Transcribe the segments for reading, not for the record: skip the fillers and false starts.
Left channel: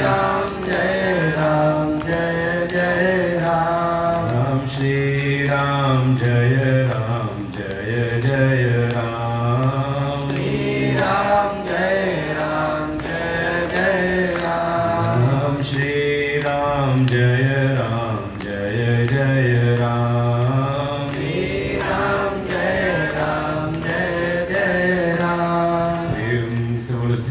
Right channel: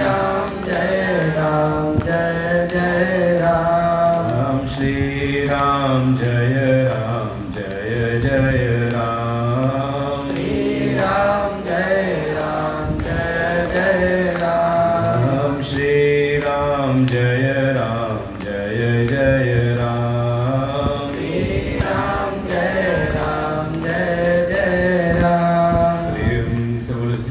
राम जय जय राम। श्री राम जय जय राम। श्री राम जय जय राम। श्री राम जय जय राम। श्री राम जय जय राम।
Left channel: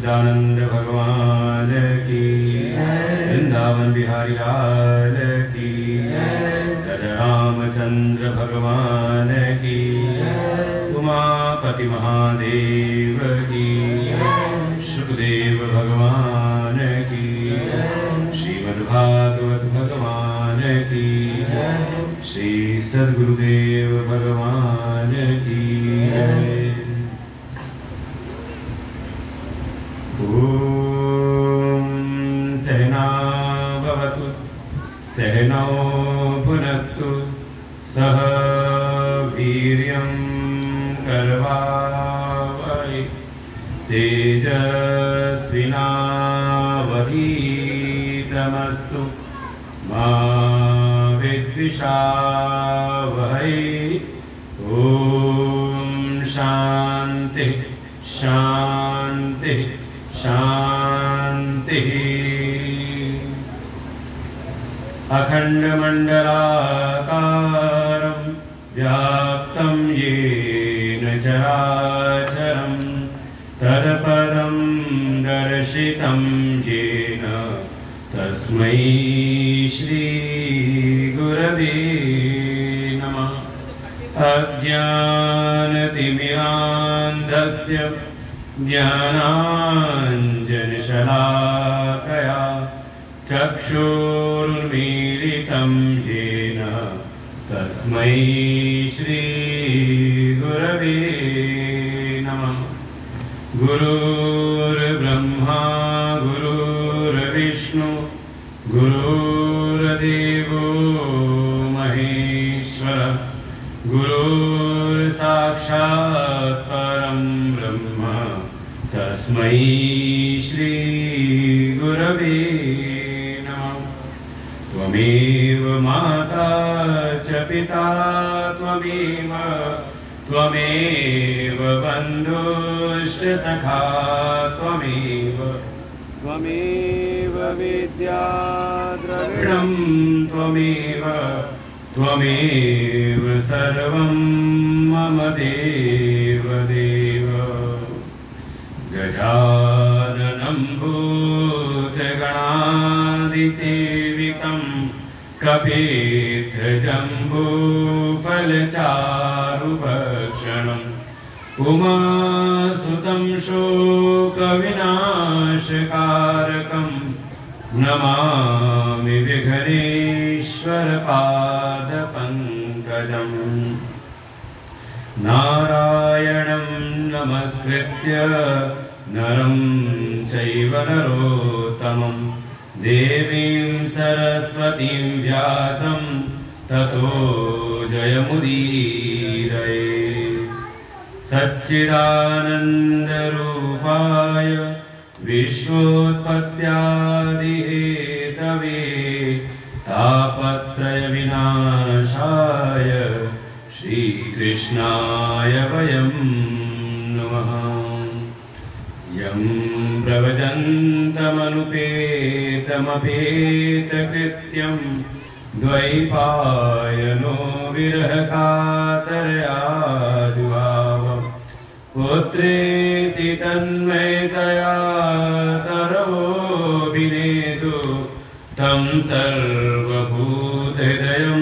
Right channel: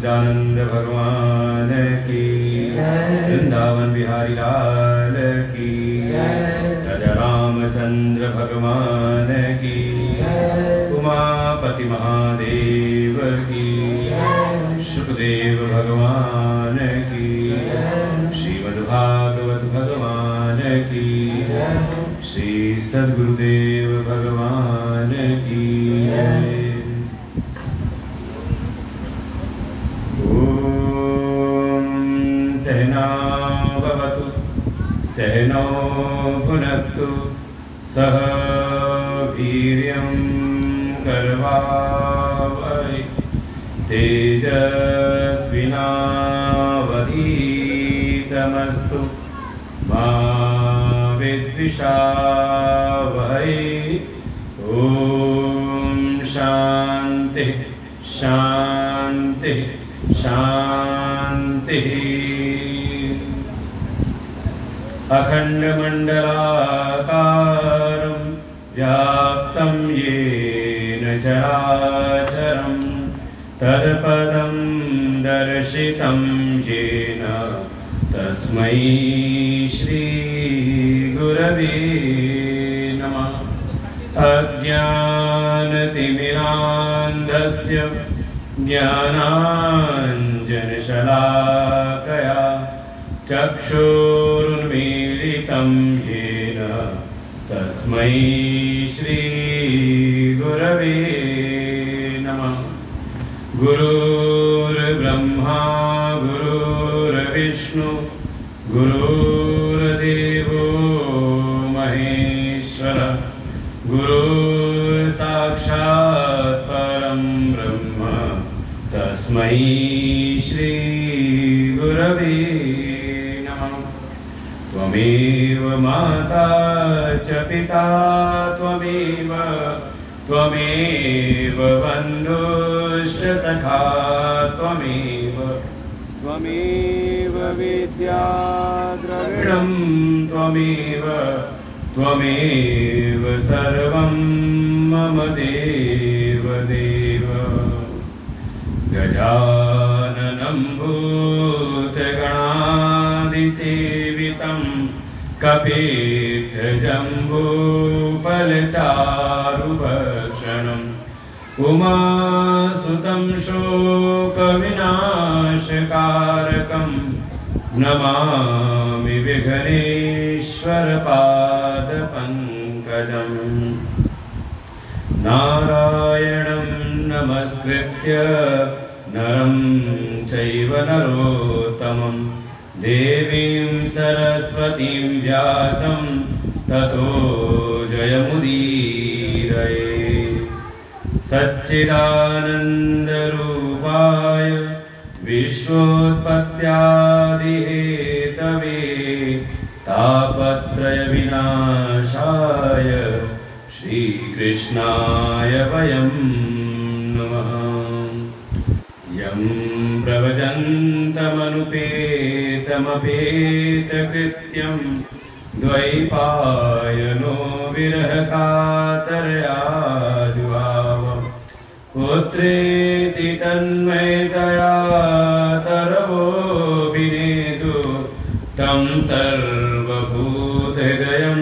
सच्चिदानंद भगवान की वृंदावन बिहारी लाल की राजा रामचंद्र भगवान की उमापति महादेव की सुखदेव भगवान की श्रीमद्भागवत भगवान की श्री सद्गुरुदेव भगवान की सहना भवतु सहनौ भुनक्तु सह वीर्यं करवावहै तेजस्विनावधीतमस्तु मा विद्विषावहै। ॐ शान्ति शान्ति शान्तिः। अखण्डमण्डलाकारं व्याप्तं येन चराचरं तत्पदं दर्शितं येन तस्मै श्रीगुरवे नमः। अज्ञानतिमिरान्धस्य ज्ञानाञ्जनशलाकया चक्षुरुन्मीलितं येन तस्मै श्रीगुरवे नमः। गुरुर्ब्रह्मा गुरुर्विष्णु गुरुर्देवो महेश्वर गुरुर्साक्षात् परं ब्रह्म तस्मै श्रीगुरवे नमः। त्वमेव माता च पिता त्वमेव बन्धुश्च सखा त्वमेव विद्या द्रविणं त्वमेव सर्वं मम देव। गजाननं भूतगणादिसेवितं कपित्थजम्बूफलचारुभक्षणम् उमासुतं शोकविनाशकारकं नमामि विघ्नेश्वरपादपङ्कजम्। नारायणं नमस्कृत्य नरं चैव नरोत्तमं देवीं सरस्वतीं व्यासं ततो जयमुदीरये। सच्चिदानन्दरूपाय विश्वोत्पत्त्यादिहेतवे तापत्रयविनाशाय श्रीकृष्णाय वयं नमः। यं प्रव्रजन्तमनुपेतमपेतकृत्यं द्वैपायनो विरहकातर्या जुहाव पुत्रेति तन्मयतया तरवोऽभिनेदु तं सर्वभूतहृदयं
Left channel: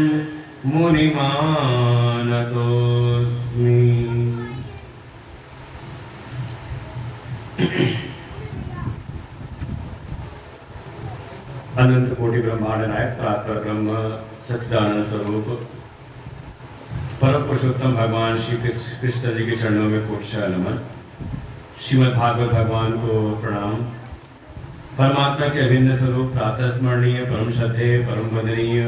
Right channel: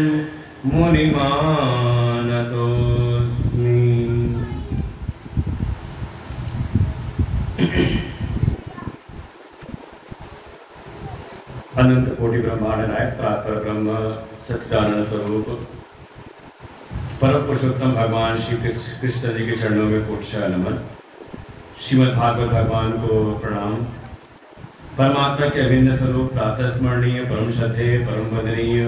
मुनिमानतोऽस्मि। अनंत कोटि ब्रह्मांड नायक प्रातः ब्रह्म सच्चिदानंद स्वरूप परम पुरुषोत्तम भगवान श्री कृष्ण जी के चरणों में कोटि नमन। श्रीमद् भागवत भगवान को प्रणाम। परमात्मा के अभिन्न स्वरूप प्रातः स्मरणीय परम श्रद्धेय परम वंदनीय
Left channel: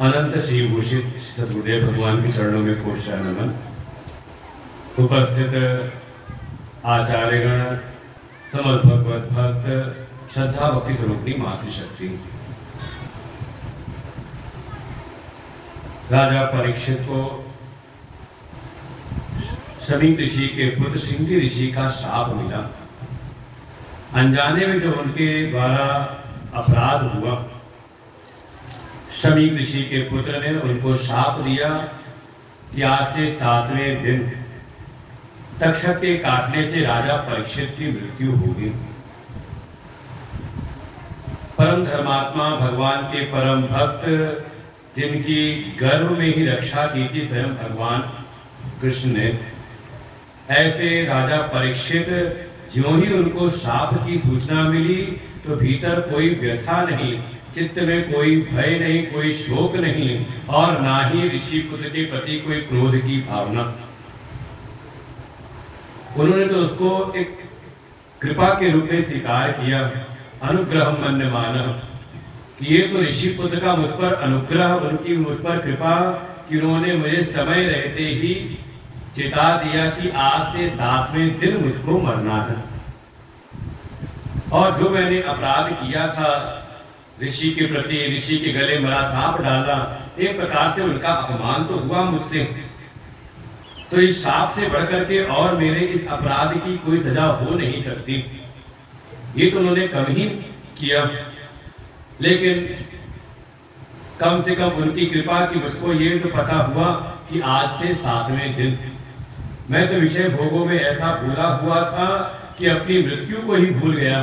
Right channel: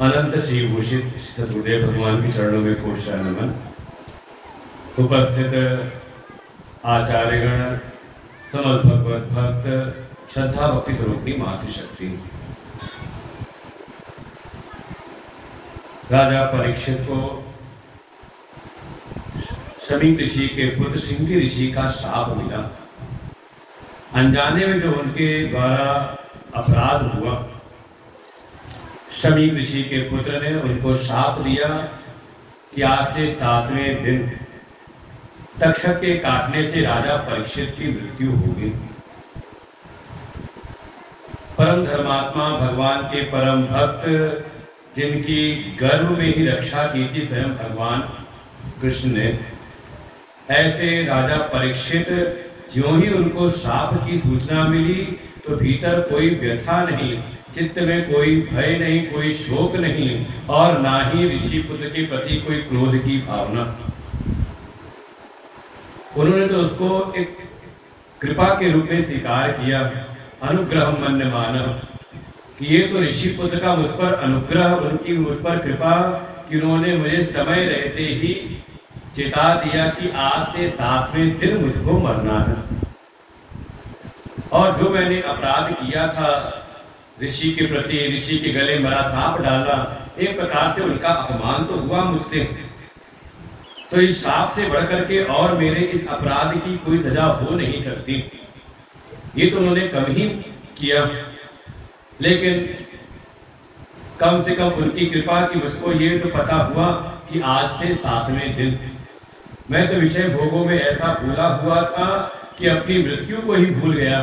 अनंत श्री भूषित सद्गुरुदेव भगवान के चरणों में कोटि नमन। उपस्थित आचार्यगण समस्त भगवत भक्त श्रद्धा भक्ति स्वरूपी मातृशक्ति। राजा परीक्षित को शमी ऋषि के पुत्र सिंधी ऋषि का शाप मिला। अनजाने में जो उनके द्वारा अपराध हुआ, शमी ऋषि के पुत्र ने उनको शाप दिया कि आज से 7वें दिन तक्षक के काटने से राजा परीक्षित की मृत्यु होगी। परम धर्मात्मा भगवान के परम भक्त, जिनकी गर्भ में ही रक्षा की थी स्वयं भगवान कृष्ण ने, ऐसे राजा परीक्षित ज्यों ही उनको शाप की सूचना मिली तो भीतर कोई व्यथा नहीं, चित्त में कोई भय नहीं, कोई शोक नहीं और ना ही ऋषि पुत्र के प्रति कोई क्रोध की भावना। उन्होंने तो उसको एक कृपा के रूप में स्वीकार किया, अनुग्रह मन्य माना, कि ये तो ऋषि पुत्र का मुझ पर अनुग्रह, उनकी मुझ पर कृपा कि उन्होंने मुझे समय रहते ही चिता दिया कि आज से 7वें दिन मुझको मरना है। और जो मैंने अपराध किया था ऋषि के प्रति, ऋषि के गले मरा सांप डाला, एक प्रकार से उनका अपमान तो हुआ मुझसे, तो इस शाप से बढ़कर के और मेरे इस अपराध की कोई सजा हो नहीं सकती। ये तो उन्होंने कम ही किया, लेकिन कम से कम उनकी कृपा की मुझको ये तो पता हुआ कि आज से 7वें दिन। मैं तो विषय भोगों में ऐसा भूला हुआ था कि अपनी मृत्यु को ही भूल गया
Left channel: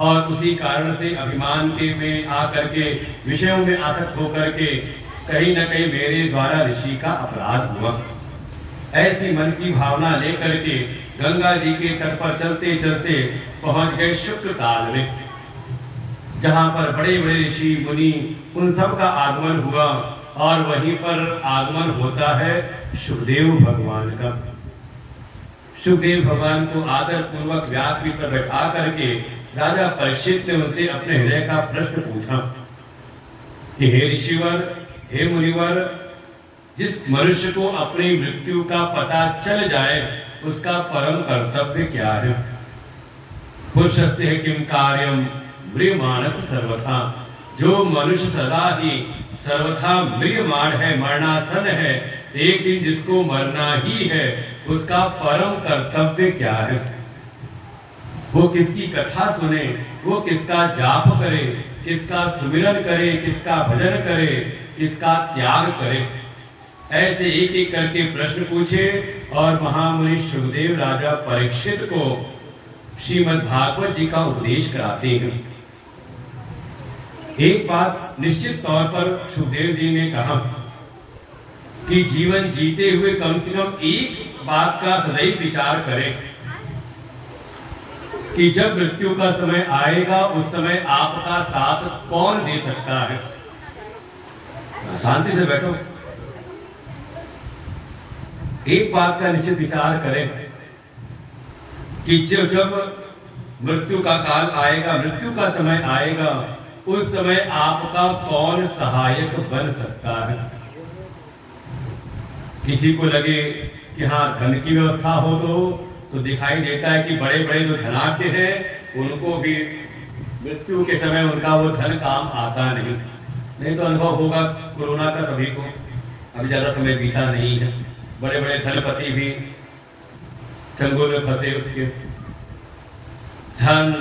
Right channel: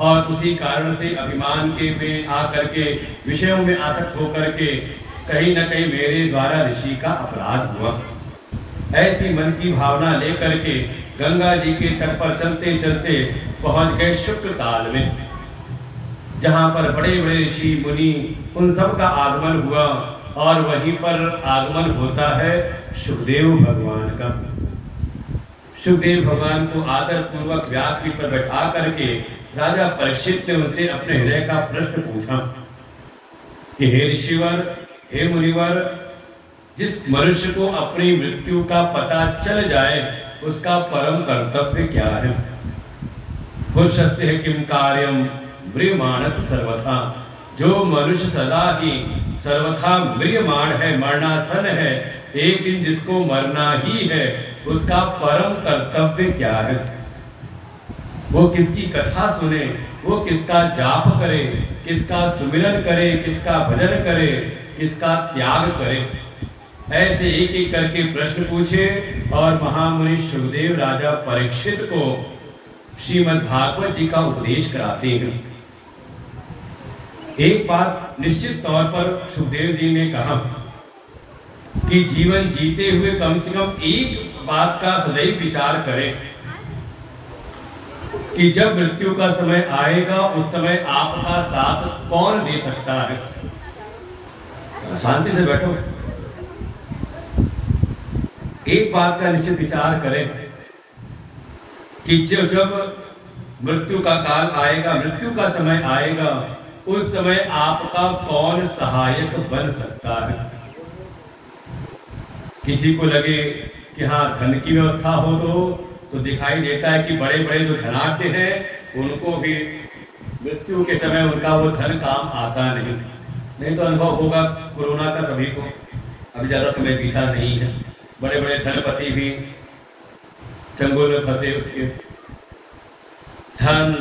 और उसी कारण से अभिमान के में आकर के विषयों में आसक्त होकर के कहीं न कहीं मेरे द्वारा ऋषि का अपराध हुआ। ऐसी मन की भावना लेकर के गंगा जी के तट पर चलते चलते पहुंच गए शुक्ल काल में, जहां पर बड़े बड़े ऋषि मुनि उन सब का आगमन हुआ और वहीं पर आगमन होता है सुखदेव भगवान का। सुखदेव भगवान को आदर पूर्वक व्यासपीठ पर बैठा करके राजा परीक्षित ने उनसे अपने हृदय का प्रश्न पूछा कि हे ऋषिवर, हे मुनिवर, जिस मनुष्य को अपनी मृत्यु का पता चल जाए उसका परम कर्तव्य क्या है? पुरुषस्य किम कार्यम म्रियमाणस सर्वथा। जो मनुष्य सदा ही सर्वथा म्रियमाण है, मरणासन है, एक दिन जिसको मरना ही है, उसका परम कर्तव्य क्या है? वो किसकी कथा सुने, वो किसका जाप करे, किसका सुमिरन करे, किसका भजन करे, किसका त्याग करे। ऐसे एक एक करके प्रश्न पूछे और महामुनि सुखदेव राजा परीक्षित को श्रीमद् भागवत जी का उपदेश कराते हैं। एक बात निश्चित तौर पर सुखदेव जी ने कहा कि जीवन जीते हुए कम से कम एक बात का सदैव विचार करें कि जब मृत्यु का समय आएगा उस समय आपका साथ कौन दे सकता है। शांति से बैठो। एक बात का निश्चित विचार करें कि जब मृत्यु का काल आएगा, मृत्यु का समय आएगा, उस समय आपका कौन सहायक बन सकता है। किसी को लगे कि हाँ धन की व्यवस्था हो तो दिखाई देता है कि बड़े बड़े जो धनाढ्य हैं उनको भी मृत्यु के समय उनका वो धन काम आता नहीं तो अनुभव होगा कोरोना का सभी को। अभी ज्यादा समय बीता नहीं है, बड़े बड़े धनपति भी चंगुल में फंसे, उसके धन,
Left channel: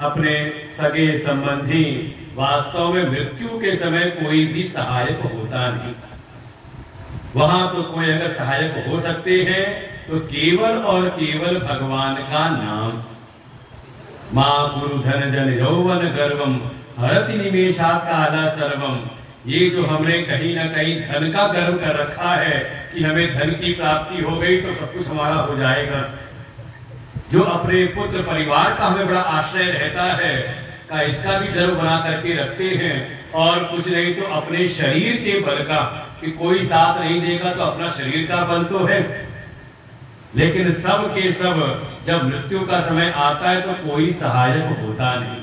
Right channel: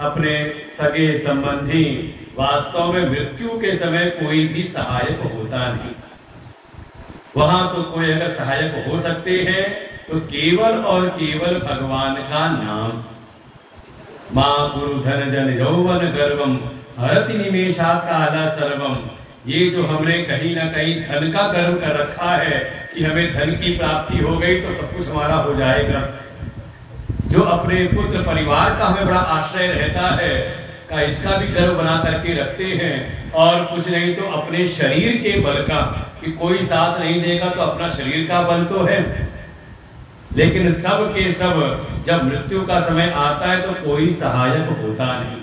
अपने सगे संबंधी, वास्तव में मृत्यु के समय कोई भी सहायक होता नहीं। वहां तो कोई अगर सहायक हो सकते हैं तो केवल और केवल भगवान का नाम। मां गुरु धन जन यौवन गर्वम हरति निमेषात काला सर्वम। ये जो हमने कहीं ना कहीं धन का गर्व कर रखा है कि हमें धन की प्राप्ति हो गई तो सब कुछ हमारा हो जाएगा, जो अपने पुत्र परिवार का हमें बड़ा आश्रय रहता है का इसका भी गर्व बना करके रखते हैं, और कुछ नहीं तो अपने शरीर के बल का कि कोई साथ नहीं देगा तो अपना शरीर का बल तो है। लेकिन सब के सब जब मृत्यु का समय आता है तो कोई सहायक होता नहीं।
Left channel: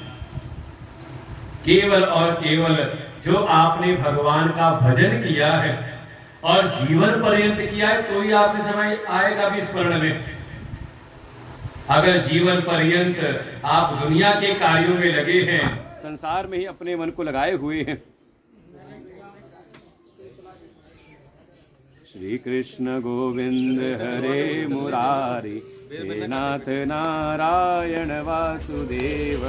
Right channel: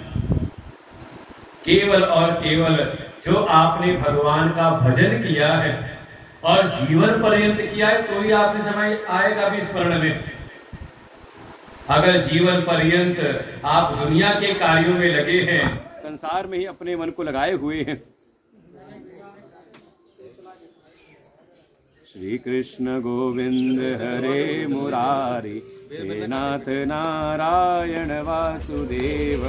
केवल और केवल जो आपने भगवान का भजन किया है और जीवन पर्यंत किया है तो ही आपके समय आएगा भी स्मरण में। अगर जीवन पर्यंत आप दुनिया के कार्यों में लगे हैं, संसार में ही अपने मन को लगाए हुए हैं, श्री कृष्ण गोविंद हरे मुरारी, हे नाथ नारायण वासुदेव।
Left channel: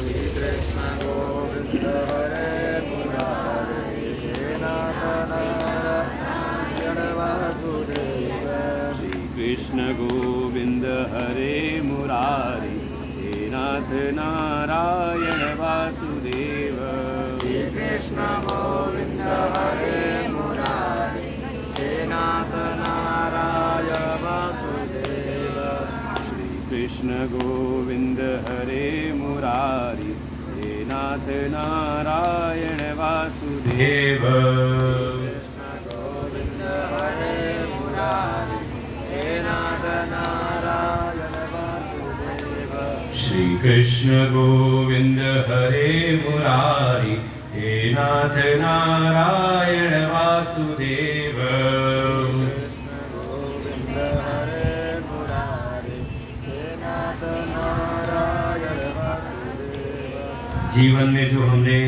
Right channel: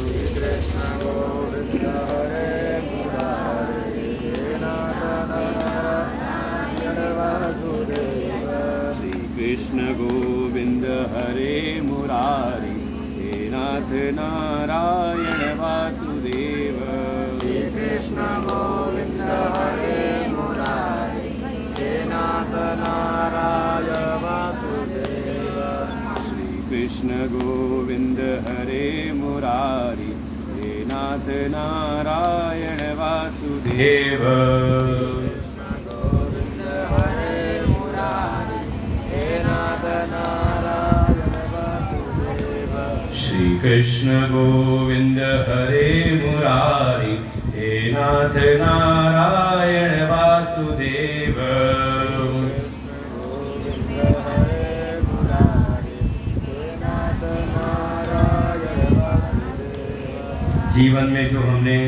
श्री कृष्ण गोविंद हरे मुरारी, हे नाथ नारायण वासुदेव। श्री कृष्ण गोविंद हरे मुरारी, हे नाथ नारायण वासुदेव। श्री कृष्ण गोविंद हरे मुरारी, हे नाथ नारायण वासुदेव। श्री कृष्ण गोविंद हरे मुरारी, हे नाथ नारायण वासुदेव। कृष्ण गोविंद हरे मुरारी, हे नाथ नारायण वासुदेव। श्री कृष्ण गोविंद हरे मुरारी, हे नाथ नारायण वासुदेव। जीवन में जो हमने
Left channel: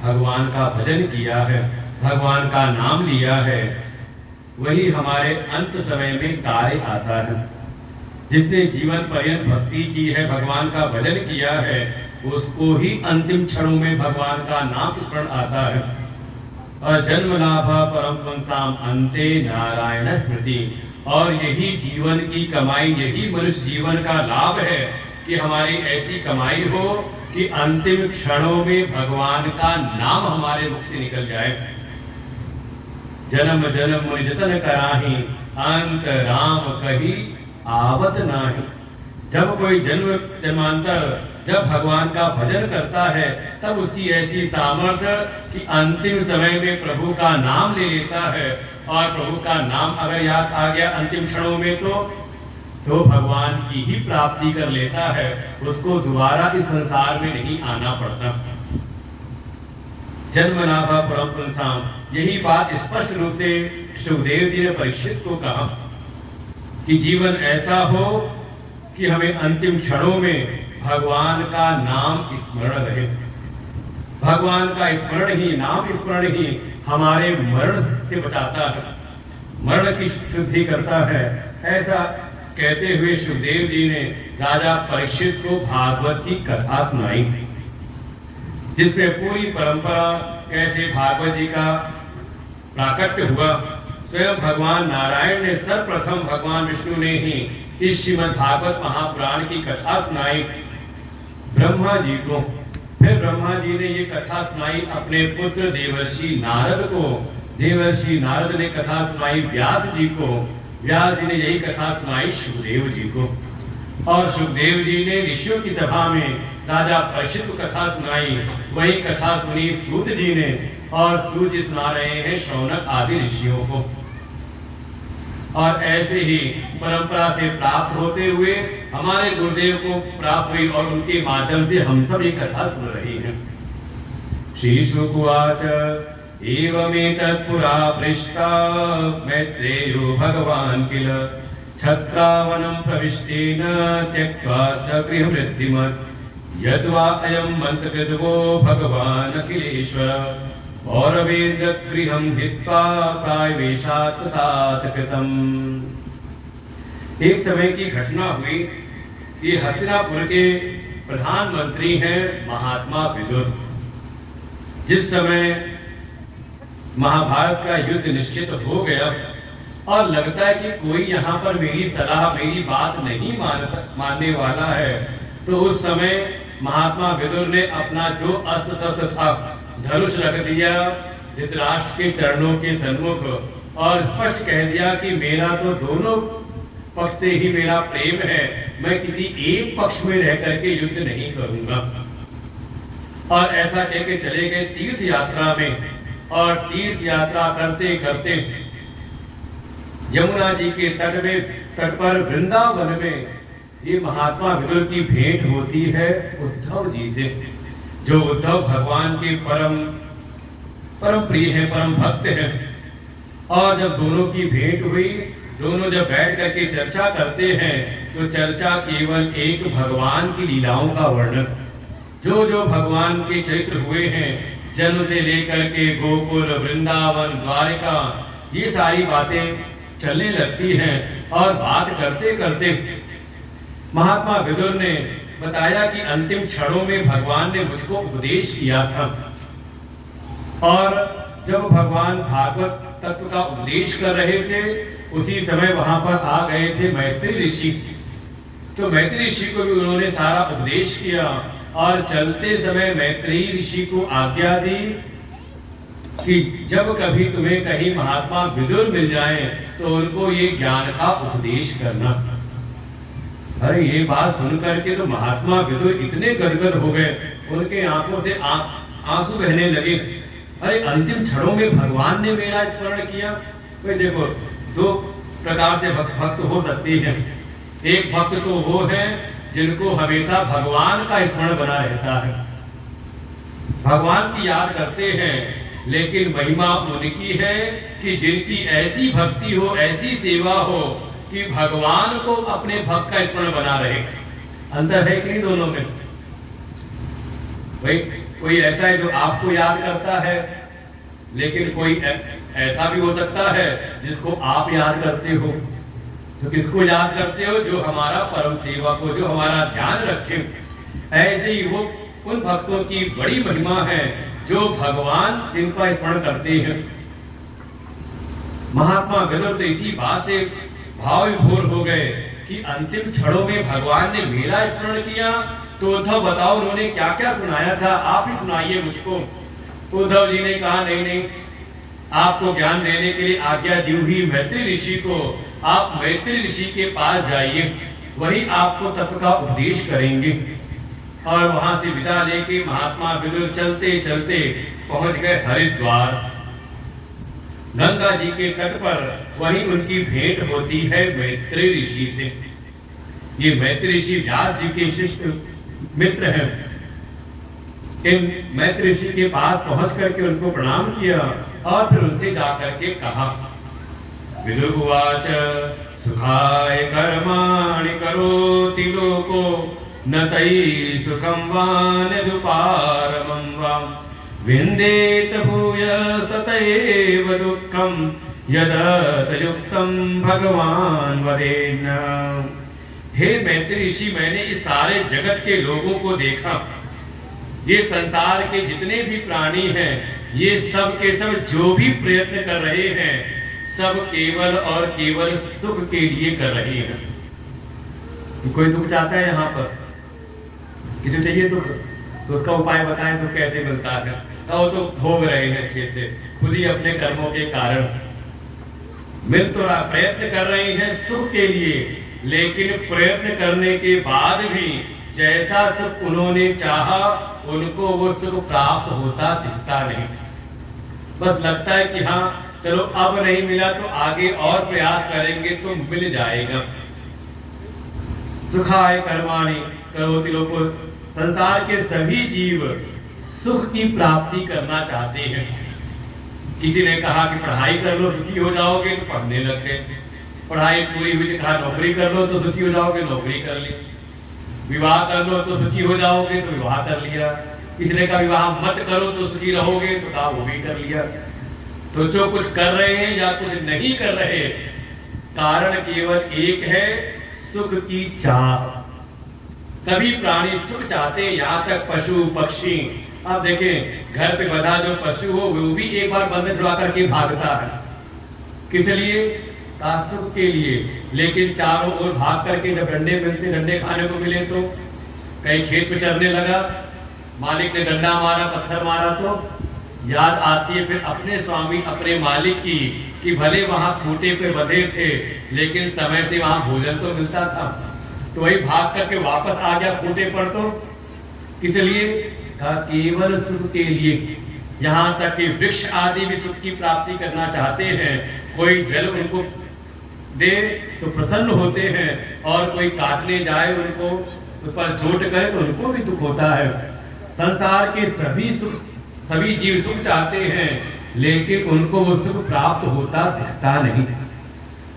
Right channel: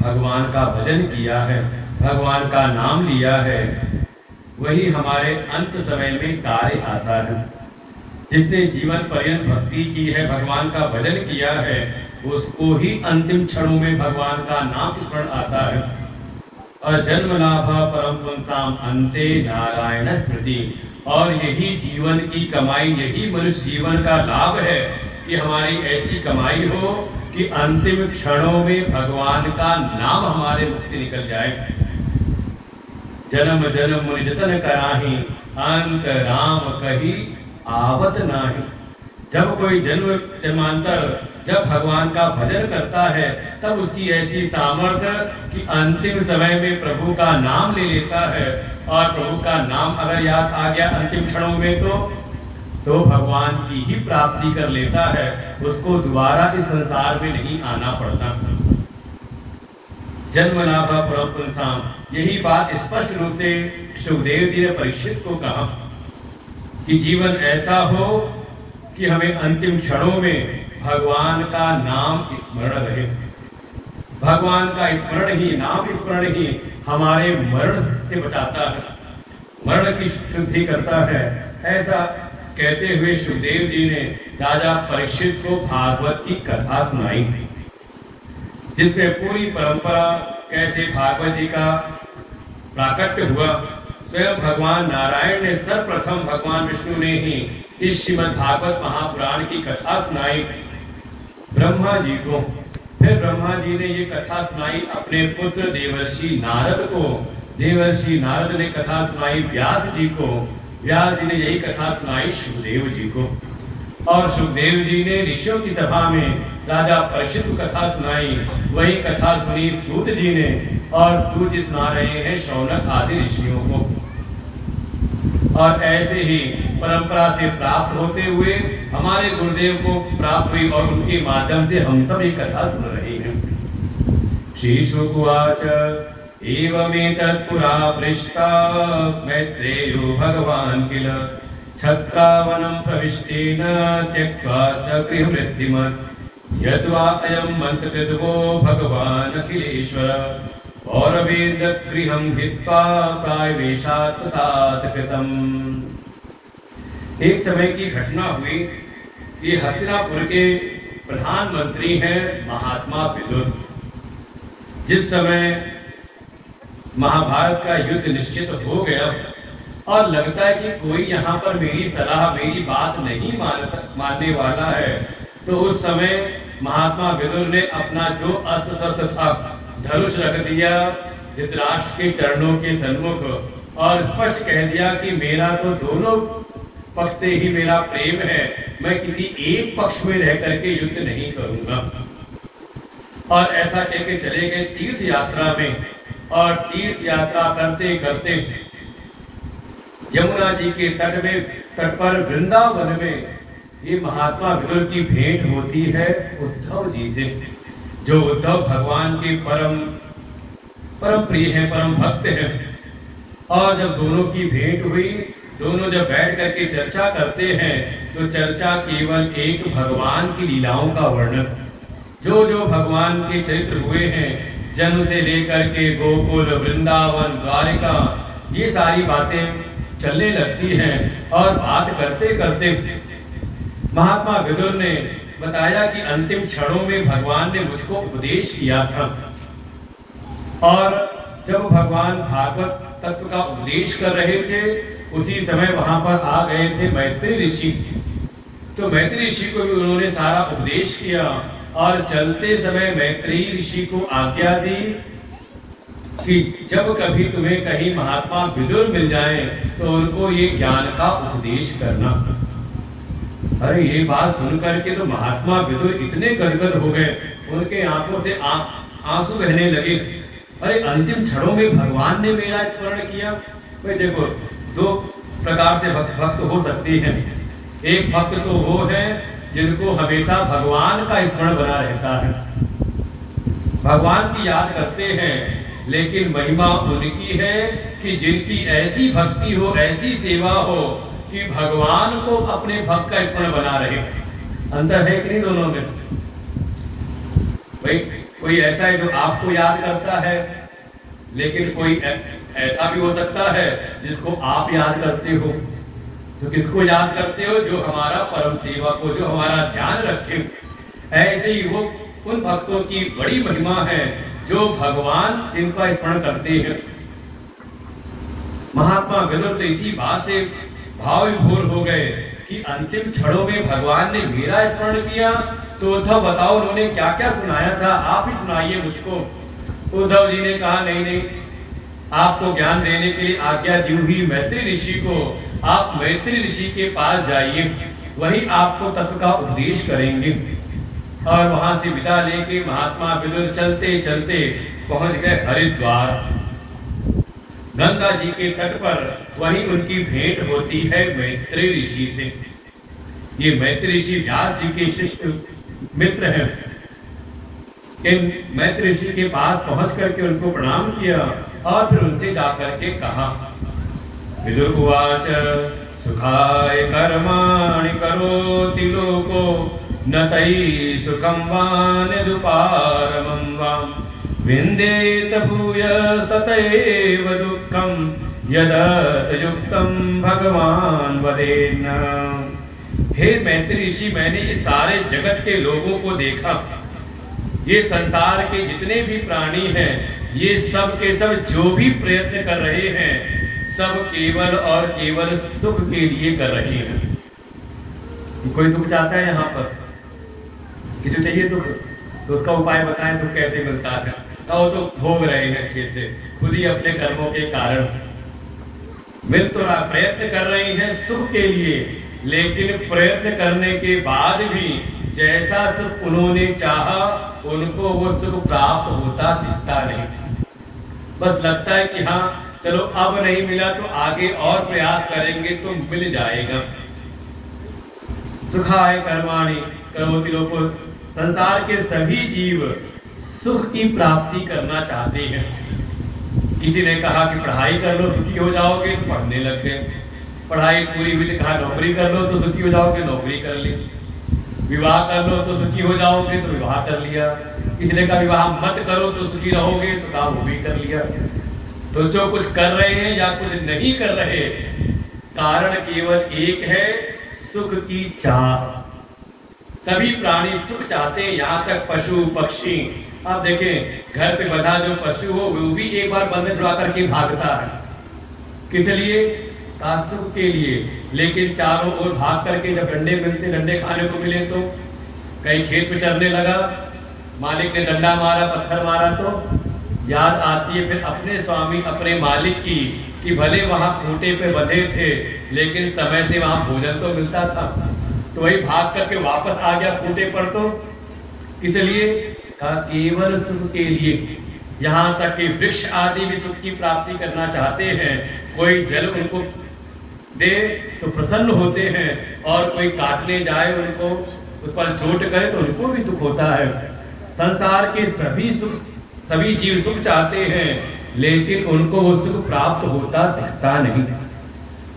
भगवान का भजन किया है, भगवान का नाम लिया है, वही हमारे अंत समय में कार्य आता है। जिसने जीवन पर्यंत भक्ति की है, भगवान का भजन किया है, उसको ही अंतिम क्षणों में भगवान का नाम स्मरण आता है। और जन्म लाभा परम पुंसाम अंते नारायण स्मृति। और यही जीवन की कमाई, यही मनुष्य जीवन का लाभ है कि हमारी ऐसी कमाई हो कि अंतिम क्षणों में भगवान का नाम हमारे मुख से निकल जाए। जन्म जन्म मुनि जतन कराही, अंत राम कही आवत नाही। जब कोई जन्म जन्मांतर जब भगवान का भजन करता है, तब उसकी ऐसी सामर्थ्य कि अंतिम समय में प्रभु का नाम ले लेता है। और प्रभु का नाम अगर याद आ गया अंतिम क्षणों में तो भगवान की ही प्राप्ति कर लेता है, उसको दोबारा इस संसार में नहीं आना पड़ता। जन्म लाभा परम पुंसाम, यही बात स्पष्ट रूप से सुखदेव जी ने परीक्षित को कहा कि जीवन ऐसा हो कि हमें अंतिम क्षणों में भगवान का नाम स्मरण रहे। भगवान का स्मरण ही, नाम स्मरण ही हमारे मरण से बचाता है, मरण की शुद्धि करता है। ऐसा कहते हुए सुखदेव जी ने राजा परीक्षित को भागवत की कथा सुनाई, जिसमें पूरी परंपरा कैसे भागवत जी का प्राकट्य हुआ। स्वयं भगवान नारायण ने सर्वप्रथम भगवान विष्णु ने ही इस श्रीमद् भागवत महापुराण की कथा सुनाई ब्रह्मा जी को। फिर ब्रह्मा जी ने ये कथा सुनाई अपने पुत्र देवर्षि नारद को। देवर्षि नारद ने कथा सुनाई व्यास जी को। व्यास जी ने यही कथा सुनाई सुखदेव जी को। और सुखदेव जी ने ऋषियों की सभा में राजा परीक्षित को कथा सुनाई। वही कथा सुनी सूत जी ने, और सूत जी सुना रहे हैं शौनक आदि ऋषियों को। और ऐसे ही परंपरा से प्राप्त होते हुए हमारे गुरुदेव को प्राप्त हुई, और उनके माध्यम से हम सब ये कथा सुन रहे हैं। श्री शुकुवाच एवमेतत्पुरा पृष्टा मैत्रेयो भगवान् किल छत्रावनं प्रविष्टेन त्यक्त्वा सगृहमृत्युमत् यद्वा अयं मन्त्रविद्वो भगवान् अखिलेश्वर पौरवेदगृहं हित्वा प्रायवेशात्मसात् कृतम्। एक समय की घटना हुई। ये हस्तिनापुर के प्रधानमंत्री हैं महात्मा विदुर। जिस समय महाभारत का युद्ध निश्चित हो गया और लगता है कि कोई यहाँ पर मेरी सलाह, मेरी बात नहीं मानने वाला है, तो उस समय महात्मा विदुर ने अपना जो अस्त्र शस्त्र था धनुष रख दिया धृतराष्ट्र के चरणों के सन्मुख, और स्पष्ट कह दिया कि मेरा तो दोनों पक्ष से ही मेरा प्रेम है, मैं किसी एक पक्ष में रह करके युद्ध नहीं करूंगा। और ऐसा कहकर चले गए तीर्थ यात्रा में। और तीर्थ यात्रा करते करते यमुना जी के तट पर वृंदावन में ये महात्मा विदुर की भेंट होती है उद्धव जी से, जो उद्धव भगवान के परम प्रिय हैं, परम भक्त हैं। और जब दोनों की भेंट हुई, दोनों जब बैठ करके चर्चा करते हैं, तो चर्चा केवल एक भगवान की लीलाओं का वर्णन, जो जो भगवान के चरित्र हुए हैं, जन्म से लेकर के गोकुल, वृंदावन, द्वारिका, ये सारी बातें चलने लगती हैं। और बात करते करते महात्मा विदुर ने बताया कि अंतिम क्षणों में भगवान ने मुझको उपदेश किया था। और जब भगवान भागवत तत्व का उपदेश कर रहे थे, उसी समय वहां पर आ गए थे मैत्री ऋषि। तो मैत्री ऋषि को भी उन्होंने सारा उपदेश किया और चलते समय मैत्री ऋषि को आज्ञा दी कि जब कभी तुम्हें कहीं महात्मा विदुर मिल जाए तो उनको ये ज्ञान का उपदेश करना। अरे ये बात सुनकर के तो महात्मा विदुर इतने गदगद हो गए, उनके आंखों से आंसू बहने लगे। अरे अंतिम क्षणों में भगवान ने मेरा स्मरण किया। तो देखो, दो प्रकार से भक्त हो सकती हैं। एक भक्त तो वो है जिनको हमेशा भगवान का स्मरण बना रहता है, भगवान की याद करते हैं, लेकिन महिमा उनकी है कि जिनकी ऐसी भक्ति हो, ऐसी सेवा हो कि भगवान को अपने भक्त का स्मरण बना रहे। अंतर है कि नहीं दोनों में? भाई कोई ऐसा है जो आपको याद करता है, लेकिन कोई ऐसा भी हो सकता है जिसको आप याद करते हो। तो किसको याद करते हो? जो हमारा परम सेवक हो, जो हमारा ध्यान रखे। ऐसे ही वो उन भक्तों की बड़ी महिमा है जो भगवान इनका स्मरण करते हैं। महात्मा विदुर तो इसी बात से भाव विभोर हो गए कि अंतिम क्षणों में भगवान ने मेरा स्मरण किया। तो उद्धव बताओ उन्होंने क्या क्या सुनाया था, आप ही सुनाइए मुझको। उद्धव जी ने कहा नहीं नहीं, आपको ज्ञान देने के लिए आज्ञा दी हुई मैत्री ऋषि को, आप मैत्री ऋषि के पास जाइए, वही आपको तत्व का उपदेश करेंगे। और वहां से विदा लेके महात्मा विदुर चलते चलते पहुंच गए हरिद्वार। गंगा जी के तट पर वहीं उनकी भेंट होती है मैत्री ऋषि से। ये मैत्री ऋषि व्यास जी के शिष्य मित्र हैं। इन मैत्री ऋषि के पास पहुंच करके उनको प्रणाम किया और फिर उनसे जाकर के कहा, विदुर उवाच सुखाय कर्माणि करोति लोको न तयि सुखं वा निरुपारमं वाम विन्देत भूयस्ततैव दुःखं यदतयुक्तं भगवान वदेन। हे मैत्री ऋषि, मैंने इस सारे जगत के लोगों को देखा। ये संसार के जितने भी प्राणी हैं, ये सब के सब जो भी प्रयत्न कर रहे हैं, सब केवल और केवल सुख के लिए कर रहे हैं। कोई दुख चाहता है यहाँ पर? किसी चाहिए दुख तो उसका उपाय बताएं, दुख कैसे मिलता है? और तो भोग रहे हैं अच्छे से, खुद ही अपने कर्मों के कारण मिल तो रहा, प्रयत्न कर रहे हैं सुख के लिए, लेकिन प्रयत्न करने के बाद भी जैसा सुख उन्होंने चाहा उनको वो सुख प्राप्त होता दिखता नहीं। बस लगता है कि हाँ चलो अब नहीं मिला तो आगे और प्रयास करेंगे तो मिल जाएगा। सुखाय कर्माणि करोति लोको, संसार के सभी जीव सुख की प्राप्ति करना चाहते हैं। किसी ने कहा कि पढ़ाई कर लो सुखी हो जाओगे, तो पढ़ने लग गए। पढ़ाई पूरी हुई, कहा नौकरी कर लो तो सुखी हो जाओगे, नौकरी कर ली। विवाह कर लो तो सुखी हो जाओगे, तो विवाह कर लिया। किसी ने कहा विवाह मत करो तो सुखी रहोगे, तो कहा वो भी कर लिया। तो जो कुछ कर रहे हैं या कुछ नहीं कर रहे, कारण केवल एक है, सुख की चाह। सभी प्राणी सुख चाहते हैं, यहाँ तक पशु पक्षी। आप देखें घर पे बंधा जो पशु हो वो भी एक बार बंधन छुड़ा करके भागता है। किस लिए? सुख के लिए। लेकिन चारों ओर भाग करके जब डंडे मिलते, डंडे खाने को मिले तो कहीं खेत में चरने लगा, मालिक ने डंडा मारा, पत्थर मारा, तो याद आती है फिर अपने स्वामी अपने मालिक की कि भले वहां खूंटे पे बंधे थे लेकिन समय से वहां भोजन तो मिलता था। तो वही भाग करके वापस आ गया खूंटे पर। तो इसलिए केवल सुख के लिए। यहाँ तक कि वृक्ष आदि भी सुख की प्राप्ति करना चाहते हैं। कोई जल उनको दे तो प्रसन्न होते हैं, और कोई काटने जाए उनको पर चोट करे तो उनको भी दुख होता है। संसार के सभी जीव सुख चाहते हैं, लेकिन उनको वो सुख प्राप्त होता दिखता नहीं।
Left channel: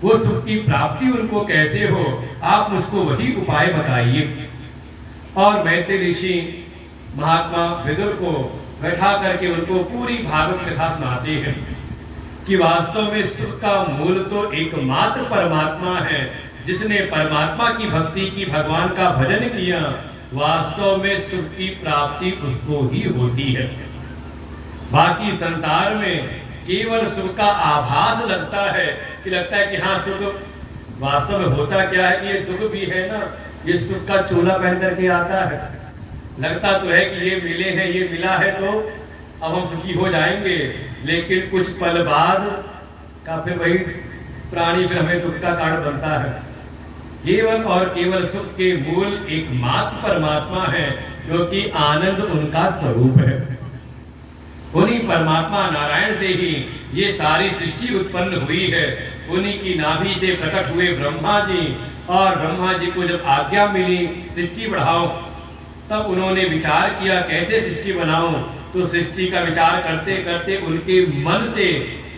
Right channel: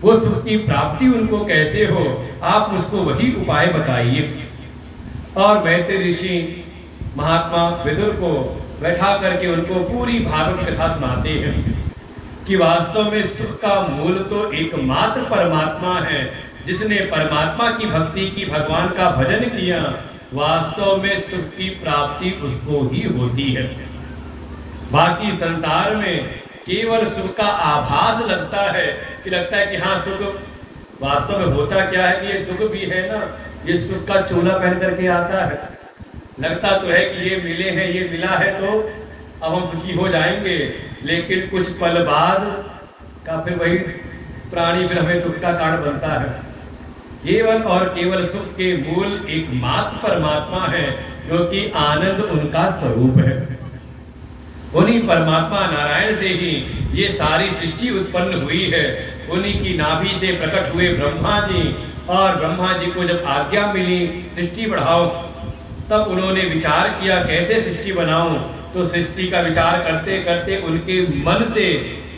वो सुख की प्राप्ति उनको कैसे हो, आप मुझको वही उपाय बताइए। और मैत्री ऋषि महात्मा विदुर को बैठा करके उनको पूरी भागवत कथा सुनाते हैं कि वास्तव में सुख का मूल तो एकमात्र परमात्मा है। जिसने परमात्मा की भक्ति की, भगवान का भजन किया, वास्तव में सुख की प्राप्ति उसको ही होती है। बाकी संसार में केवल सुख का आभास लगता है कि लगता है कि हाँ सुख, वास्तव में होता क्या है कि ये दुख भी है ना, ये सुख का चोला पहन करके आता है। लगता तो है कि ये मिले हैं, ये मिला है तो अब हम सुखी हो जाएंगे, लेकिन कुछ पल बाद का फिर वही प्राणी फिर हमें दुख का कारण बनता है। केवल और केवल सुख के मूल एकमात्र परमात्मा है, क्योंकि आनंद उनका स्वरूप है। उन्हीं परमात्मा नारायण से ही ये सारी सृष्टि उत्पन्न हुई है। उन्हीं की नाभि से प्रकट हुए ब्रह्मा जी, और ब्रह्मा जी को जब आज्ञा मिली सृष्टि बढ़ाओ, तब उन्होंने विचार किया कैसे सृष्टि बनाऊं। तो सृष्टि का विचार करते करते उनके मन से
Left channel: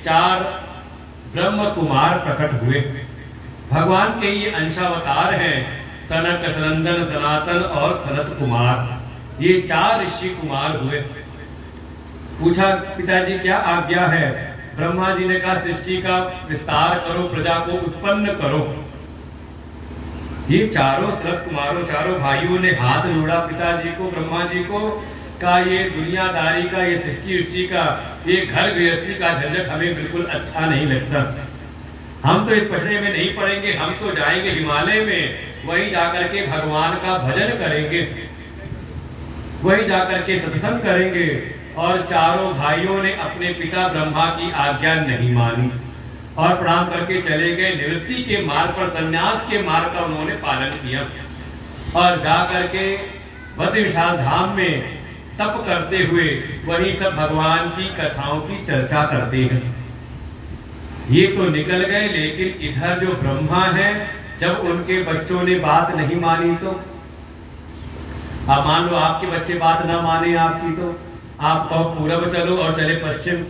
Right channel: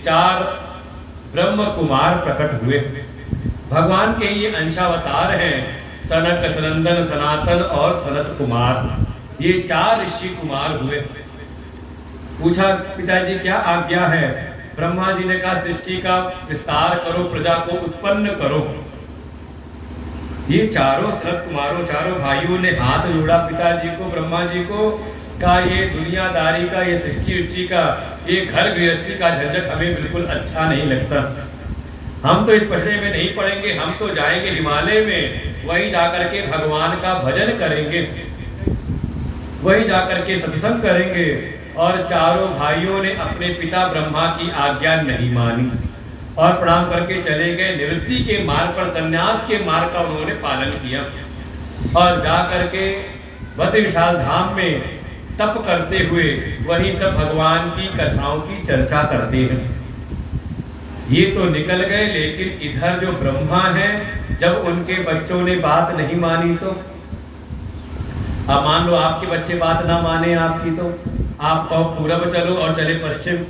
4 ब्रह्म कुमार प्रकट हुए। भगवान के ये अंशावतार हैं, सनक, सनंदन, सनातन और सनत कुमार। ये 4 ऋषि कुमार हुए। पूछा पिताजी क्या आज्ञा है? ब्रह्मा जी ने कहा सृष्टि का विस्तार करो, प्रजा को उत्पन्न करो। ये चारों सनत कुमारों, चारों भाइयों ने हाथ जोड़ा पिताजी को, ब्रह्मा जी को, कहा ये दुनियादारी का, ये सृष्टि का, ये घर गृहस्थी का झंझट हमें बिल्कुल अच्छा नहीं लगता। हम तो इस पटने में नहीं पड़ेंगे, हम तो जाएंगे हिमालय में, वहीं जाकर के भगवान का भजन करेंगे, वहीं जाकर के सत्संग करेंगे। और चारों भाइयों ने अपने पिता ब्रह्मा की आज्ञा नहीं मानी और प्रणाम करके चले गए। निवृत्ति के मार्ग पर, संन्यास के मार्ग का उन्होंने पालन किया और जाकर के बद्र विशाल धाम में तप करते हुए वहीं सब भगवान की कथाओं की चर्चा करते हैं। ये तो निकल गए, लेकिन इधर जो ब्रह्मा है, जब उनके बच्चों ने बात नहीं मानी तो अब मान लो आपके बच्चे बात ना माने आपकी, तो आप कहो पूरब चलो और चले पश्चिम,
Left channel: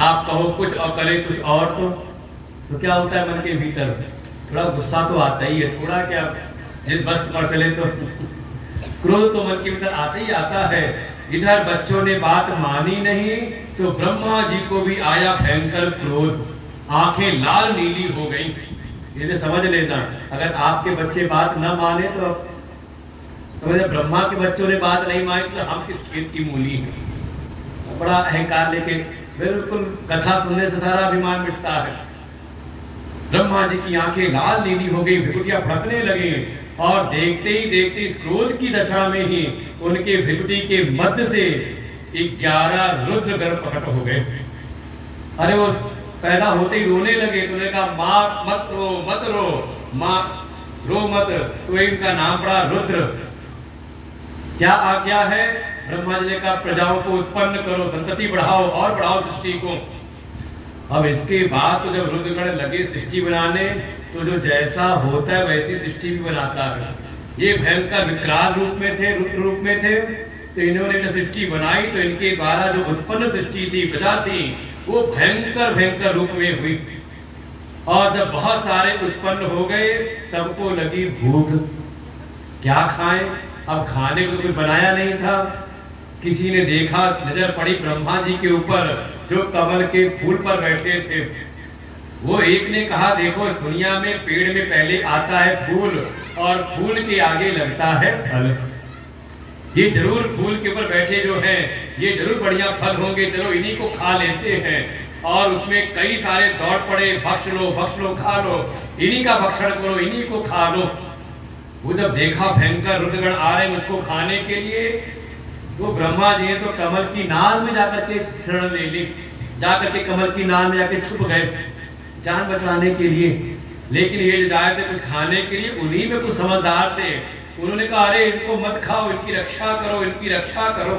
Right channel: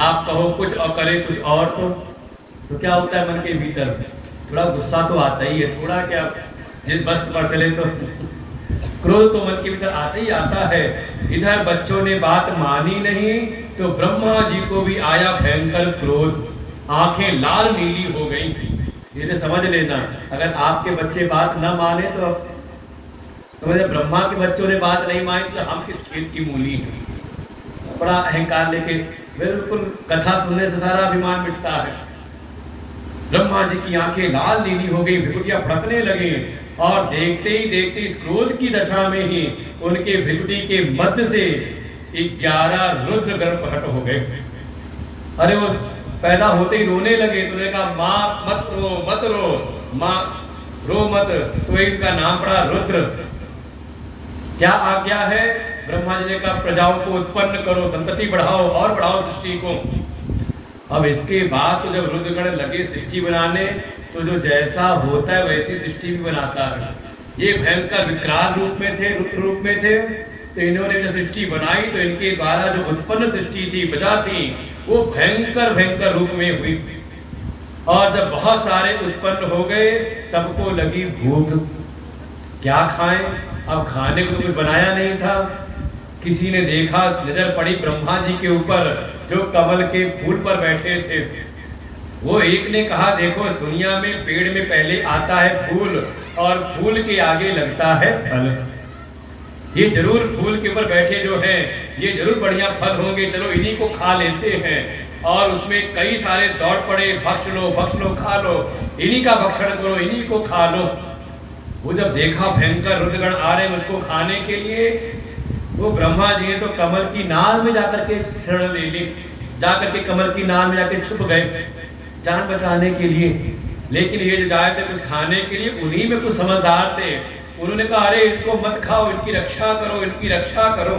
आप कहो कुछ और करे कुछ और, तो क्या होता है मन के भीतर? थोड़ा गुस्सा तो आता ही है, थोड़ा क्या, जिस बस पर चले तो क्रोध तो मन के भीतर आता ही आता है। इधर बच्चों ने बात मानी नहीं तो ब्रह्मा जी को भी आया भयंकर क्रोध, आंखें लाल नीली हो गई। ये समझ लेना, अगर आपके बच्चे बात न माने तो ब्रह्मा के बच्चों ने बात नहीं मानी तो हम किस खेत की मूली है। बड़ा अहंकार लेके बिल्कुल कथा सुनने से सारा अभिमान मिटता है। ब्रह्मा जी की आंखें लाल नीली हो गई, भिकुटियां फटने लगी और देखते ही देखते इस क्रोध की दशा में ही उनके भिकुटी के मध्य से 11 रुद्र गर्भ प्रकट हो गए। अरे वो पैदा होते ही रोने लगे, तो उन्होंने कहा माँ मत रो, मत रो, माँ रो मत। तो इनका नाम पड़ा रुद्र। क्या आज्ञा है? ब्रह्मा जी ने कहा प्रजाओं को उत्पन्न करो, संतति बढ़ाओ और बढ़ाओ सृष्टि को। अब इसके बाद तो जब रुद्रगण लगे सृष्टि बनाने, तो जो जैसा होता है वैसी सृष्टि भी बनाता है। ये भयंकर विकराल रूप में थे, रुद्र रूप में थे, तो इन्होंने जब सृष्टि बनाई तो इनके द्वारा जो उत्पन्न सृष्टि थी, प्रजा थी, वो भयंकर भयंकर रूप में हुई। और जब बहुत सारे उत्पन्न हो गए, सबको लगी भूख, क्या खाएं? अब खाने को कुछ बनाया नहीं था। किसी ने देखा, नजर पड़ी ब्रह्मा जी के ऊपर जो कमल के फूल पर बैठे थे। वो एक ने कहा देखो दुनिया में पेड़ में पहले आता है फूल और फूल के आगे लगता है फल। ये जरूर फूल के ऊपर बैठे जो हैं, ये जरूर बढ़िया फल होंगे, चलो इन्हीं को खा लेते हैं। और उसमें कई सारे दौड़ पड़े, भक्ष लो, खा लो, इन्हीं का भक्षण करो, इन्हीं को खा लो। वो जब देखा भयंकर रुद्रगण आ रहे हैं उसको खाने के लिए, वो ब्रह्मा जी ने तो कमल की नाल में जाकर के शरण ले ली, जाकर के कमल की नाल में जाके छुप गए जान बचाने के लिए। लेकिन ये जो आए थे कुछ खाने के लिए, उन्हीं में कुछ समझदार थे। उन्होंने कहा अरे इनको मत खाओ, इनकी रक्षा करो, इनकी रक्षा करो।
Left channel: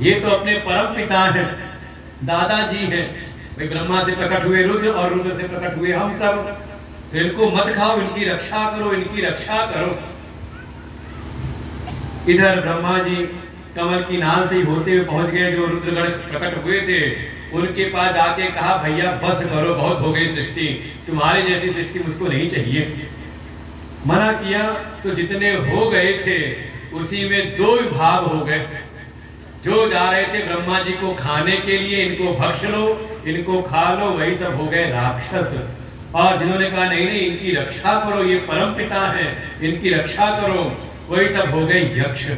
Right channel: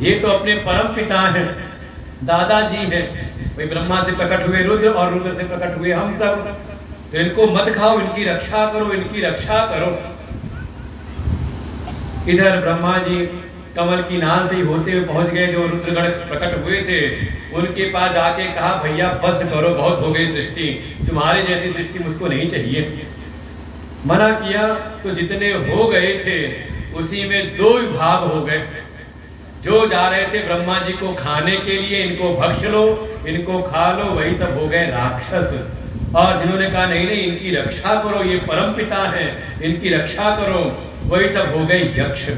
ये तो अपने परम पिता हैं, दादाजी हैं, वे ब्रह्मा से प्रकट हुए रुद्र और रुद्र से प्रकट हुए हम सब, तो इनको मत खाओ, इनकी रक्षा करो, इनकी रक्षा करो। इधर ब्रह्मा जी कमल की नाल से होते हुए पहुंच गए जो रुद्रगण प्रकट हुए थे, उनके पास जाके कहा भैया बस करो, बहुत हो गई सृष्टि, तुम्हारे जैसी सृष्टि मुझको नहीं चाहिए। मना किया तो जितने हो गए थे उसी में दो विभाग हो गए। जो जा रहे थे ब्रह्मा जी को खाने के लिए, इनको भक्ष लो, इनको खा लो, वही सब हो गए राक्षस। और जिन्होंने कहा नहीं नहीं इनकी रक्षा करो, ये परम पिता है, इनकी रक्षा करो, वही सब हो गए यक्ष।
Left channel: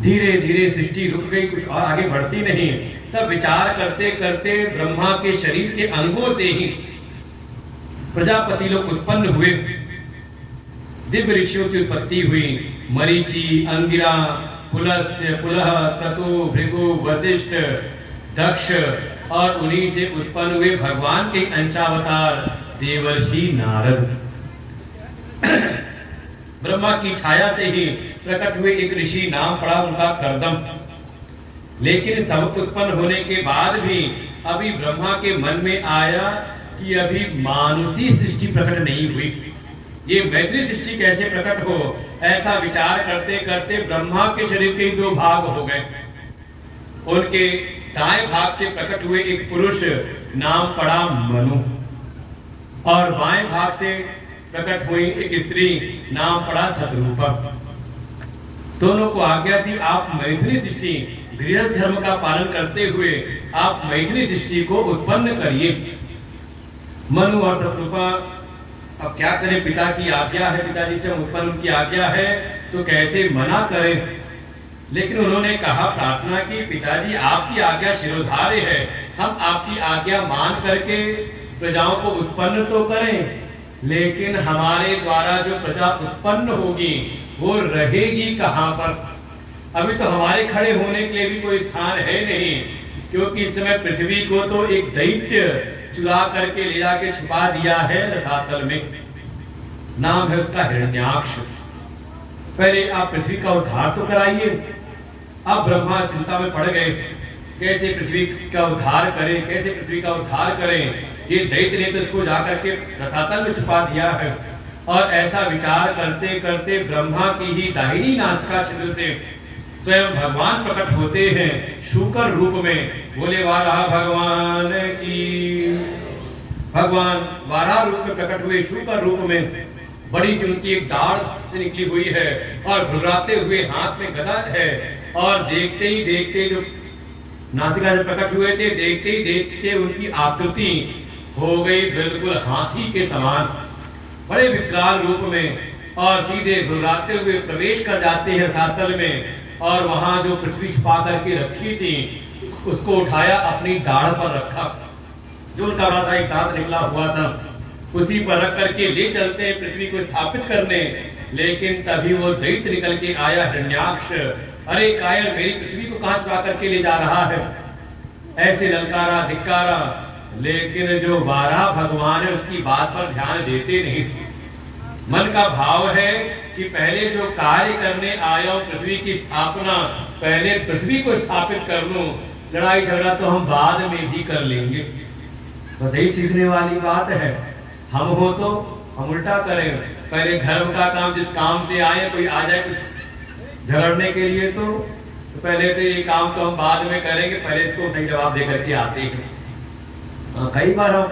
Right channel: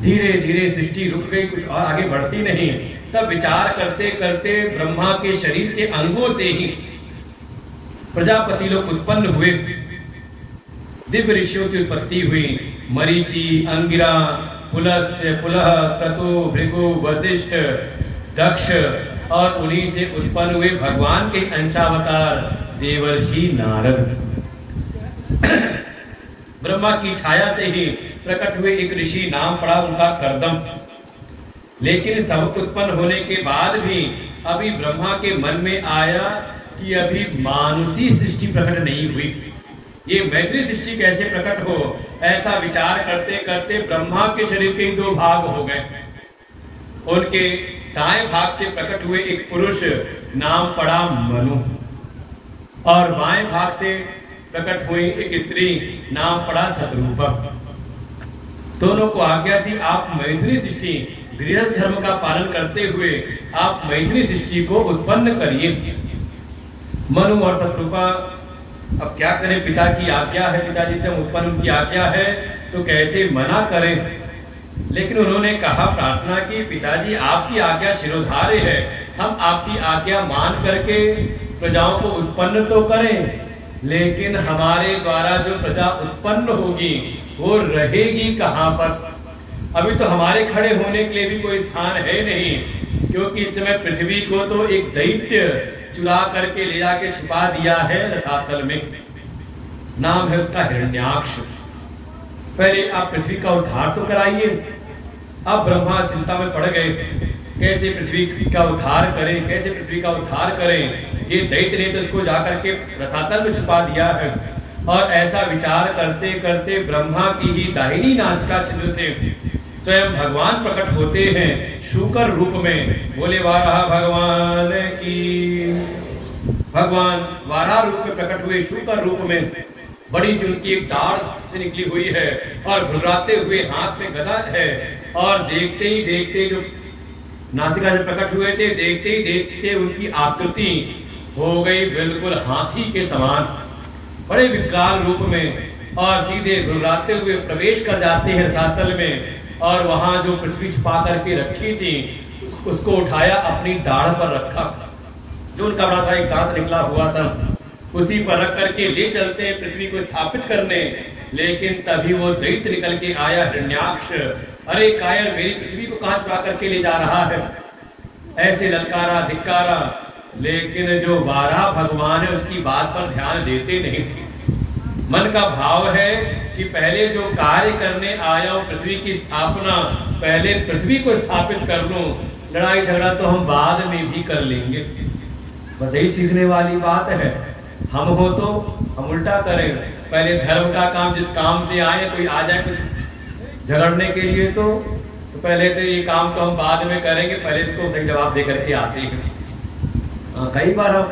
धीरे धीरे सृष्टि रुक गई, कुछ और आगे बढ़ती नहीं। तब विचार करते करते ब्रह्मा के शरीर के अंगों से ही प्रजापति लोग उत्पन्न हुए। दिव्य ऋषियों की उत्पत्ति हुई। मरीचि, अंगिरा, पुलस्त्य, पुलह, क्रतु, भृगु, वशिष्ठ, दक्ष और उन्हीं से उत्पन्न हुए भगवान के अंशावतार देवर्षि नारद। ब्रह्मा की छाया से ही प्रकट हुए एक ऋषि, नाम पड़ा उनका कर्दम। लेकिन सब उत्पन्न होने के बाद भी अभी ब्रह्मा के मन में आया कि अभी मानुषी सृष्टि प्रकट नहीं हुई, ये वैसी सृष्टि कैसे प्रकट हो। ऐसा विचार करते करते ब्रह्मा के शरीर के दो भाग हो गए। उनके दाएं भाग से प्रकट हुए एक पुरुष, नाम पड़ा मनु, और बाएं भाग से प्रकट हुई एक स्त्री, नाम पड़ा शतरूपा। दोनों को आज्ञा दी आप मैथिली सृष्टि, गृहस्थ धर्म का पालन करते हुए आप मैथिली सृष्टि को उत्पन्न करिए। मनु और शतरूपा अब क्या करें, पिता की आज्ञा है, पिताजी से उत्पन्न उनकी आज्ञा है, तो कैसे मना करें। लेकिन उन्होंने कहा, प्रार्थना की, पिताजी आपकी आज्ञा शिरोधार्य है, हम आपकी आज्ञा मान करके प्रजाओं को उत्पन्न तो करें, लेकिन हमारे द्वारा जो प्रजा उत्पन्न होगी वो रहेगी कहां पर। अभी तो हमारे खड़े होने के लिए भी कोई स्थान है नहीं, क्योंकि इस समय पृथ्वी को तो एक दैत्य चुरा करके ले जाके छिपा दिया है रसातल में, नाम है उसका हिरण्याक्ष। पहले आप पृथ्वी का उद्धार तो कराइए। अब ब्रह्मा चिंता में पड़ गए, कैसे पृथ्वी का उद्धार करें, कैसे पृथ्वी का उद्धार करें। ये दैत्य ने तो इसको जाकर के रसातल में छुपा दिया है। और ऐसा विचार करते करते ब्रह्मा की ही दाहिनी नासिका छिद्र से स्वयं भगवान प्रकट होते हैं शूकर रूप में। बोले वाराह भगवान की। भगवान वाराह रूप में प्रकट हुए, शूकर रूप में। बड़ी सी उनकी एक दाढ़ से निकली हुई है और घुर्राते हुए हाथ में गदा है। और देखते ही देखते जो नासिका से प्रकट हुए थे, देखते ही देखते उनकी आकृति हो गई बिल्कुल हाथी के समान, बड़े विकराल रूप में। और सीधे घुर्राते हुए प्रवेश कर जाते हैं रसातल में। और वहां जो पृथ्वी छुपा करके रखी थी उसको उठाया, अपनी दाढ़ पर रखा, जो उनका बड़ा सा एक दांत निकला हुआ था उसी पर रख करके ले चलते हैं पृथ्वी को स्थापित करने। लेकिन तभी वो दैत्य निकल के आया, हिरण्याक्ष। अरे कायर, मेरी पृथ्वी को कहां छुपा करके ले जा रहा है, ऐसे ललकारा, धिक्कारा। लेकिन जो वाराह भगवान है उसकी बात पर ध्यान देते नहीं। मन का भाव है कि पहले जो कार्य करने आया हूं पृथ्वी की स्थापना, पहले पृथ्वी को स्थापित कर लूं, लड़ाई झगड़ा तो हम बाद में भी कर लेंगे। बस यही सीखने वाली बात है। हम हो तो हम उल्टा करें, पहले धर्म का काम, जिस काम से आए, कोई आ जाए कुछ झगड़ने के लिए तो पहले तो ये काम तो हम बाद में करेंगे, पहले इसको सही जवाब दे करके आते हैं। कई बार हम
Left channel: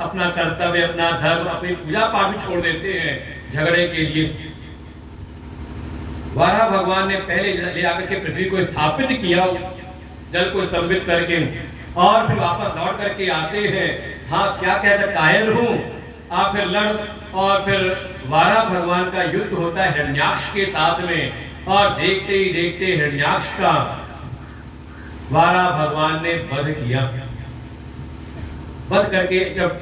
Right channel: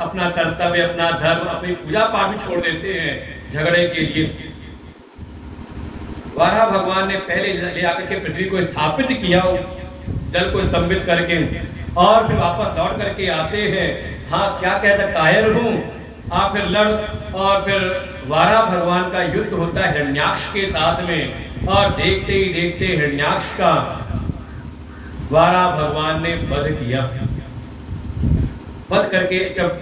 अपना कर्तव्य, अपना धर्म, अपनी पूजा पाठ भी छोड़ देते हैं झगड़े के लिए। वाराह भगवान ने पहले ले आकर के पृथ्वी को स्थापित किया, जल को स्तंभित करके, और फिर वापस लौट करके आते हैं। हाँ, क्या कहते, कायर हूं आप, फिर लड़। और फिर वाराह भगवान का युद्ध होता है हिरण्याक्ष के साथ में। और देखते ही देखते हिरण्याक्ष का वाराह भगवान ने वध किया। वध करके जब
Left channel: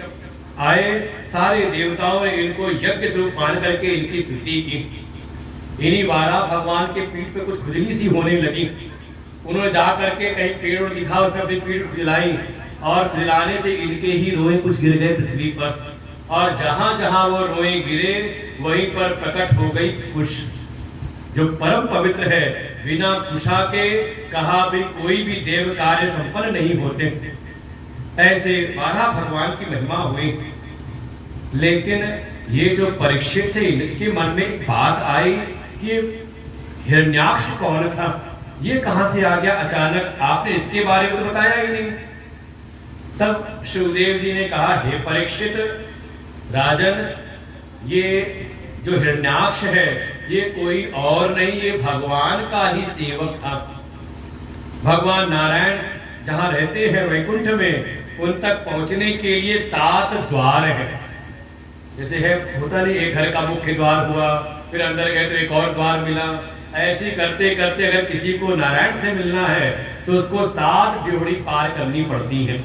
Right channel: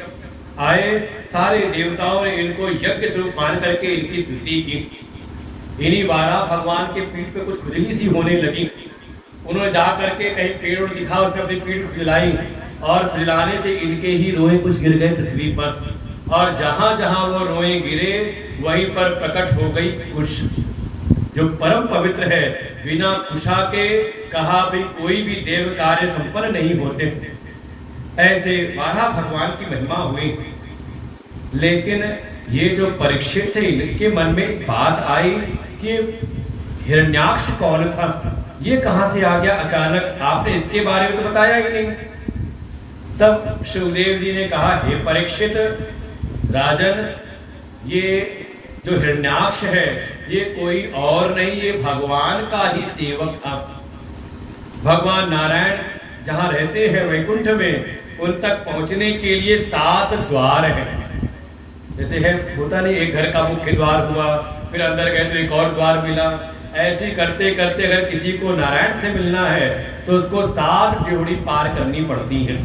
आए, सारे देवताओं ने इनको यज्ञ स्वरूप मान करके इनकी स्तुति की। इन्हीं वाराह भगवान के पीठ पे कुछ खुजली सी होने लगी। उन्होंने जा करके कहीं पेड़ दिखा, उसमें अपनी पीठ खुजलाई, और खुजलाने से इनके ही रोए कुछ गिर गए पृथ्वी पर। और जहां जहां वो रोए गिरे वहीं पर प्रकट हो गई कुश, जो परम पवित्र है। बिना कुशा के कहा भी कोई भी देव कार्य संपन्न नहीं होते। ऐसे वाराह भगवान की महिमा हुई। लेकिन ये जो परीक्षित थे, इनके मन में बात आई कि हिरण्याक्ष कौन था। ये कहां से आ गया अचानक, आपने इसके बारे में तो बताया ही नहीं। तब शिवदेव जी ने कहा, हे परीक्षित राजन, ये जो हिरण्याक्ष है ये कोई और नहीं, ये भगवान का ही सेवक था। भगवान नारायण जहां रहते हैं वैकुंठ में, उन तक पहुंचने के लिए 7 द्वार हैं। जैसे है होता नहीं, एक घर का मुख्य द्वार हुआ, फिर अंदर गए तो एक और द्वार मिला। ऐसे करते करते अगर किसी को नारायण से मिलना है तो उसको 7 ड्योढ़ी पार करनी पड़ती है,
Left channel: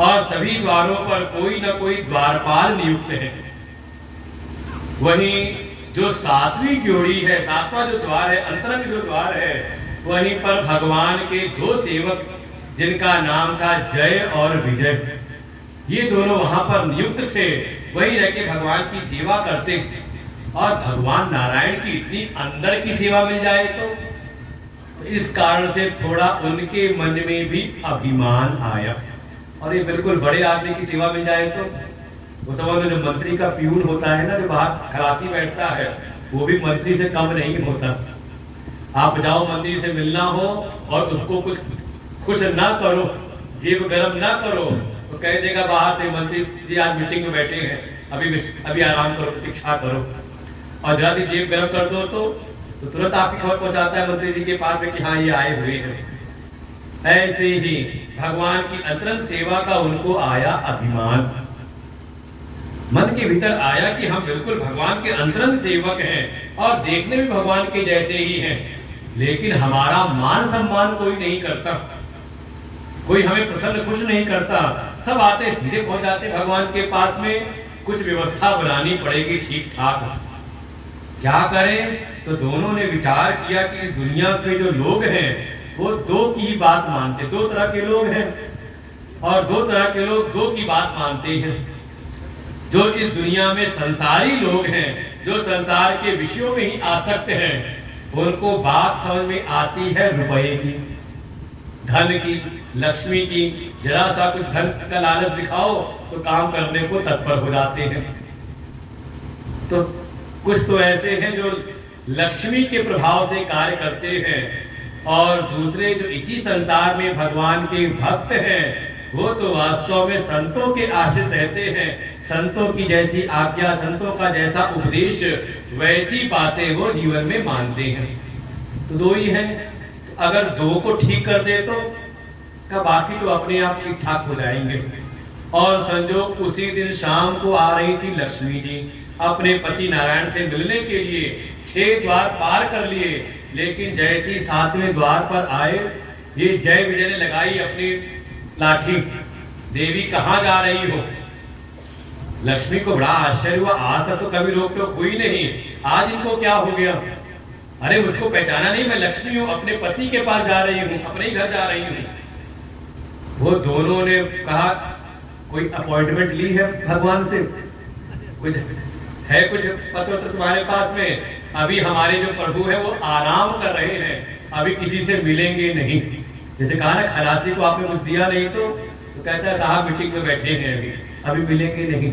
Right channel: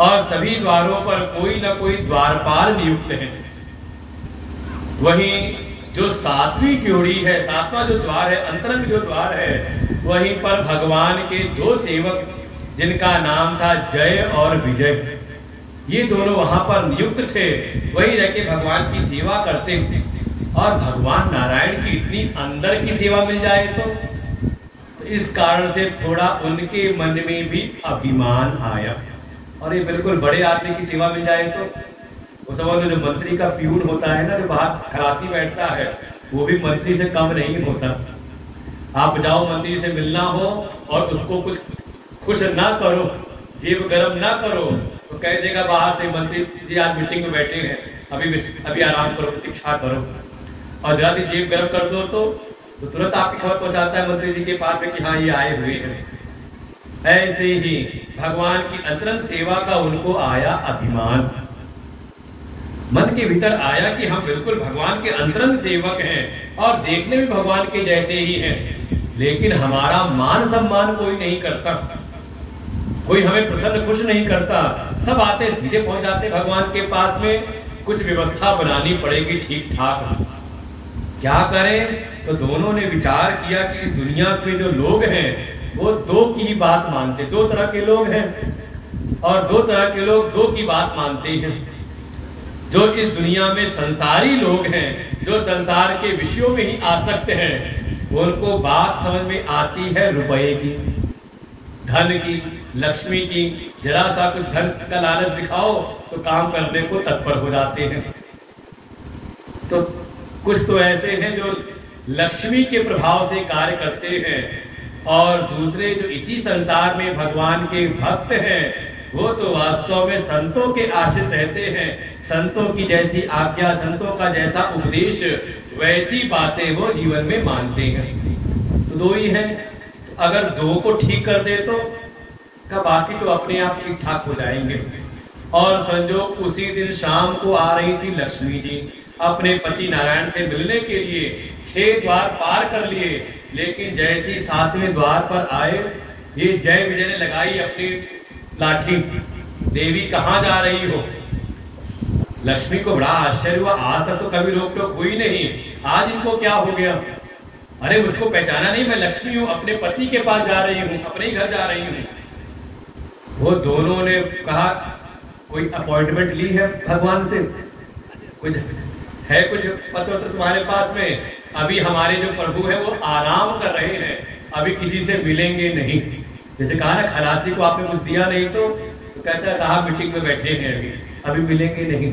और सभी द्वारों पर कोई ना कोई द्वारपाल नियुक्त है। वहीं जो 7वीं ड्योढ़ी है, 7वां जो द्वार है, अंतरंग जो द्वार है, वहीं पर भगवान के 2 सेवक जिनका नाम था जय और विजय, ये दोनों वहां पर नियुक्त थे। वही रह के भगवान की सेवा करते थे। और भगवान नारायण की इतनी अंदर की सेवा मिल जाए तो इस कारण से थोड़ा उनके मन में भी अभिमान आया। और ये बिल्कुल बड़े आदमी की सेवा मिल जाए तो वो समझ लो, जो मंत्री का प्यून होता है ना, जो बाहर खलासी बैठता है, वो भी मंत्री से कम नहीं होता। आप जाओ मंत्री से मिलना हो और उसको कुछ ना करो, जेब गरम ना करो, तो कह देगा बाहर से, मंत्री जी आज मीटिंग में बैठे हैं, अभी आराम करो, प्रतीक्षा करो। और जरा सी जेब गरम कर दो तो तुरंत आपकी खबर पहुंचाता है मंत्री जी के पास में कि हाँ ये आए हुए हैं। ऐसे ही भगवान की अंतरंग सेवा का उनको आया अभिमान, मन के भीतर आया कि हम बिल्कुल भगवान के अंतरंग सेवक हैं और देखने में भगवान के जैसे ही हैं, लेकिन हमारा मान सम्मान कोई नहीं करता, कोई हमें प्रसन्न खुश नहीं करता। सब आते सीधे पहुंच जाते भगवान के पास में। कुछ व्यवस्था बनानी पड़ेगी ठीक ठाक। क्या करें? तो दोनों ने विचार किया कि इस दुनिया के जो लोग हैं वो 2 की ही बात मानते, 2 तरह के लोग हैं, और 2 तरह के लोग 2 की बात मानते हैं। जो इस दुनिया में संसारी लोग हैं, जो संसार के विषयों में ही आसक्त हैं, उनको बात समझ में आती है रुपए की, धन की, लक्ष्मी की। जरा सा कुछ धन का लालच दिखाओ तो काम करने को तत्पर हो जाते हैं। तो कुछ तो ऐसे हैं जो लक्ष्मी के प्रभाव से कार्य करते हैं, और दूसरे जो इसी संसार में भगवान के भक्त हैं, वो तो वास्तव में संतों के आश्रित रहते हैं। संतों की जैसी आज्ञा, संतों का जैसा उपदेश, वैसी बातें वो जीवन में मानते हैं। तो 2 ही हैं। अगर 2 को ठीक कर दे तो बाकी तो अपने आप ठीक ठाक हो जाएंगे। और संजोग उसी दिन शाम को आ रही थी लक्ष्मी जी अपने पति नारायण से मिलने के लिए। 6 द्वार पार कर लिए, लेकिन जैसी 7वें द्वार पर आए, ये जय विजय ने लगाई अपनी लाठी। देवी कहाँ जा रही हो? लक्ष्मी को बड़ा आश्चर्य हुआ, आज तक तो कभी रोक टोक हुई नहीं, आज इनको क्या हो गया? अरे मुझको पहचाना नहीं, मैं लक्ष्मी हूँ, अपने पति के पास जा रही हूँ, अपने ही घर जा रही हूँ। वो दोनों ने कहा, कोई अपॉइंटमेंट ली है भगवान से? कुछ है, कुछ पत्र तुम्हारे पास में? अभी हमारे जो प्रभु है वो आराम कर रहे हैं, अभी किसी से मिलेंगे नहीं। जैसे कहा ना, खलासी को आपने कुछ दिया नहीं तो कहता है साहब मीटिंग में बैठे हैं, अभी मिलेंगे नहीं।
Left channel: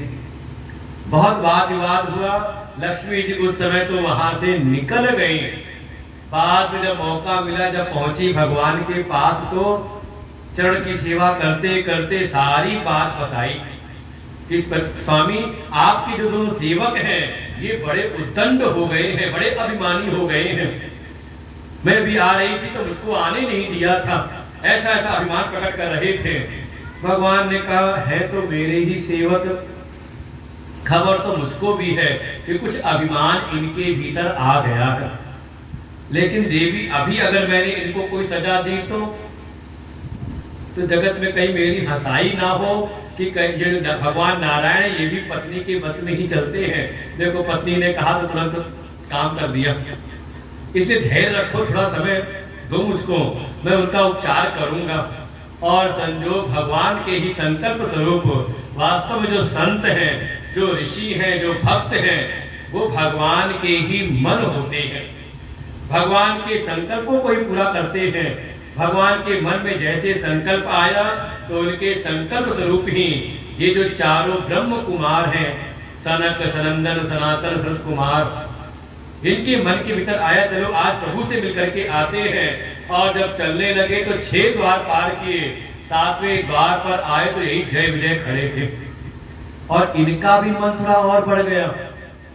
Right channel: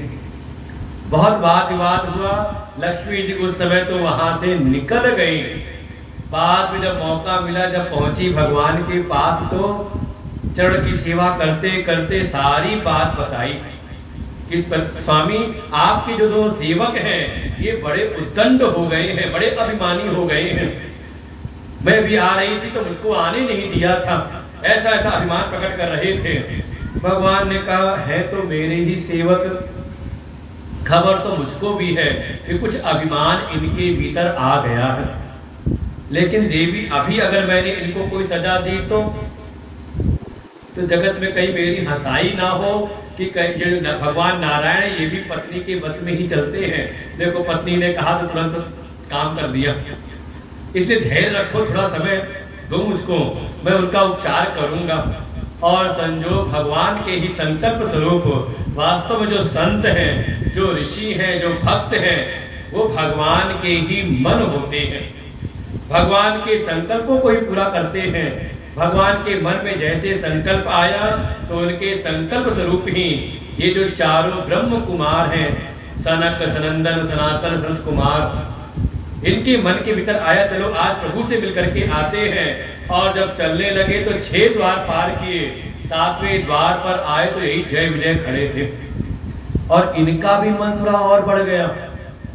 बहुत वाद विवाद हुआ। लक्ष्मी जी उस समय तो वहां से निकल गई। बाद में जब मौका मिला, जब पहुंची भगवान के पास, तो चरण की सेवा करते करते सारी बात बताई कि स्वामी आपके जो 2 सेवक हैं ये बड़े उद्दंड हो गए हैं, बड़े अभिमानी हो गए हैं। मैं भी आ रही थी तो मुझको आने नहीं दिया था, ऐसा ऐसा अभिमान प्रकट कर रहे थे। भगवान ने कहा, है तो मेरे ही सेवक, खबर तो मुझको भी है कि कुछ अभिमान इनके भीतर आ गया है। लेकिन देवी, अभी अगर मैंने इनको कोई सजा दी तो जगत में कहीं मेरी हंसाई ना हो कि ये भगवान नारायण ये भी पत्नी के बस में ही चलते हैं। देखो पत्नी ने कहा तो तुरंत काम कर दिया। इसलिए धैर्य रखो, थोड़ा समय दो मुझको, मैं उनका उपचार करूंगा। और संजोग भगवान के ही संकल्प स्वरूप वास्तव में जो संत हैं, जो ऋषि हैं, जो भक्त हैं, वो भगवान के ही मन होते हैं, भगवान के संकल्पों को ही पूरा करते हैं। भगवान के मन में जैसे संकल्प आया तो उनके संकल्प स्वरूप ही ये जो चारों ब्रह्म कुमार हैं, सनक, सनंदन, सनातन, संत कुमार, इनके मन के भीतर आया चलो आज प्रभु से मिलकर के आते हैं, और जब चलने लगे तो 6 द्वार पार किए, 7वें द्वार पर आए तो यही जय विजय खड़े थे। और इनका भी मन थोड़ा और बढ़ गया।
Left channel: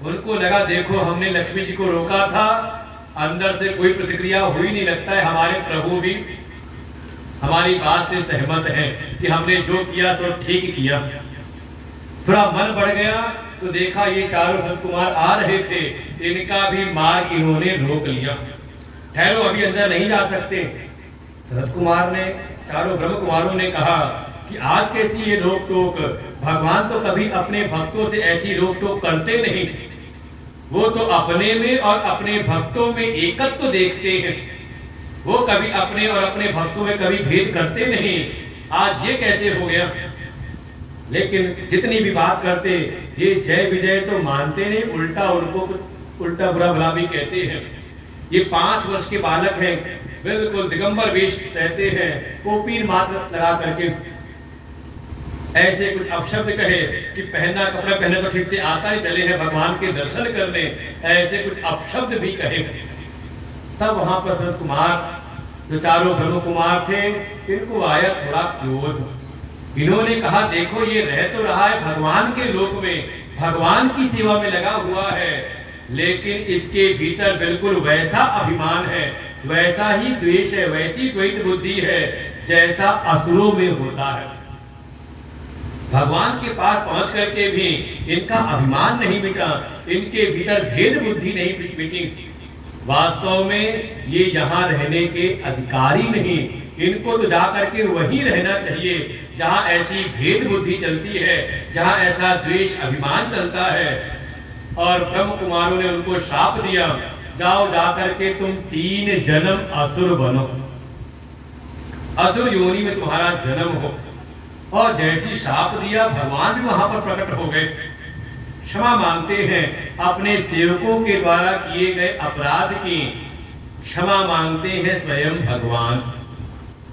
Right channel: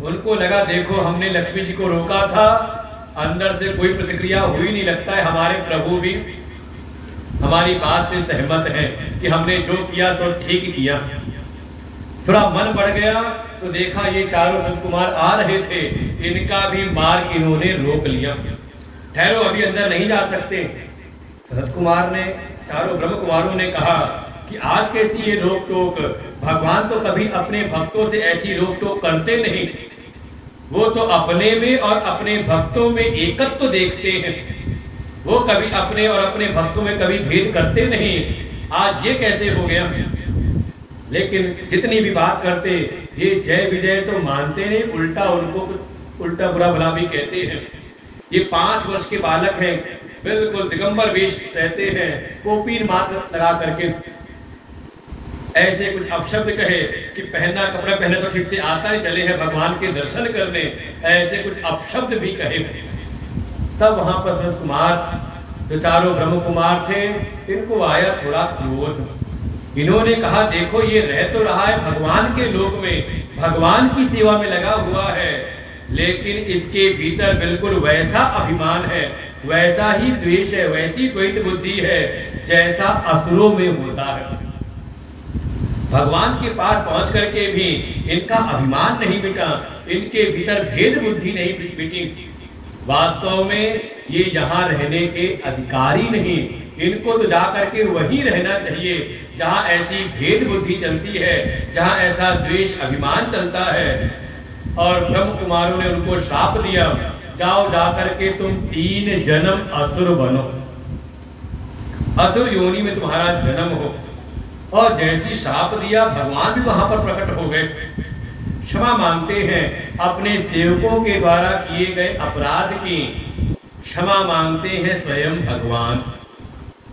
उनको लगा देखो हमने लक्ष्मी जी को रोका था, अंदर से कोई प्रतिक्रिया हुई नहीं, लगता है हमारे प्रभु भी हमारी बात से सहमत है कि हमने जो किया तो ठीक किया। थोड़ा मन बढ़ गया तो देखा ये चारों संत कुमार आ रहे थे, इनका भी मार्ग इन्होंने रोक लिया। ठहरो अभी अंदर नहीं जा सकते। संत कुमार ने, चारों ब्रह्म कुमारों ने कहा कि आज कैसी ये रोक टोक, भगवान तो कभी अपने भक्तों से ऐसी रोक टोक करते नहीं, वो तो अपने में और अपने भक्तों में एकत्व तो देखते हैं, वो कभी अपने और अपने भक्तों में कभी भेद करते नहीं, आज ये कैसे हो गया। लेकिन जितनी भी बात करते ये जय विजय तो मानते नहीं, उल्टा उनको उल्टा बुरा भला भी कहते हैं। ये 5 वर्ष के बालक हैं, बिल्कुल दिगंबर वेश रहते हैं, कोपीन मात्र लगा करके ऐसे कुछ अपशब्द कहे कि पहना कपड़ा पहने तो ठीक से आता ही, चले हैं भगवान के दर्शन करने, ऐसे कुछ अपशब्द भी कहे। तब वहां पर संत कुमार जो चारों ब्रह्म कुमार थे, इनको आया थोड़ा क्रोध। इन्होंने कहा देखो ये रह तो रहा है भगवान के लोक में, भगवान की सेवा में लगा हुआ है, लेकिन इसके भीतर बिल्कुल वैसा अभिमान है, वैसा ही द्वेष है, वैसी द्वैत बुद्धि है जैसा असुरों में होता है। भगवान के पास पहुंच करके भी इनका अभिमान नहीं मिटा, इनके भीतर भेद बुद्धि नहीं मिटी। वास्तव में ये यहाँ रहने के अधिकारी नहीं, इनको तो जाकर के वहीं रहना चाहिए जहाँ ऐसी भेद बुद्धि चलती है, जहाँ ऐसा द्वेष अभिमान चलता है। और ब्रह्म कुमारों ने उनको श्राप दिया, जाओ जाकर के तुम 3 जन्म असुर बनो, असुर योनि में तुम्हारा जन्म हो। और जैसी श्राप दिया भगवान भी वहां पर प्रकट हो गए, क्षमा मांगते हैं, अपने सेवकों के द्वारा किए गए अपराध की क्षमा मांगते हैं स्वयं भगवान।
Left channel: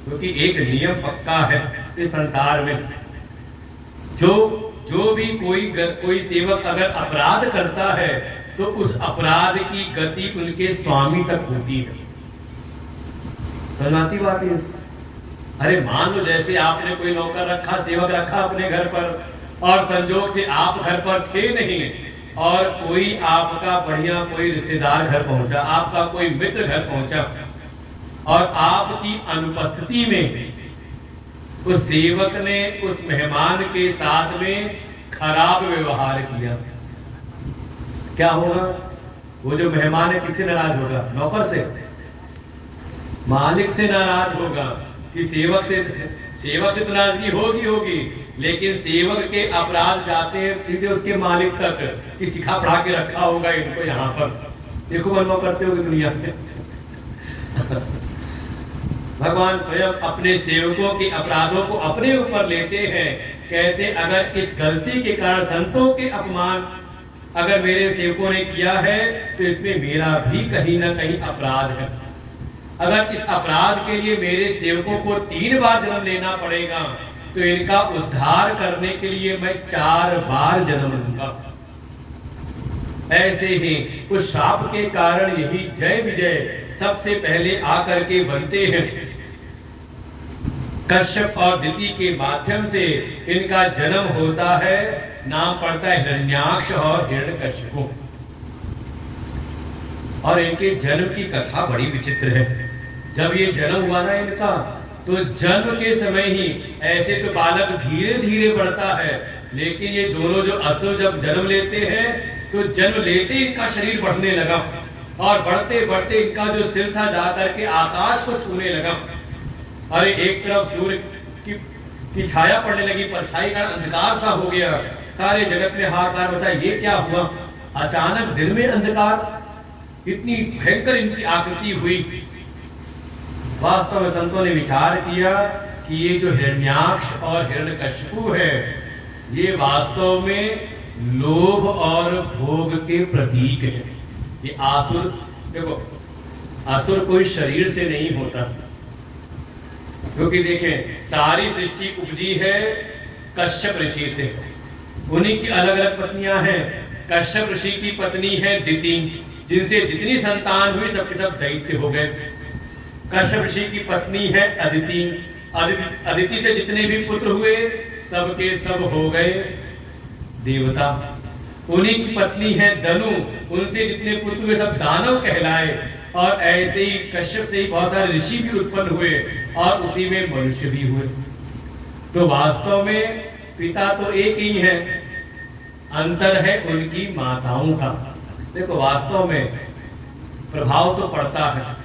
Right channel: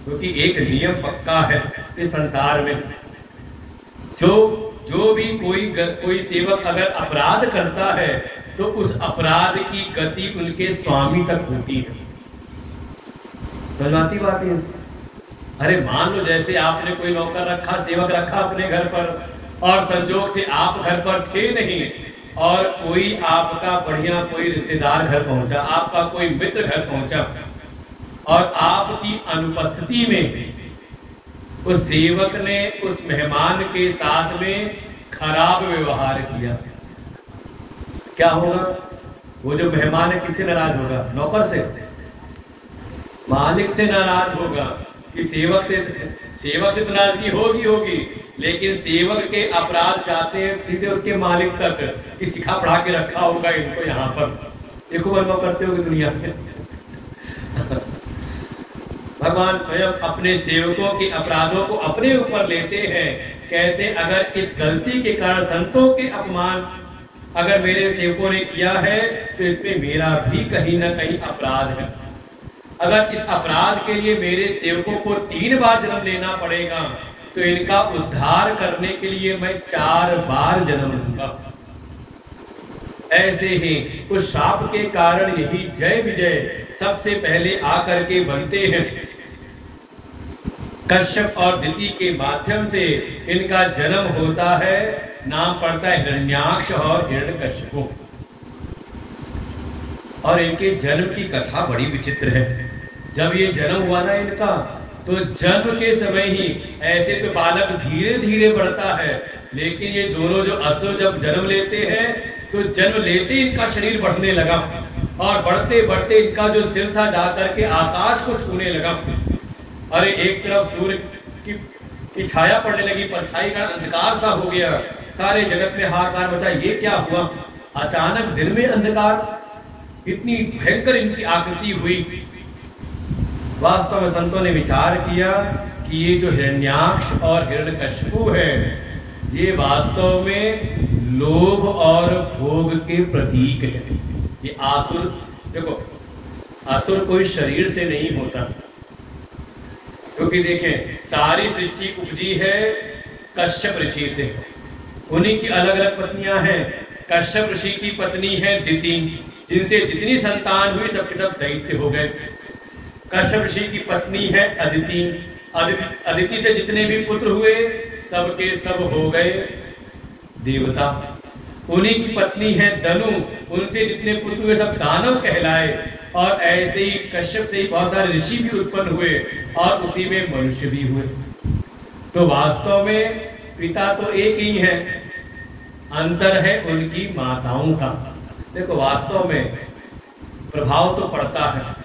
क्योंकि एक नियम पक्का है इस संसार में, जो भी कोई सेवक अगर अपराध करता है तो उस अपराध की गति उनके स्वामी तक होती है। समझाती बात है। अरे मान लो जैसे आपने कोई नौकर रखा, सेवक रखा अपने घर पर, और संजोग से आप घर पर थे नहीं, और कोई आपका बढ़िया कोई रिश्तेदार घर पहुंचा, आपका कोई मित्र घर पहुंचा, और आपकी अनुपस्थिति में उस सेवक ने उस मेहमान के साथ में खराब व्यवहार किया, क्या होगा? वो जो मेहमान है किससे नाराज होगा? नौकर से, मालिक से नाराज होगा। कि सेवक से तो नाराजगी होगी, लेकिन सेवक के अपराध जाते हैं सीधे उसके मालिक तक कि सिखा पढ़ा के रखा होगा इनको यहाँ पर, देखो बनो करते हो दुनिया में। भगवान स्वयं अपने सेवकों के अपराधों को अपने ऊपर लेते हैं, कहते अगर इस गलती के कारण संतों के अपमान अगर मेरे सेवकों ने किया है तो इसमें मेरा भी कहीं ना कहीं अपराध है। अगर इस अपराध के लिए मेरे सेवकों को 3 बार जन्म लेना पड़ेगा तो इनका उद्धार करने के लिए मैं 4 बार जन्म लूंगा। ऐसे ही उस शाप के कारण यही जय विजय सबसे पहले आकर के बनते हैं। कश्यप और दिति के माध्यम से इनका जन्म होता है, नाम पड़ता है हिरण्याक्ष और हिरण्यकश्यप। और इनके जन्म की कथा बड़ी विचित्र है। जब ये जन्म हुआ ना इनका, तो जन्म के समय ही ऐसे तो बालक धीरे धीरे बढ़ता है, लेकिन ये दोनों जो असुर जब जन्म लेते हैं तो जन्म लेते इनका शरीर बढ़ने लगा, और बढ़ते बढ़ते इनका जो सिर था जाकर के आकाश को छूने लगा। अरे एक तरफ सूर्य की छाया पड़ने लगी, परछाई का अंधकार सा हो गया, सारे जगत में हाहाकार मचा, ये क्या हुआ? अचानक दिन में अंधकार, इतनी भयंकर इनकी आकृति हुई। वास्तव में संतों ने विचार किया कि ये जो हिरण्याक्ष और हिरण्यकश्यप है, ये वास्तव में लोभ और भोग के प्रतीक है। ये आसुर, देखो असुर कोई शरीर से नहीं होता, क्योंकि देखें सारी सृष्टि उपजी है कश्यप ऋषि से। उन्हीं की अलग अलग पत्नियां हैं। कश्यप ऋषि की पत्नी है दिति, जिनसे जितनी संतान हुई सबके सब दैत्य हो गए। कश्यप ऋषि की पत्नी है अदिति। अदिति से जितने भी पुत्र हुए सबके सब हो गए देवता। उन्हीं की पत्नी है दनु, उनसे जितने पुत्र हुए सब दानव कहलाए। और ऐसे ही कश्यप से ही बहुत सारे ऋषि भी उत्पन्न हुए और उसी में मनुष्य भी हुए। तो वास्तव में पिता तो एक ही है, अंतर है उनकी माताओं का। देखो वास्तव में प्रभाव तो पड़ता है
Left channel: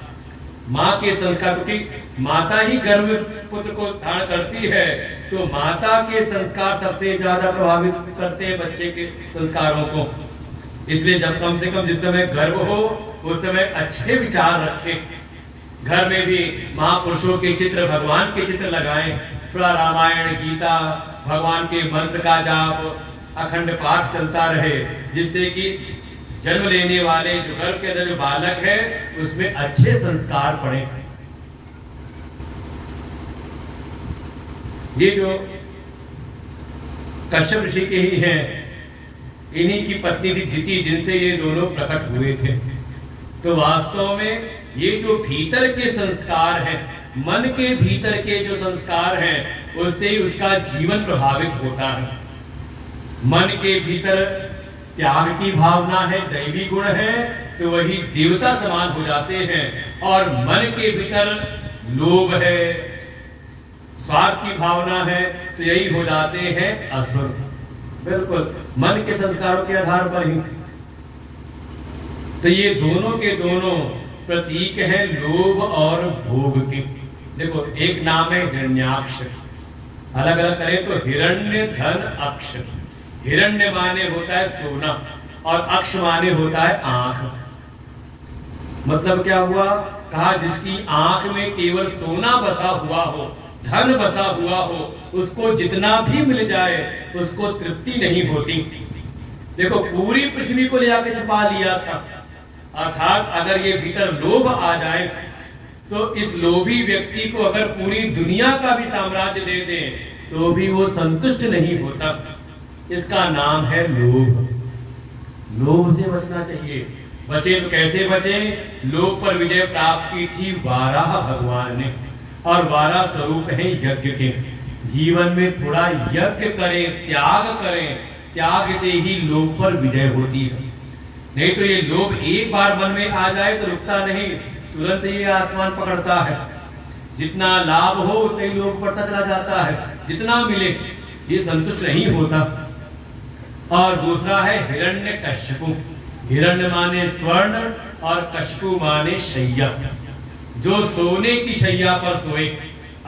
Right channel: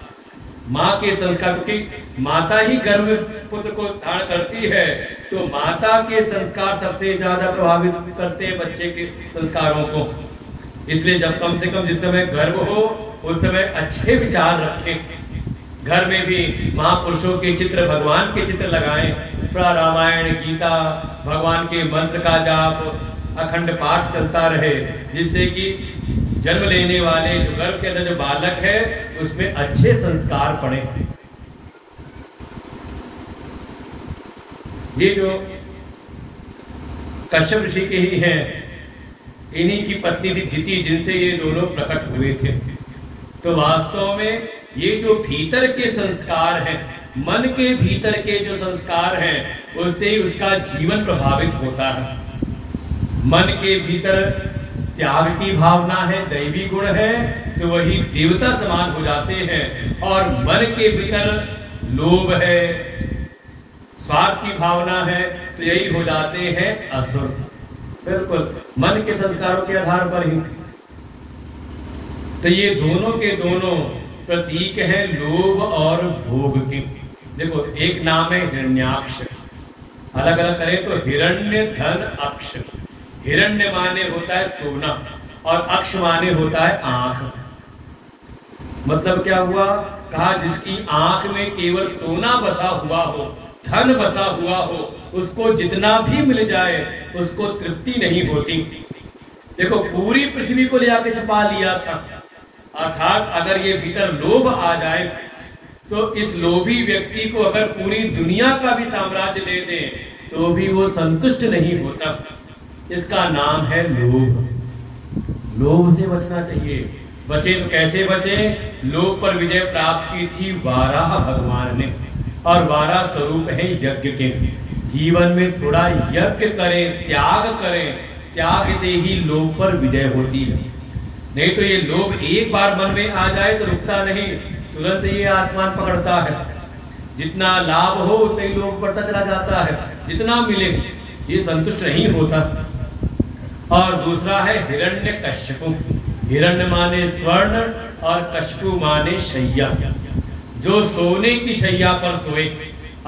माँ के संस्कार, क्योंकि माता ही गर्भ में पुत्र को धारण करती है, तो माता के संस्कार सबसे ज्यादा प्रभावित करते हैं बच्चे के संस्कारों को। इसलिए जब कम से कम जिस समय गर्भ हो उस समय अच्छे विचार रखें। घर में भी महापुरुषों के चित्र, भगवान के चित्र लगाएं। थोड़ा रामायण, गीता, भगवान के मंत्र का जाप, अखंड पाठ चलता रहे, जिससे कि जन्म लेने वाले जो गर्भ के अंदर जो बालक है उसमें अच्छे संस्कार पड़े। ये जो कश्यप ऋषि के ही हैं, इन्हीं की पत्नी थी दिति, जिनसे ये दोनों प्रकट हुए थे। तो वास्तव में ये जो भीतर के संस्कार हैं, मन के भीतर के जो संस्कार हैं, उससे ही उसका जीवन प्रभावित होता है। मन के भीतर त्याग की भावना है, दैवी गुण है, तो वही देवता समान हो जाते हैं। और मन के भीतर लोभ है, स्वार्थ की भावना है, तो यही हो जाते हैं असुर। बिल्कुल मन के संस्कारों के आधार पर ही। तो ये दोनों के दोनों प्रतीक हैं लोभ और भोग के। देखो एक नाम है हिरण्याक्ष, अलग अलग करें तो हिरण्य धन अक्ष। हिरण्य माने होता है सोना और अक्ष माने होता है आंख। मतलब क्या हुआ, कहा जिसकी आंख में केवल सोना बसा हुआ हो, धन बसा हुआ हो, उसको जितना भी मिल जाए उसको तृप्ति नहीं होती। देखो पूरी पृथ्वी को ले जाके छिपा लिया था, अर्थात अगर ये भीतर लोभ आ जाए तो इस लोभी व्यक्ति को अगर पूरी दुनिया का भी साम्राज्य दे दें तो भी वो संतुष्ट नहीं होता। इसका नाम है लोभ। लोभ से बचना चाहिए। बचे तो कैसे बचे? लोभ पर विजय प्राप्त की थी वाराह भगवान ने, और वाराह स्वरूप है यज्ञ के। जीवन में थोड़ा यज्ञ करें, त्याग करें, त्याग से ही लोभ पर विजय होती है। नहीं तो ये लोभ एक बार मन में आ जाए तो रुकता नहीं, तुरंत ये आसमान पकड़ता है। जितना लाभ हो उतना ही लोभ बढ़ता चला जाता है, जितना मिले ये संतुष्ट नहीं होता। और दूसरा है हिरण्य कश्यपु। हिरण्य माने स्वर्ण और कश्यपु माने शैया। जो सोने की शैया पर सोए,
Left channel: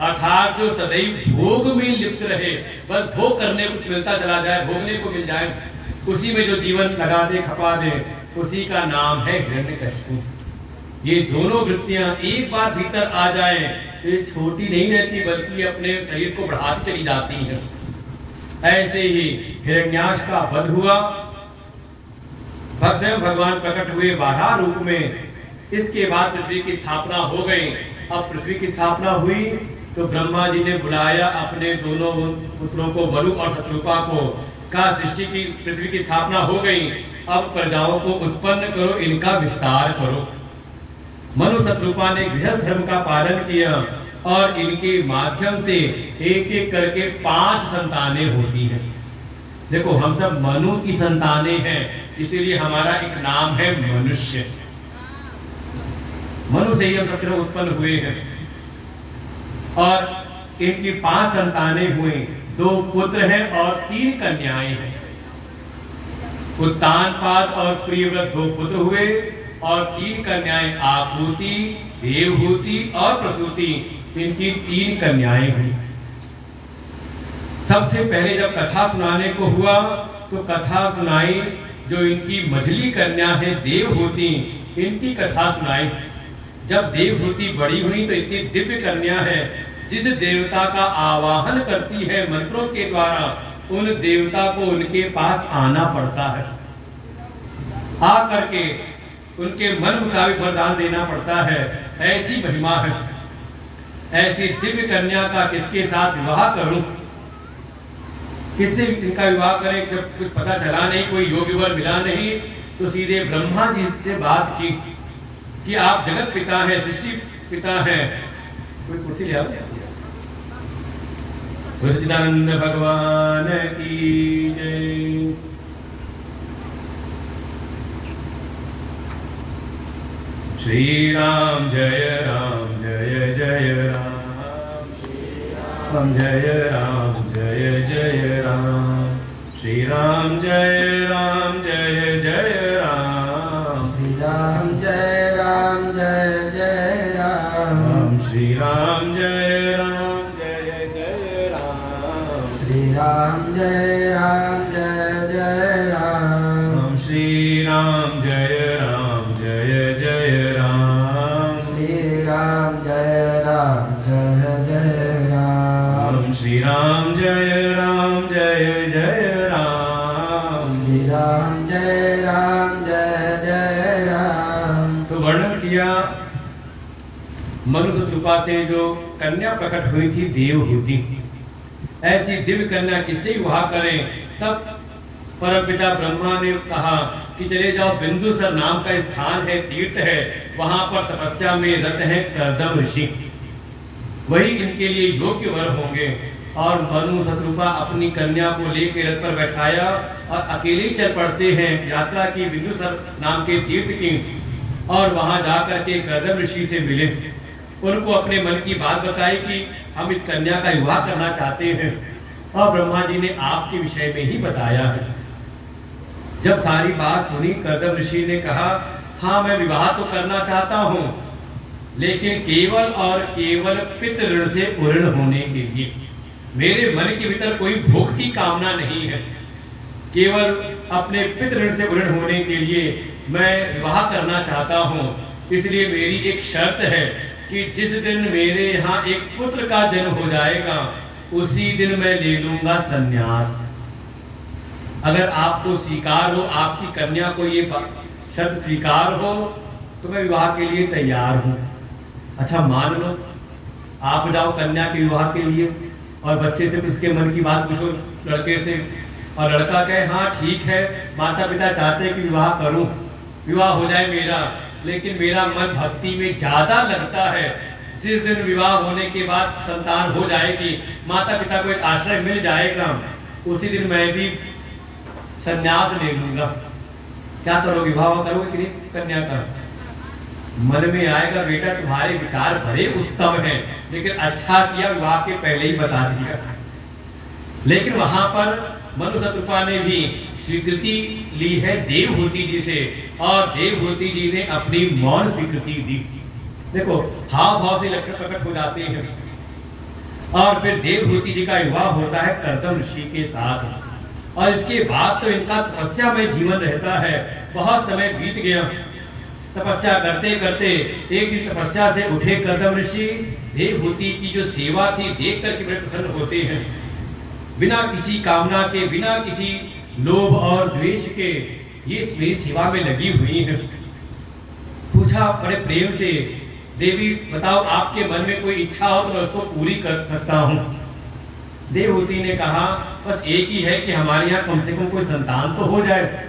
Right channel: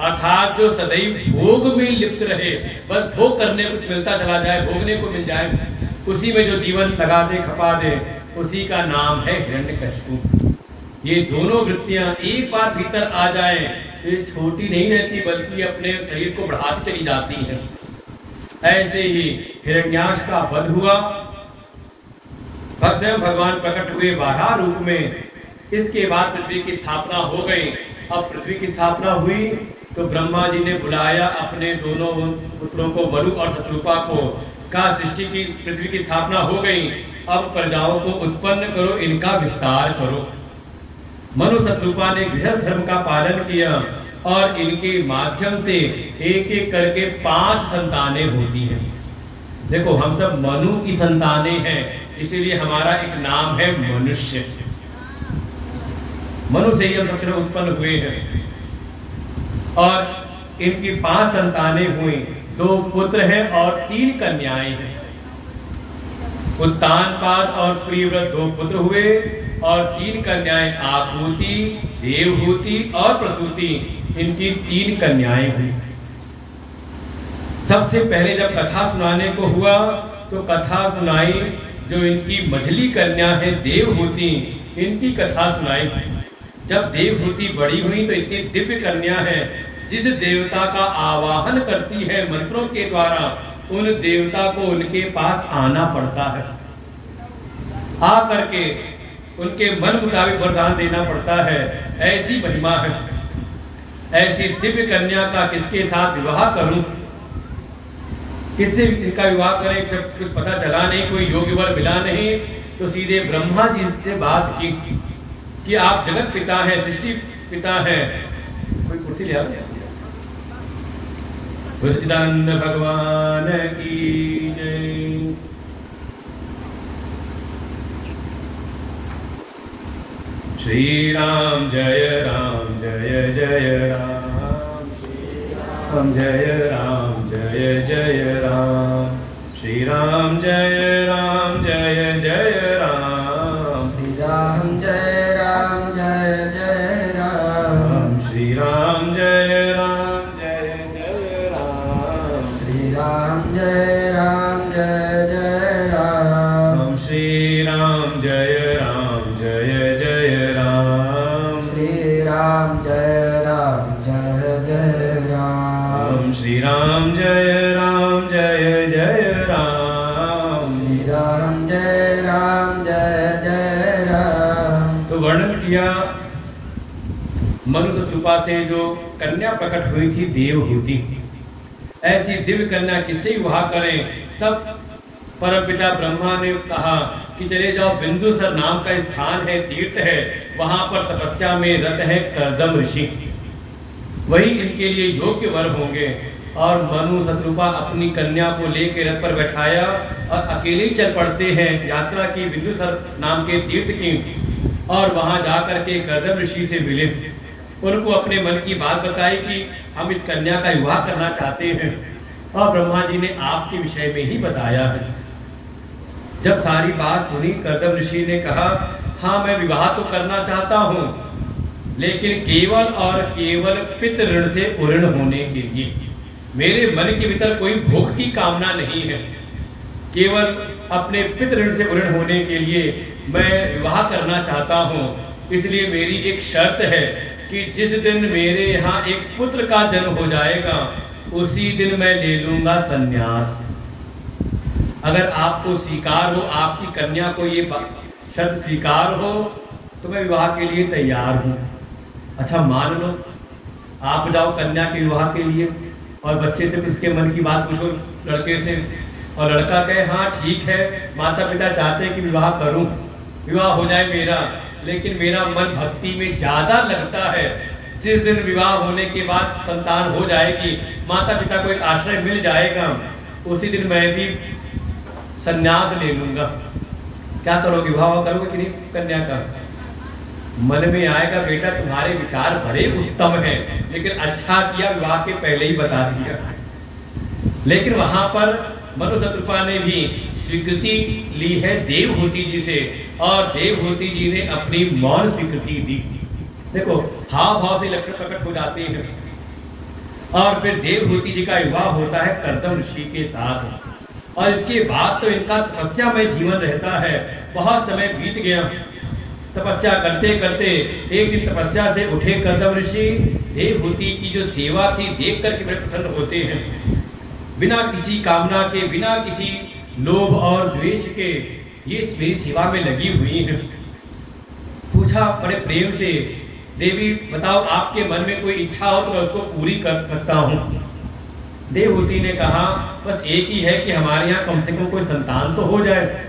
अर्थात जो सदैव भोग में लिप्त रहे, बस भोग करने को मिलता चला जाए, भोगने को मिल जाए, उसी में जो जीवन लगा दे, खपा दे, उसी का नाम है हिरण्यकश्यपु। ये दोनों वृत्तियां एक बार भीतर आ जाए फिर छोटी नहीं रहती, बल्कि अपने शरीर को बढ़ाती चली जाती हैं। ऐसे ही हिरण्याक्ष का वध हुआ, स्वयं भगवान प्रकट हुए वाराह रूप में। इसके बाद पृथ्वी की स्थापना हो गई। अब पृथ्वी की स्थापना हुई तो ब्रह्मा जी ने बुलाया अपने दोनों पुत्रों को, मनु और शत्रुपा को। कहा सृष्टि की, पृथ्वी की स्थापना हो गई, अब प्रजाओं को उत्पन्न करो, इनका विस्तार करो। मनु शत्रुपा ने गृहस्थ धर्म का पालन किया और इनके माध्यम से एक एक करके 5 संतानें होती हैं। देखो हम सब मनु की संतानें हैं, इसीलिए हमारा एक नाम है मनुष्य। मनु से ही हम सब उत्पन्न हुए हैं। और इनकी 5 संतानें हुई, 2 पुत्र हैं और 3 कन्याएं हैं। उत्तानपाद और प्रियव्रत 2 पुत्र हुए और 3 कन्याएं, आकृति, देवहूति और प्रसूति, इनकी 3 कन्याएं हुई। सबसे पहले जब कथा सुनाने को हुआ तो कथा सुनाई जो इनकी मझली कन्या है देवहूति, इनकी कथा सुनाई। जब देवहूति बड़ी हुई तो इतनी दिव्य कन्या है, जिस देवता का आवाहन करती है मंत्रों के द्वारा, उन देवता को उनके पास आना पड़ता है। आ करके उनके मन मुताबिक वरदान देना पड़ता है। ऐसी महिमा है। ऐसी दिव्य कन्या का किसके साथ विवाह करूं, किससे इनका विवाह करें, जब कुछ पता चला नहीं, कोई योग्य वर मिला नहीं, तो सीधे ब्रह्मा जी से बात की कि आप जगत पिता हैं, सृष्टि पिता हैं। कोई कुर्सी ले आओ। सच्चिदानंद भगवान की जय। श्री राम जय जय राम, राम जय जय राम, श्री राम जय जय राम, श्री राम जय जय राम, श्री राम जय जय राम, श्री राम जय जय राम, श्री राम जय जय राम, श्री राम जय जय राम, श्री राम जय जय राम, श्री राम जय जय राम। तो वर्णन किया मनुष्य कृपा से जो कन्या प्रकट हुई थी देवहूति, ऐसी दिव्य कन्या किससे विवाह करें। तब परमपिता ब्रह्मा ने कहा कि चले जाओ, बिंदुसर नाम का स्थान है, तीर्थ है, वहां पर तपस्या में रत है कर्दम ऋषि, वही इनके लिए योग्य वर होंगे। और मनु शत्रुपा अपनी कन्या को लेकर रथ पर बैठाया और अकेले ही चल पड़ते हैं यात्रा की बिंदुसर नाम के तीर्थ की। और वहां जाकर के कर्दम ऋषि से मिले, उनको अपने मन की बात बताई कि हम इस कन्या का विवाह करना चाहते हैं। और ब्रह्मा जी ने आपके विषय में ही बताया है। जब सारी बात सुनी, कर्दम ऋषि ने कहा, हाँ मैं विवाह तो करना चाहता हूँ, लेकिन केवल और केवल पितृ ऋण से पूर्ण होने के लिए। मेरे मन के भीतर कोई भोग की कामना नहीं है, केवल अपने पितृ ऋण से पूर्ण होने के लिए मैं विवाह करना चाहता हूँ। इसलिए मेरी एक शर्त है कि जिस दिन मेरे यहाँ एक पुत्र का जन्म हो जाएगा, उसी दिन मैं ले लूंगा संन्यास। अगर आपको स्वीकार हो, आपकी कन्या को ये शर्त स्वीकार हो, तो मैं विवाह के लिए तैयार हूँ। अच्छा मान लो, आप जाओ कन्या के विवाह के लिए और बच्चे से उसके मन की बात पूछो लड़के से, और लड़का कहे हाँ ठीक है, माता पिता चाहते हैं कि विवाह करूं, विवाह हो जाए मेरा, लेकिन मेरा मन भक्ति में ज्यादा लगता है। जिस दिन विवाह होने के बाद संतान हो जाएगी, माता पिता को एक आश्रय मिल जाएगा, उसी दिन मैं भी संन्यास ले लूंगा। क्या करोगे, विवाह करोगे कि नहीं कन्या का? मन में आएगा बेटा तुम्हारे विचार बड़े उत्तम हैं, लेकिन अच्छा किया विवाह के पहले ही बता दिया। लेकिन वहां पर मनु शत्रुपा ने भी स्वीकृति ली है देवहूति जी से, और देवहूति जी ने अपनी मौन स्वीकृति दी। देखो हाव भाव से लक्षण प्रकट हो जाते हैं। और फिर देवहूति जी का विवाह होता है कर्दम ऋषि के साथ, और इसके बाद तो इनका तपस्या में जीवन रहता है। बहुत समय बीत गया, तपस्या करते करते एक दिन तपस्या से उठे कर्दम ऋषि, देवहूति की जो सेवा थी देख करके बड़े प्रसन्न होते हैं। बिना किसी कामना के, बिना किसी लोभ और द्वेष के ये मेरी सेवा में लगी हुई है। पूछा बड़े प्रेम से, देवी बताओ आपके मन में कोई इच्छा हो तो मैं उसको पूरी कर सकता हूँ। देवहूति ने कहा बस एक ही है कि हमारे यहाँ कम से कम कोई संतान तो हो जाए।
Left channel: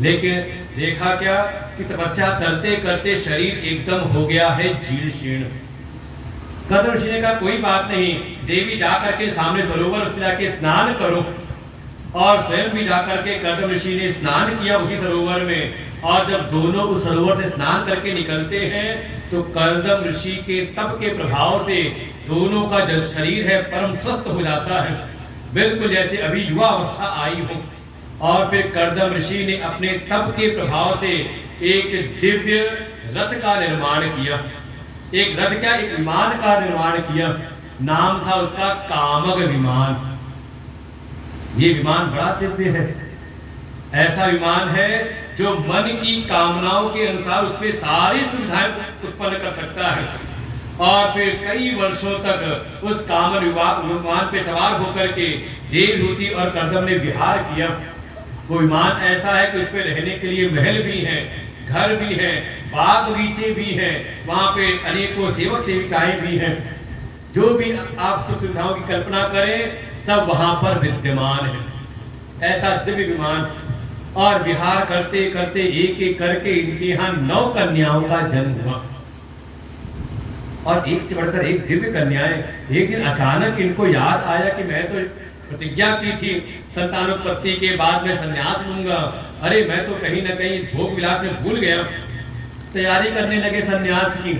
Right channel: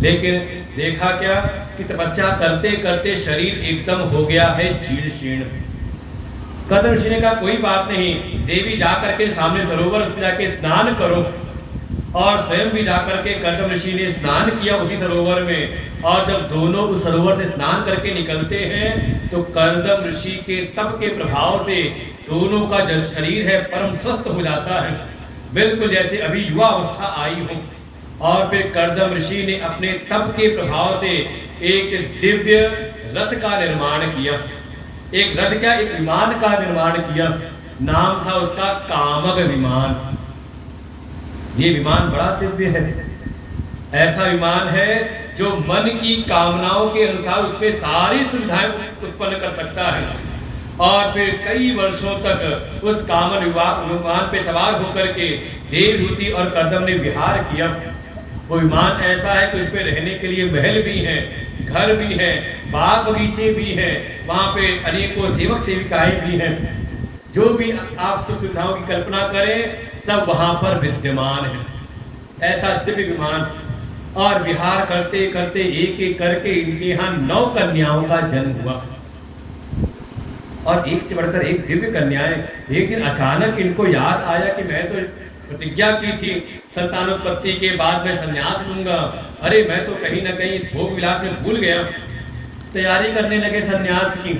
लेकिन देखा क्या कि तपस्या करते करते शरीर एकदम हो गया है जीर्ण शीर्ण। कर्दम ऋषि ने कहा कोई बात नहीं, देवी जाकर के सामने सरोवर में जाके स्नान करो। और स्वयं भी जाकर के कर्दम ऋषि ने स्नान किया उसी सरोवर में। और जब दोनों उस सरोवर से स्नान करके निकलते हैं तो कर्दम ऋषि के तप के प्रभाव से दोनों का जो शरीर है परम स्वस्थ हो जाता है, बिल्कुल जैसे अभी युवा अवस्था आई हो। और फिर कर्दम ऋषि ने अपने तप के प्रभाव से एक दिव्य रथ का निर्माण किया। एक रथ का, एक विमान का निर्माण किया। नाम था उसका कामग विमान। ये विमान बड़ा दिव्य है। ऐसा विमान है जो मन की कामनाओं के अनुसार उसपे सारी सुविधाएं उत्पन्न कर सकता है। और फिर कई वर्षों तक उस कामन विमान पे सवार होकर के देवहूति और कर्दम ने विहार किया। वो विमान ऐसा है कि उस पे रहने के लिए महल भी है, घर भी है, बाग बगीचे भी है, वहां पे अनेकों सेवक सेविकाएं भी हैं। जो भी आप सुख सुविधाओं की कल्पना करें सब वहां पर विद्यमान है। ऐसा दिव्य विमान। और विहार करते करते एक एक करके इनके यहाँ 9 कन्याओं का जन्म हुआ। और एक से बढ़कर एक दिव्य कन्याएं। एक दिन अचानक इनको याद आया कि मैं तो प्रतिज्ञा की थी संतानोत्पत्ति के बाद मैं संन्यास लूंगा। अरे मैं तो कहीं ना कहीं भोग विलास में भूल गया। तैयारी करने लगे संन्यास की।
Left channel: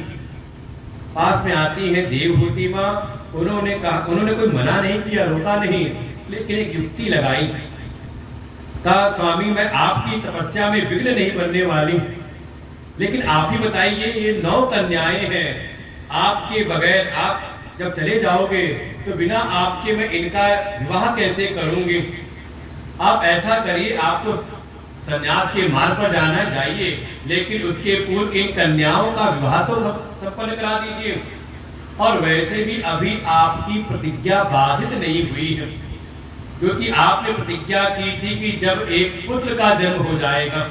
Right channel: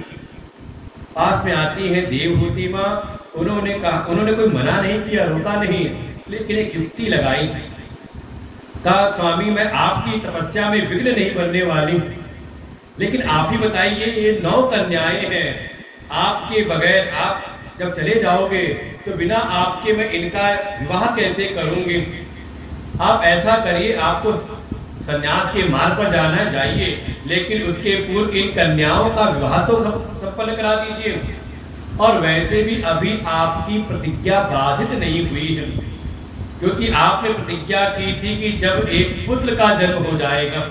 पास में आती है देवहूति माँ। उन्होंने कहा, उन्होंने कोई मना नहीं किया, रोका नहीं, लेकिन एक युक्ति लगाई। कहा स्वामी मैं आपकी तपस्या में विघ्न नहीं बनने वाली, लेकिन आप ही बताइए ये 9 कन्याएं हैं, आपके बगैर आप जब चले जाओगे तो बिना आपके मैं इनका विवाह कैसे करूंगी। आप ऐसा करिए, आप तो संन्यास के मार्ग पर जाना जाइए, लेकिन उसके पूर्व इन कन्याओं का विवाह तो संपन्न करा दीजिए। और वैसे भी अभी आपकी प्रतिज्ञा बाधित नहीं हुई है, क्योंकि आपने प्रतिज्ञा की थी कि जब एक पुत्र का जन्म हो जाएगा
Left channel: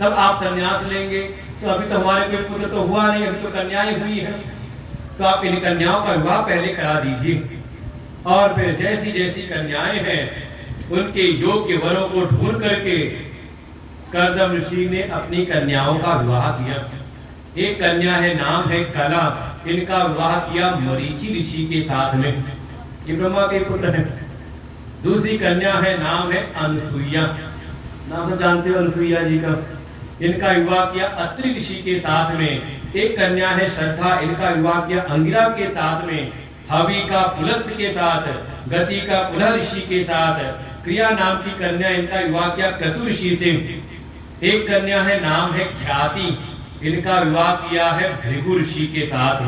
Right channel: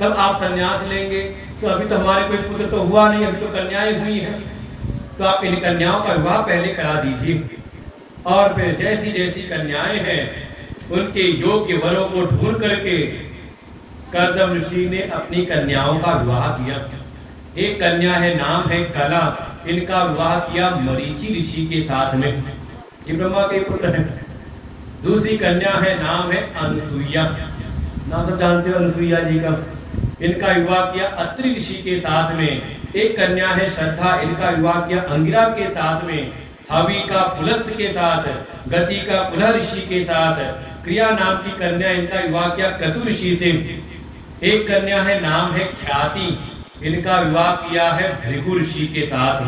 तब आप संन्यास लेंगे। तो अभी तो हमारे कोई पुत्र तो हुआ नहीं, अभी तो कन्याएं हुई हैं, तो आप इन कन्याओं का विवाह पहले करा दीजिए। और फिर जैसी जैसी कन्याएं हैं उनके योग्य वरों को ढूंढ करके कर्दम ऋषि ने अपनी कन्याओं का विवाह किया। एक कन्या है, नाम है कला, इनका विवाह किया मरीचि ऋषि के साथ में, ये ब्रह्मा के पुत्र हैं। दूसरी कन्या है, नाम है अनसुईया, नाम सब जानते हो अनसुईया जी का। इनका विवाह किया अत्रि ऋषि के साथ में। एक कन्या है श्रद्धा, इनका विवाह किया अंगिरा के साथ में। हवि का पुलस्त्य के साथ, गति का पुलह ऋषि के साथ। क्रिया नाम की कन्या, इनका विवाह किया क्रतु ऋषि से। एक कन्या है, नाम है ख्याति, इनका विवाह किया है भृगु ऋषि के साथ।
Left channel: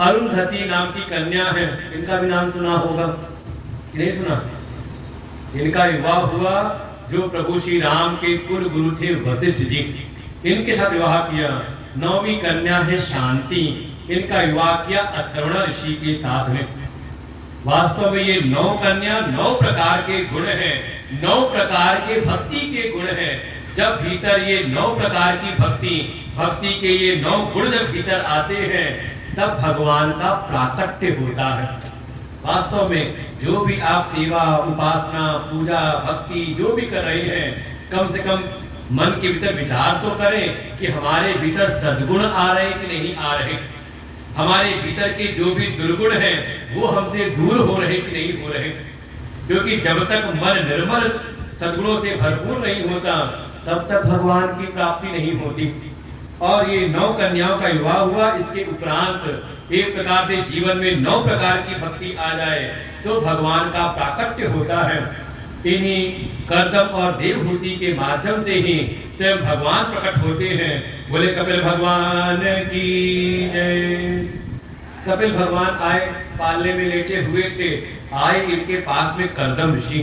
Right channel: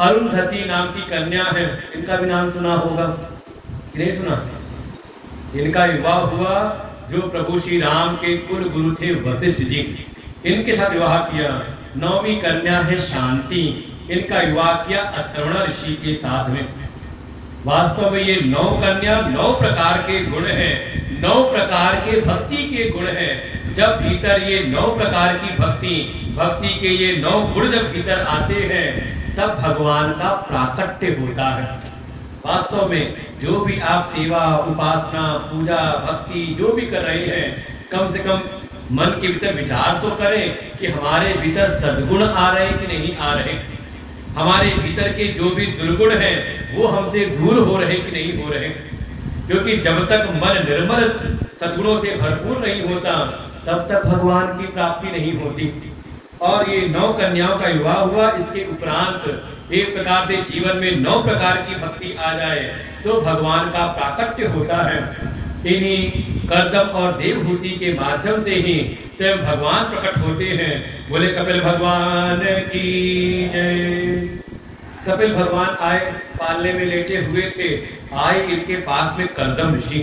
अरुंधति नाम की कन्या है, इनका भी नाम सुना होगा, नहीं सुना? इनका विवाह हुआ जो प्रभु श्री राम के कुल गुरु थे वशिष्ठ जी, इनके साथ विवाह किया। 9वीं कन्या है शांति, इनका विवाह किया अथर्वण ऋषि के साथ में। वास्तव में ये 9 कन्या 9 प्रकार के गुण हैं, 9 प्रकार के भक्ति के गुण हैं। जब भीतर ये 9 प्रकार की भक्ति के ये 9 गुण जब भीतर आते हैं तब भगवान का प्राकट्य होता है। वास्तव में जो भी आप सेवा, उपासना, पूजा, भक्ति जो भी कर रहे हैं, कम से कम मन के भीतर विचार तो करें कि हमारे भीतर सद्गुण आ रहे कि नहीं आ रहे, हमारे भीतर के जो भी दुर्गुण हैं वो हमसे दूर हो रहे कि नहीं हो रहे। क्योंकि जब तक मन निर्मल सद्गुणों से भरपूर नहीं होता तब तक भगवान की प्राप्ति नहीं होती। और ये 9 कन्याओं का विवाह हुआ। इसके उपरांत एक प्रकार से जीवन में 9 प्रकार की भक्ति आ जाए तो भगवान का प्राकट्य होता है। इन्हीं कर्दम और देवहूति के माध्यम से ही स्वयं भगवान प्रकट होते हैं। बोले कपिल भगवान की जय। कपिल भगवान आए, पालने में लेटे हुए थे, आए इनके पास में कर्दम ऋषि,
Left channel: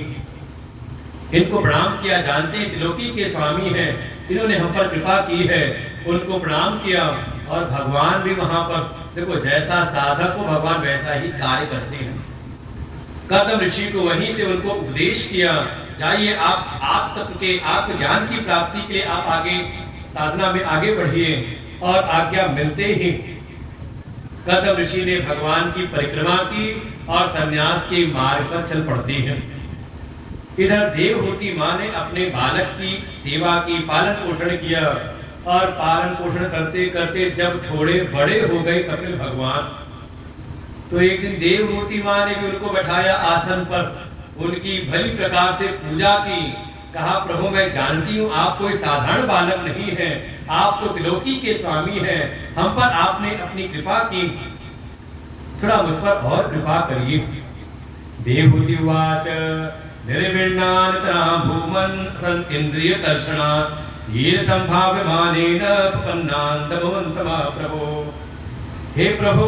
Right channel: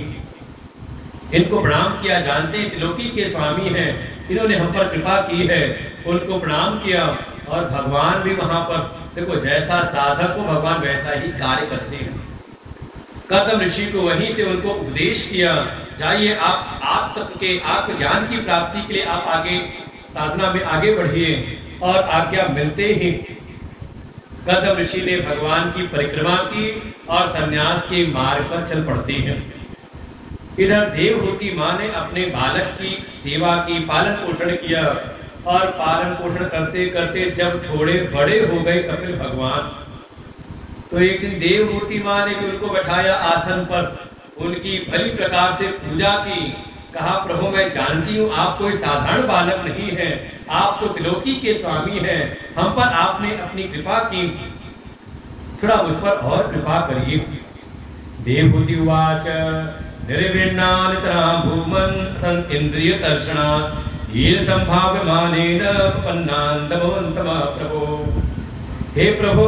इनको प्रणाम किया। जानते हैं त्रिलोकी के स्वामी हैं, इन्होंने हम पर कृपा की है, उनको प्रणाम किया। और भगवान भी वहां पर, देखो जैसा साधक को भगवान वैसा ही कार्य करते हैं। कर्दम ऋषि को वहीं से उनको उपदेश किया, जाइए आप आत्म के आत्मज्ञान की प्राप्ति के लिए आप आगे साधना में आगे बढ़िए। और आज्ञा मिलते ही कर्दम ऋषि ने भगवान की परिक्रमा की और संन्यास के मार्ग पर चल पड़ते हैं। इधर देवहूति माँ ने अपने बालक की सेवा की, पालन पोषण किया। और पालन पोषण करते करते जब थोड़े बड़े हो गए कपिल भगवान, तो एक दिन देवहूति माँ ने भी उनको बैठाया आसन पर, उनकी भली प्रकार से पूजा की। कहा प्रभु मैं जानती हूँ आप कोई साधारण बालक नहीं है, आप तो त्रिलोकी के स्वामी हैं, हम पर आपने अपनी कृपा की, थोड़ा उस पर और कृपा करिए। देवहूति उवाच निर्विण्णानितरा भूमन् सन् इंद्रिय दर्शना ये संभाव्यमानेन पन्नान्तमोन्तमा प्रभो। हे प्रभु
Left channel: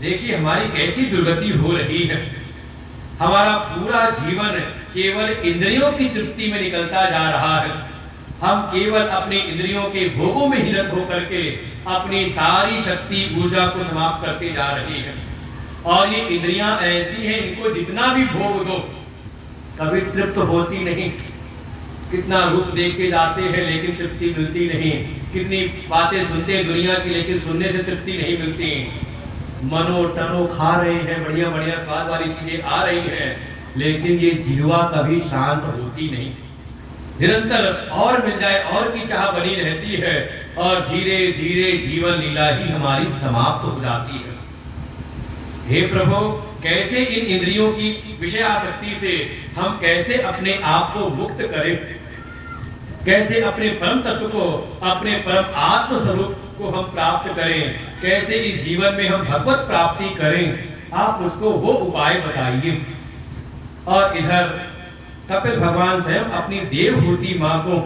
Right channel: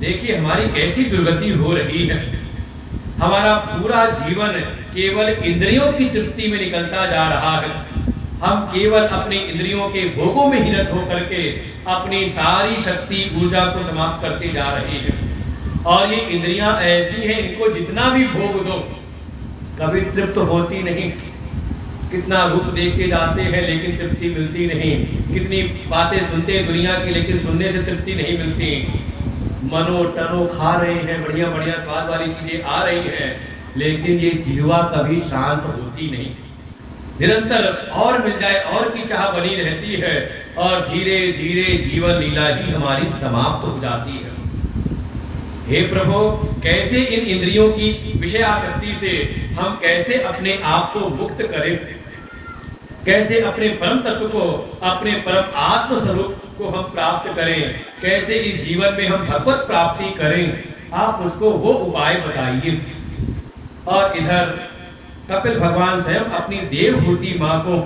देखिए हमारी कैसी दुर्गति हो रही है, हमारा पूरा जीवन केवल इंद्रियों की तृप्ति में निकलता जा रहा है। हम केवल अपने इंद्रियों के भोगों में ही रत होकर के अपनी सारी शक्ति ऊर्जा को समाप्त करते जा रहे हैं। और ये इंद्रियां ऐसी हैं, इनको जितना भी भोग दो कभी तृप्त होती नहीं। कितना रूप देखते जाते हैं लेकिन तृप्ति मिलती नहीं, कितनी बातें सुनते हैं दुनिया की लेकिन सुनने से तृप्ति नहीं मिलती। मनो टनो खा रही है, बढ़िया बढ़िया स्वाद वाली चीजें आ रही हैं, लेकिन ये जिह्वा कभी शांत होती नहीं। निरंतर और मिल जाए और की चाह बनी रहती है और धीरे धीरे जीवन लीला ही हमारी समाप्त हो जाती है। हे प्रभु, कैसे इन इंद्रियों की विषय आसक्ति से हम कैसे अपने आप को मुक्त करें, कैसे अपने परम तत्व को, अपने परम आत्म स्वरूप को हम प्राप्त करें, कैसे इस जीवन में हम भगवत प्राप्ति करें, आप मुझको वो उपाय बताइए। और इधर कपिल भगवान स्वयं अपनी देवहूति माँ को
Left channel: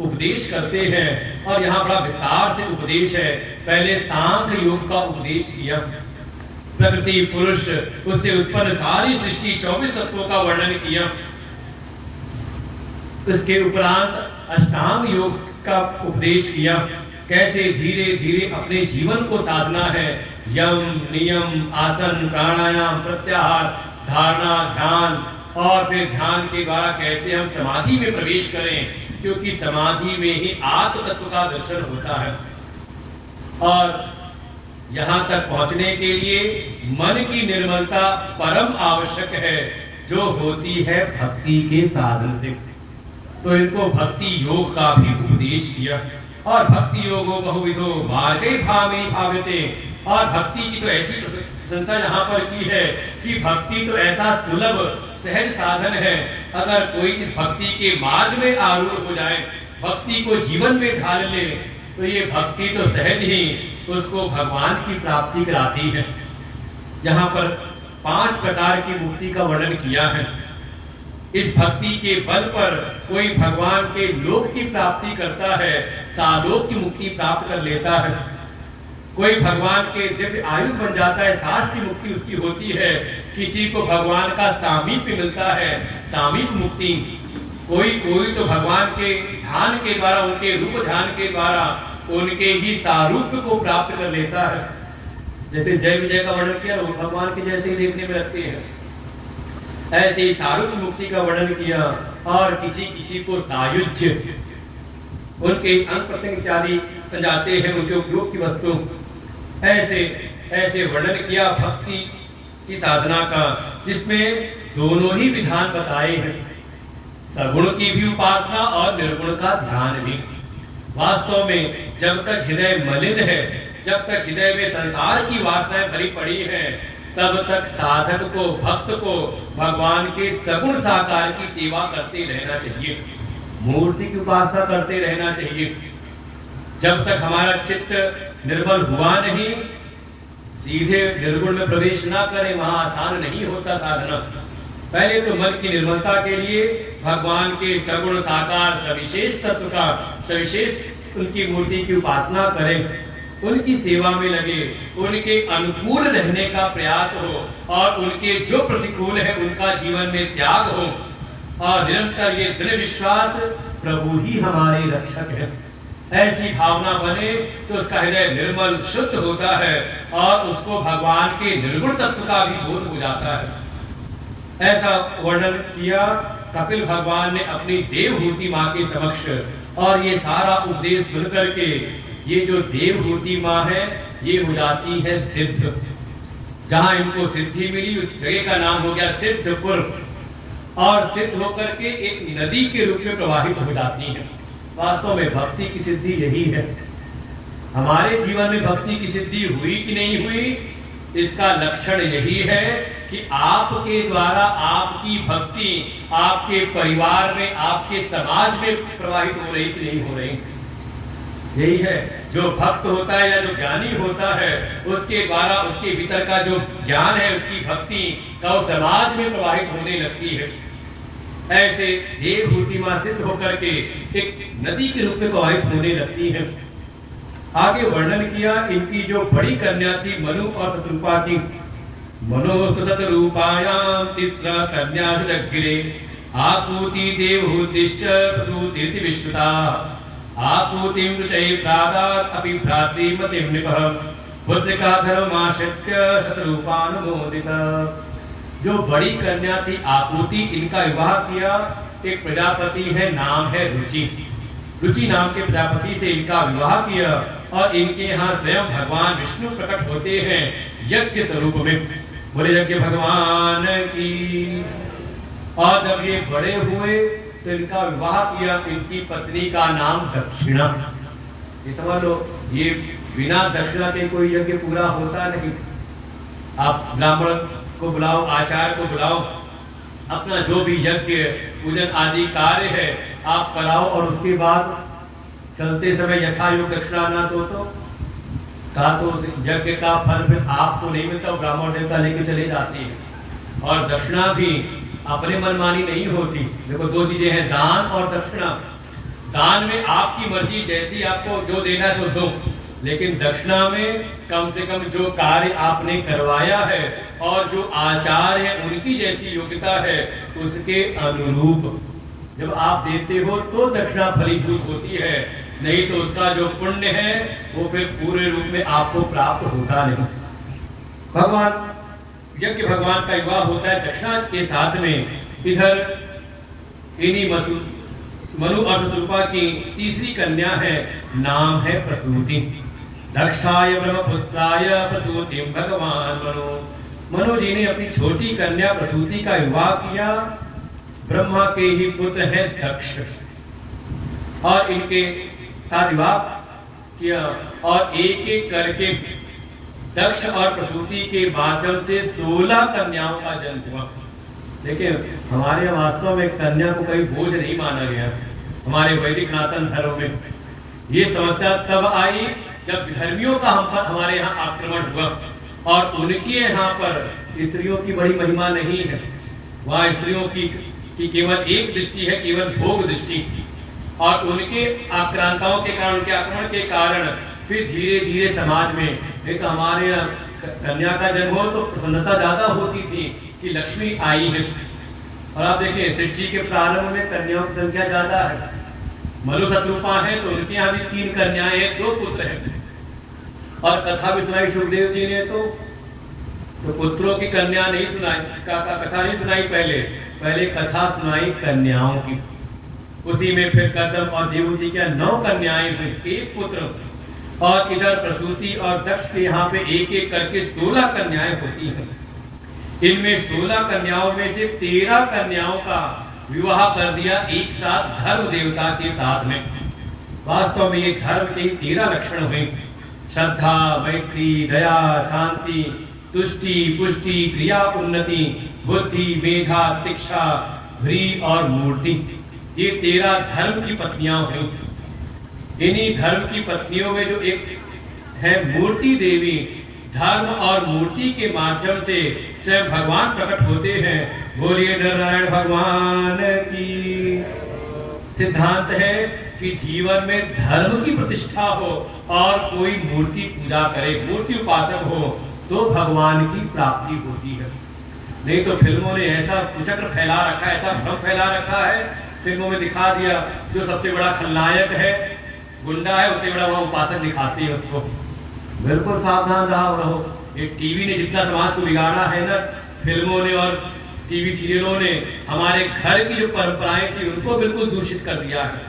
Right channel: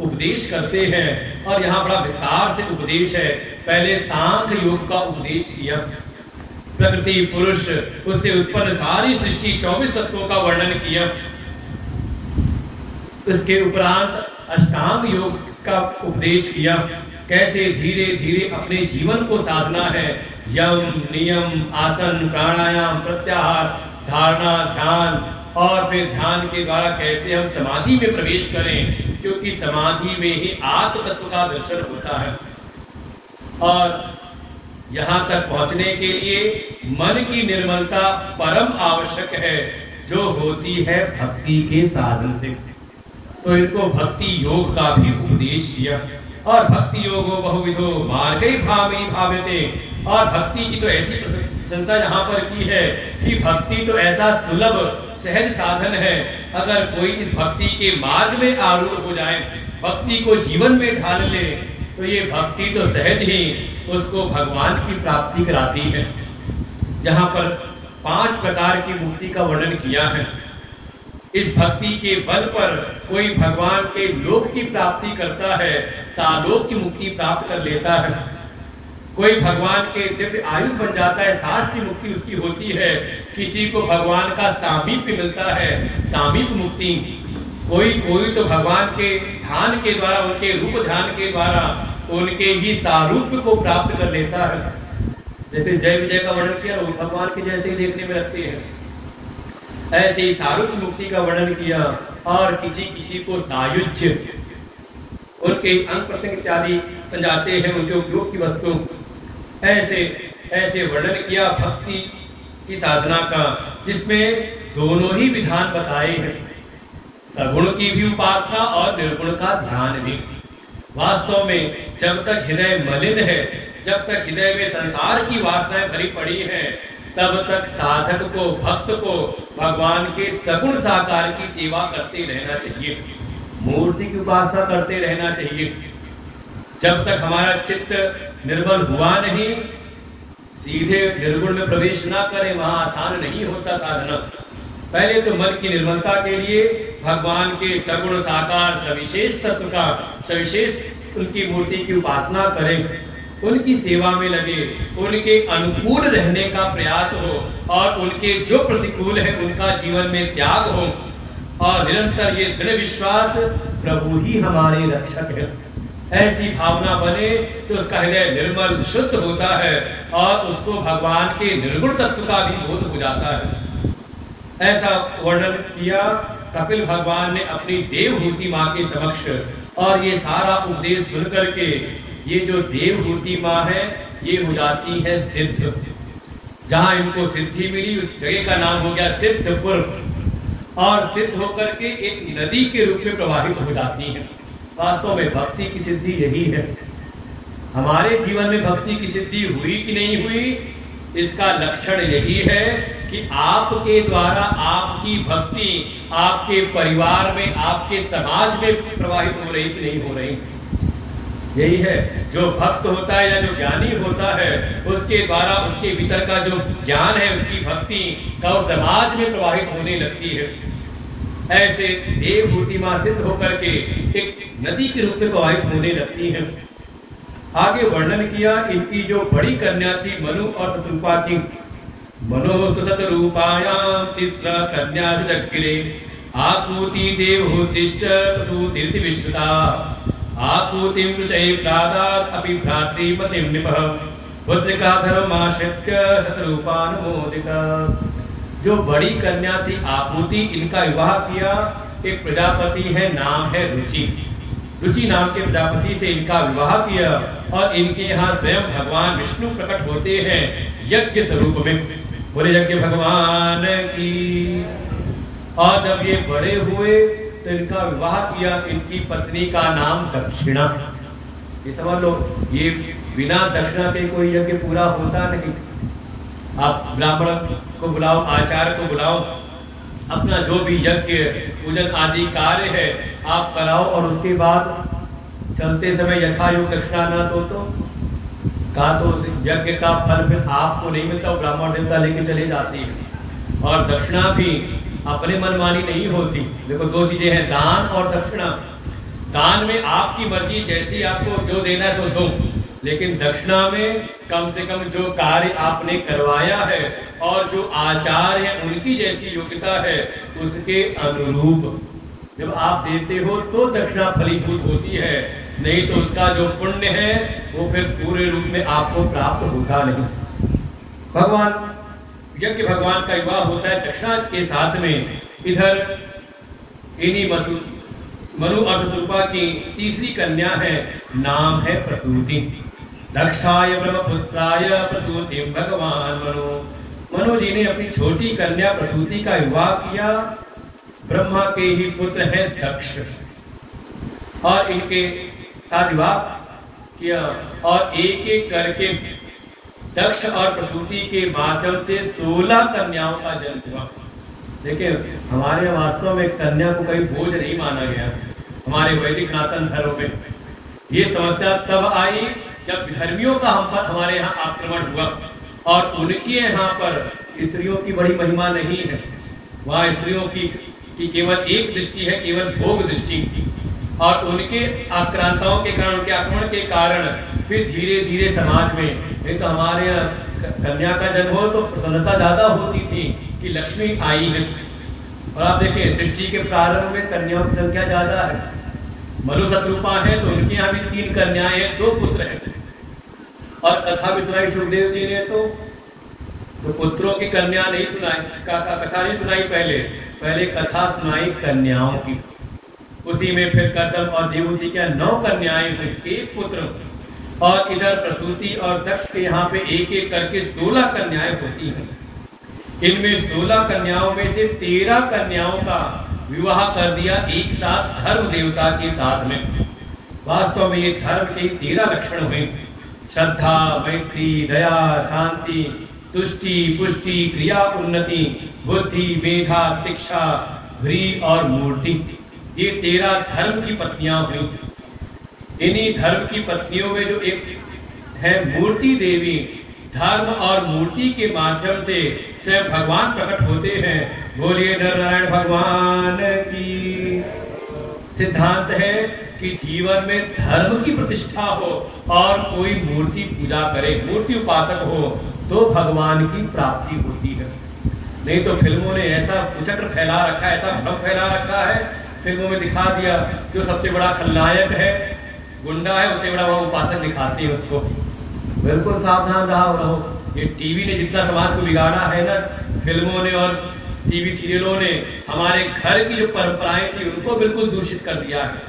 उपदेश करते हैं और यहाँ बड़ा विस्तार से उपदेश है। पहले सांख्य योग का उपदेश किया, प्रकृति पुरुष उससे उत्पन्न सारी सृष्टि 24 तत्वों का वर्णन किया। उसके उपरांत अष्टांग योग का उपदेश किया, कैसे धीरे धीरे अपने जीवन को साधना है। यम नियम आसन प्राणायाम प्रत्याहार धारणा ध्यान, और फिर ध्यान के द्वारा कैसे हम समाधि में प्रवेश करें, क्योंकि समाधि में ही आत्म तत्व का दर्शन होता है। और यहाँ तक पहुंचने के लिए मन की निर्मलता परम आवश्यक है, जो होती है भक्ति के साधन से। तो इनको भक्ति योग का भी उपदेश किया। और भक्ति योगो बहुविधो मार्गे भावे भावते, और भक्ति की तो ऐसी प्रशंसा यहाँ पर की है कि भक्ति तो ऐसा सुलभ सहज साधन है, अगर कोई इस भक्ति के मार्ग में आरूढ़ हो जाए, भक्ति को जीवन में ढाल ले, तो ये भक्ति तो सहज ही उसको भगवान की प्राप्ति कराती है। यहाँ पर 5 प्रकार की मुक्ति का वर्णन किया है। इस भक्ति के बल पर कोई भगवान के लोक की प्राप्ति करता है, सालोक की मुक्ति प्राप्त कर लेता है। कोई भगवान के दिव्य आयु बन जाता है, सास की मुक्ति उसकी होती है। किसी को भगवान का सामीप्य मिलता है, सामीप्य मुक्ति। कोई तो भगवान के ध्यान के द्वारा, उनके रूप ध्यान के द्वारा उनके ही सारूप्य को प्राप्त कर लेता है। जैसे जय विजय का वर्णन किया, वो भगवान के जैसे ही देखने में लगते हैं, ऐसे ही सारूप्य मुक्ति का वर्णन किया। और किसी को सायुज्य, उनके अंग प्रत्यंग इत्यादि जाते हैं, उनके उपयोग की वस्तु, ऐसे वर्णन किया भक्ति की साधना का, जिसमें दोनों ही विधान बताए हैं, सगुण की भी उपासना और निर्गुण का ध्यान भी। वास्तव में जब तक हृदय मलिन है, जब तक हृदय में संसार की वासनाएं भरी पड़ी हैं, तब तक साधक को, भक्त को भगवान के सगुण साकार की सेवा करते रहना चाहिए, मूर्ति की उपासना करते रहना चाहिए। जब तक हमारा चित्त निर्मल हुआ नहीं, सीधे निर्गुण में प्रवेश ना करें, वहां आसान नहीं होता साधना। पहले तो मन की निर्मलता के लिए भगवान के सगुण साकार सविशेष तत्व का, सविशेष उनकी मूर्ति की उपासना करें, उनकी सेवा में लगे, उनके अनुकूल रहने का प्रयास हो और उनके जो प्रतिकूल है उनका जीवन में त्याग हो, और निरंतर ये दृढ़ विश्वास प्रभु ही हमारे रक्षक है, ऐसी भावना बने तो उसका हृदय निर्मल शुद्ध होता है और उसको भगवान के निर्गुण तत्व का भी बोध हो जाता है। ऐसा वर्णन किया कपिल भगवान ने अपनी देवहूति माँ के समक्ष। और ये सारा उपदेश सुन करके ये जो देवहूति माँ है, ये हो जाती है सिद्ध। जहां इनको सिद्धि मिली उस जगह का नाम हो गया सिद्धपुर, और सिद्ध होकर के एक नदी के रूप में प्रवाहित हो जाती है। वास्तव में भक्ति की सिद्धि यही है। हमारे जीवन में भक्ति की सिद्धि हुई कि नहीं हुई, इसका लक्षण यही है कि आपके द्वारा आपकी भक्ति आपके परिवार में, आपके समाज में प्रवाहित हो रही कि नहीं हो रही। यही है, जो भक्त होता है या जो ज्ञानी होता है, उसके द्वारा उसके भीतर का जो ज्ञान है, उसकी भक्ति का उस समाज में प्रवाहित होने लगती है। ऐसे देवहूति मां सिद्ध होकर के एक नदी के रूप में प्रवाहित होने लगती है। आगे वर्णन किया इनकी जो बड़ी कन्या थी मनु और शतरूपा की। मनो शतरूपायाम तीसरा कन्या जग्गिरे आकूति देवहूतिश्च प्रसूतिर्ति विश्रुता आकूतिं रुचये प्रादात् अपि भ्रातृमतिं निपः पुत्रिका धर्माश्रित्य शतरूपानुमोदिता। जो बड़ी कन्या थी आकूति, इनका विवाह किया एक प्रजापति है, नाम है रुचि। रुचि नाम के प्रजापति से इनका विवाह किया और इनके यहाँ स्वयं भगवान विष्णु प्रकट होते हैं यज्ञ स्वरूप में। बोले यज्ञ भगवान की। और जब ये बड़े हुए तो इनका विवाह किया। इनकी पत्नी का नाम दक्षिणा। ये समझ लो, ये बिना दक्षिणा के कोई यज्ञ पूरा होता नहीं। आप ब्राह्मण को बुलाओ, आचार्य को बुलाओ, अपना जो भी यज्ञ पूजन आदि कार्य है आप कराओ, और उसके बाद चलते समय यथायोग दक्षिणा न दो तो कहा तो उस यज्ञ का फल फिर आपको नहीं मिलता, ब्राह्मण देवता लेके चले जाती है। और दक्षिणा भी अपने मनमानी नहीं होती। देखो दो चीजें हैं, दान और दक्षिणा। दान में आपकी मर्जी, जैसी आपको जो देना है सो दो, लेकिन दक्षिणा में कम से कम जो कार्य आपने करवाया है और जो आचार है उनकी जैसी योग्यता है उसके अनुरूप जब आप देते हो तो दक्षिणा फलीभूत होती है, नहीं तो उसका जो पुण्य है वो फिर पूरे रूप में आपको प्राप्त होता नहीं। भगवान यज्ञ भगवान का विवाह होता है दक्षिणा के साथ में। इधर इन्हीं मनु और शत्रुपा की तीसरी कन्या है, नाम है प्रसूति। दक्षाय ब्रह्मपुत्राय प्रसूति भगवान मनु जी ने अपनी छोटी कन्या प्रसूति का विवाह किया। ब्रह्मा के ही पुत्र है दक्ष, और इनके साथ विवाह किया, और एक एक करके दक्ष और प्रसूति के माध्यम से 16 कन्याओं का जन्म हुआ। देखिए हमारे वास्तव में कन्या को कोई बोझ नहीं माना गया। हमारे वैदिक सनातन धर्म में ये समस्या तब आई जब धर्मियों का हमारे यहाँ आक्रमण हुआ, और उनके यहाँ पर स्त्रियों की बड़ी महिमा नहीं है। वहाँ स्त्रियों की केवल एक दृष्टि है, केवल भोग दृष्टि, और उनके आक्रांताओं के कारण, उनके आक्रमण के कारण फिर धीरे धीरे समाज में, नहीं तो हमारे यहाँ कन्या का जन्म हो तो प्रसन्नता ज्यादा होती थी कि लक्ष्मी आई है। और आप देखें सृष्टि के प्रारंभ में कन्याओं की संख्या ज्यादा है। मनु शत्रुपा है तो उनके यहाँ भी 3 कन्याएं हैं, 2 पुत्र हैं। और कथा भी सुनाई सुखदेव जी ने, तो पुत्रों की कन्या नहीं सुनाई, कथा नहीं सुनाई, पहले कथा सुनाई कन्याओं की। उसी में फिर कदम और देवहूति क्या 9 कन्याएं हुई, 1 पुत्र। और इधर प्रसूति और दक्ष के यहाँ पे एक एक करके 16 कन्याएं होती हैं। इनमें 16 कन्याओं में से 13 कन्याओं का विवाह कर दिया एक साथ धर्म देवता के साथ में। वास्तव में ये धर्म के 13 लक्षण हुए, श्रद्धा, मैत्री, दया, शांति, तुष्टि, पुष्टि, क्रिया, उन्नति, बुद्धि, मेधा, शिक्षा, ध्री और मूर्ति। ये 13 धर्म की पत्नियां हुई। इन्हीं धर्म की पत्नियों में जो एक है मूर्ति देवी, धर्म और मूर्ति के माध्यम से स्वयं भगवान प्रकट होते हैं। बोलिए नारायण भगवान की। सिद्धांत है कि जीवन में धर्म की प्रतिष्ठा हो और कोई मूर्ति पूजा करे, मूर्ति उपासक हो, तो भगवान की प्राप्ति होती है। नहीं तो फिल्मों ने ऐसा कुचक्र फैला रखा है, ऐसा भ्रम फैला रखा है, फिल्मों में दिखा दिया जो सबसे बड़ा खलनायक है, गुंडा है, उससे बड़ा वह उपासक दिखाती है उसको। बिल्कुल सावधान रहो। ये टीवी ने जितना समाज को बिगाड़ा है ना, फिल्मों ने और टीवी सीरियलों ने हमारे घर की जो परंपराएं थी उनको बिल्कुल दूषित कर दिया है।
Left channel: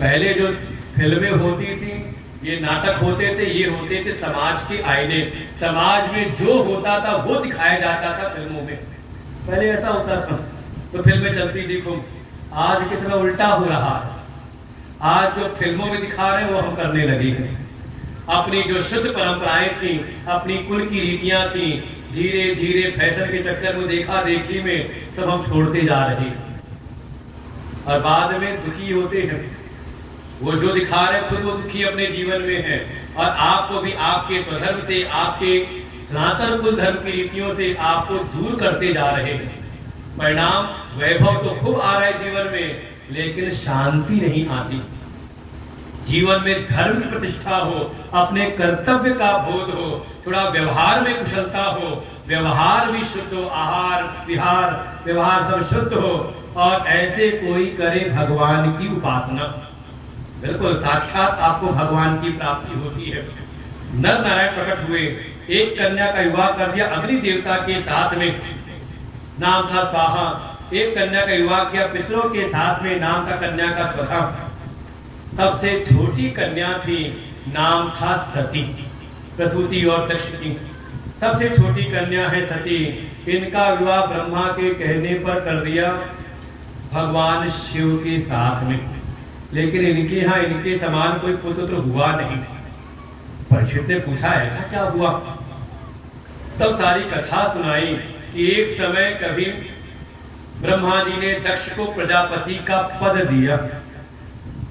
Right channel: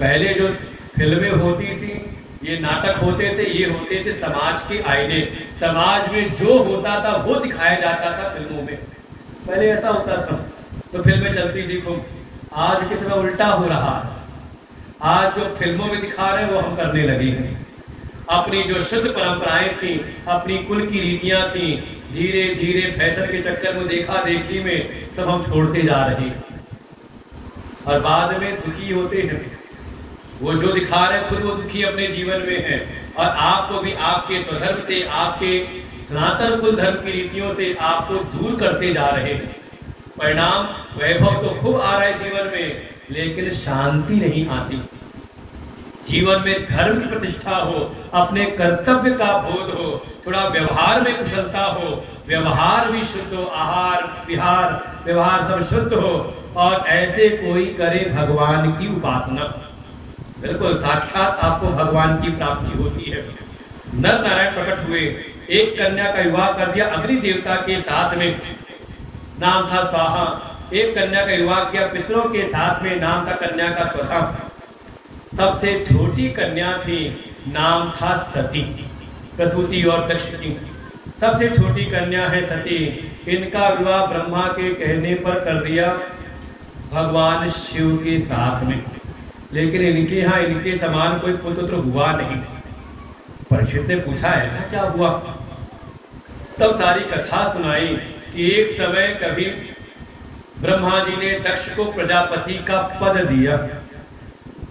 पहले जो फिल्में होती थी, ये नाटक होते थे, ये होते थे समाज के आईने। समाज में जो होता था वो दिखाया जाता था फिल्मों में। पहले ऐसा होता था तो फिल्में चलती देखो। आज के समय उल्टा हो रहा है। आज जो फिल्मों में दिखा रहे हैं वो हम करने लगे हैं। अपनी जो शुद्ध परंपराएं थी, अपनी कुल की रीतियां थी, धीरे धीरे फैशन के चक्कर में, देखा देखी में सब हम छोड़ते जा रहे हैं और बाद में दुखी होते हैं। वो जो दिखा रहे खुद वो दुखी अपने जीवन में है, और आपको भी आपके स्वधर्म से, आपके सनातन कुल धर्म की रीतियों से आपको दूर करते जा रहे हैं। परिणाम वैभव तो खूब आ रहा है जीवन में, लेकिन शांति नहीं आती। जीवन में धर्म की प्रतिष्ठा हो, अपने कर्तव्य का बोध हो, थोड़ा व्यवहार में कुशलता हो, व्यवहार भी शुद्ध हो, आहार विहार व्यवहार सब शुद्ध हो, और ऐसे कोई करे भगवान की उपासना। बिल्कुल साक्षात आपको भगवान की प्राप्ति होती है। नर नारायण प्रकट हुए, एक कन्या का विवाह कर दिया अग्नि देवता के साथ में, नाम था स्वाहा। एक कन्या का विवाह किया पितरों के साथ में, नाम था कन्या का स्वधा। सबसे छोटी कन्या थी, नाम था सती। प्रसूति और दक्ष की सबसे छोटी कन्या है सती। इनका विवाह ब्रह्मा के कहने पर कर दिया। भगवान शिव के साथ में, लेकिन इनके यहाँ इनके समान कोई पुत्र तो हुआ नहीं। परीक्षित ने पूछा ऐसा क्या हुआ? तब सारी कथा सुनाई कि एक समय कभी ब्रह्मा जी ने दक्ष को प्रजापति का पद दिया,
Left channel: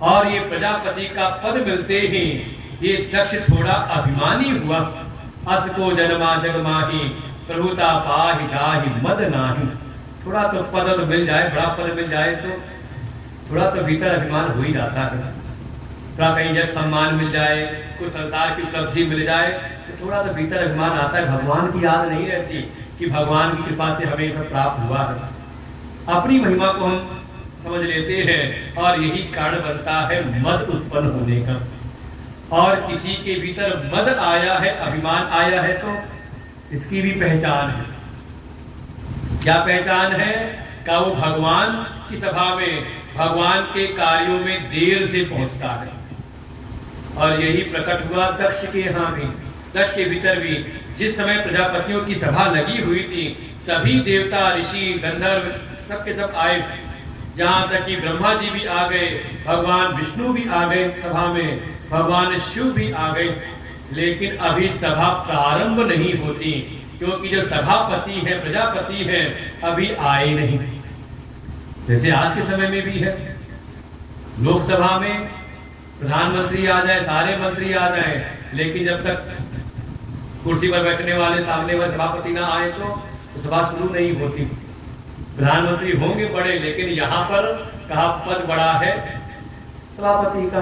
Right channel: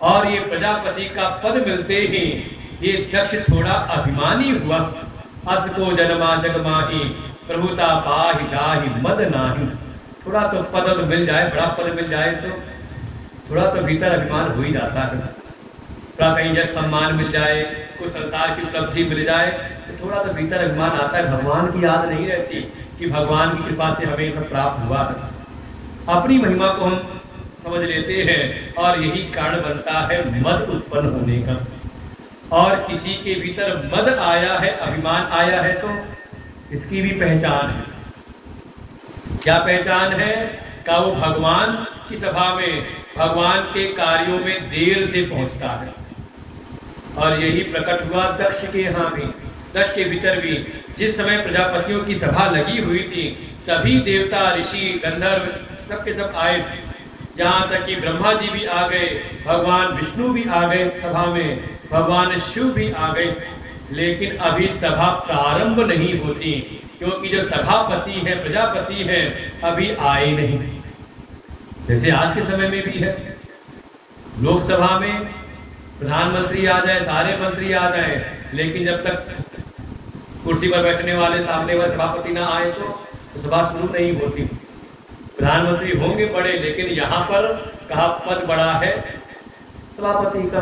और ये प्रजापति का पद मिलते ही ये दक्ष थोड़ा अभिमानी हुआ। अस को जन्मा जग माही प्रभुता पाहि जाहि मद नाही। थोड़ा तो पद तो मिल जाए, बड़ा पद मिल जाए तो थोड़ा तो भीतर अभिमान हो ही जाता है। थोड़ा कहीं जब सम्मान मिल जाए, कुछ संसार की उपलब्धि मिल जाए तो थोड़ा तो भीतर अभिमान आता है। भगवान की याद नहीं रहती कि भगवान की कृपा से हमें सब प्राप्त हुआ है। अपनी महिमा को हम समझ लेते हैं और यही कारण बनता है मद उत्पन्न होने का। और किसी के भीतर मद आया है, अभिमान आया है, तो इसकी भी पहचान है। क्या पहचान है? का वो भगवान की सभा में, भगवान के कार्यों में देर से पहुंचता है। और यही प्रकट हुआ दक्ष के यहाँ भी। दक्ष के भीतर भी जिस समय प्रजापतियों की सभा लगी हुई थी, सभी देवता, ऋषि, गंधर्व सबके सब आए। यहाँ तक कि ब्रह्मा जी भी आ गए, भगवान विष्णु भी आ गए सभा में, भगवान शिव भी आ गए। लेकिन अभी सभा प्रारंभ नहीं होती, क्योंकि जो सभापति है, प्रजापति है, अभी आए नहीं। जैसे आज के समय में भी है, लोकसभा में प्रधानमंत्री आ जाए, सारे मंत्री आ जाए, लेकिन जब तक कुर्सी पर बैठने वाले सामने वाले सभापति ना आए तो सभा शुरू नहीं होती। प्रधानमंत्री होंगे बड़े, लेकिन यहाँ पर कहा पद बड़ा है सभापति का।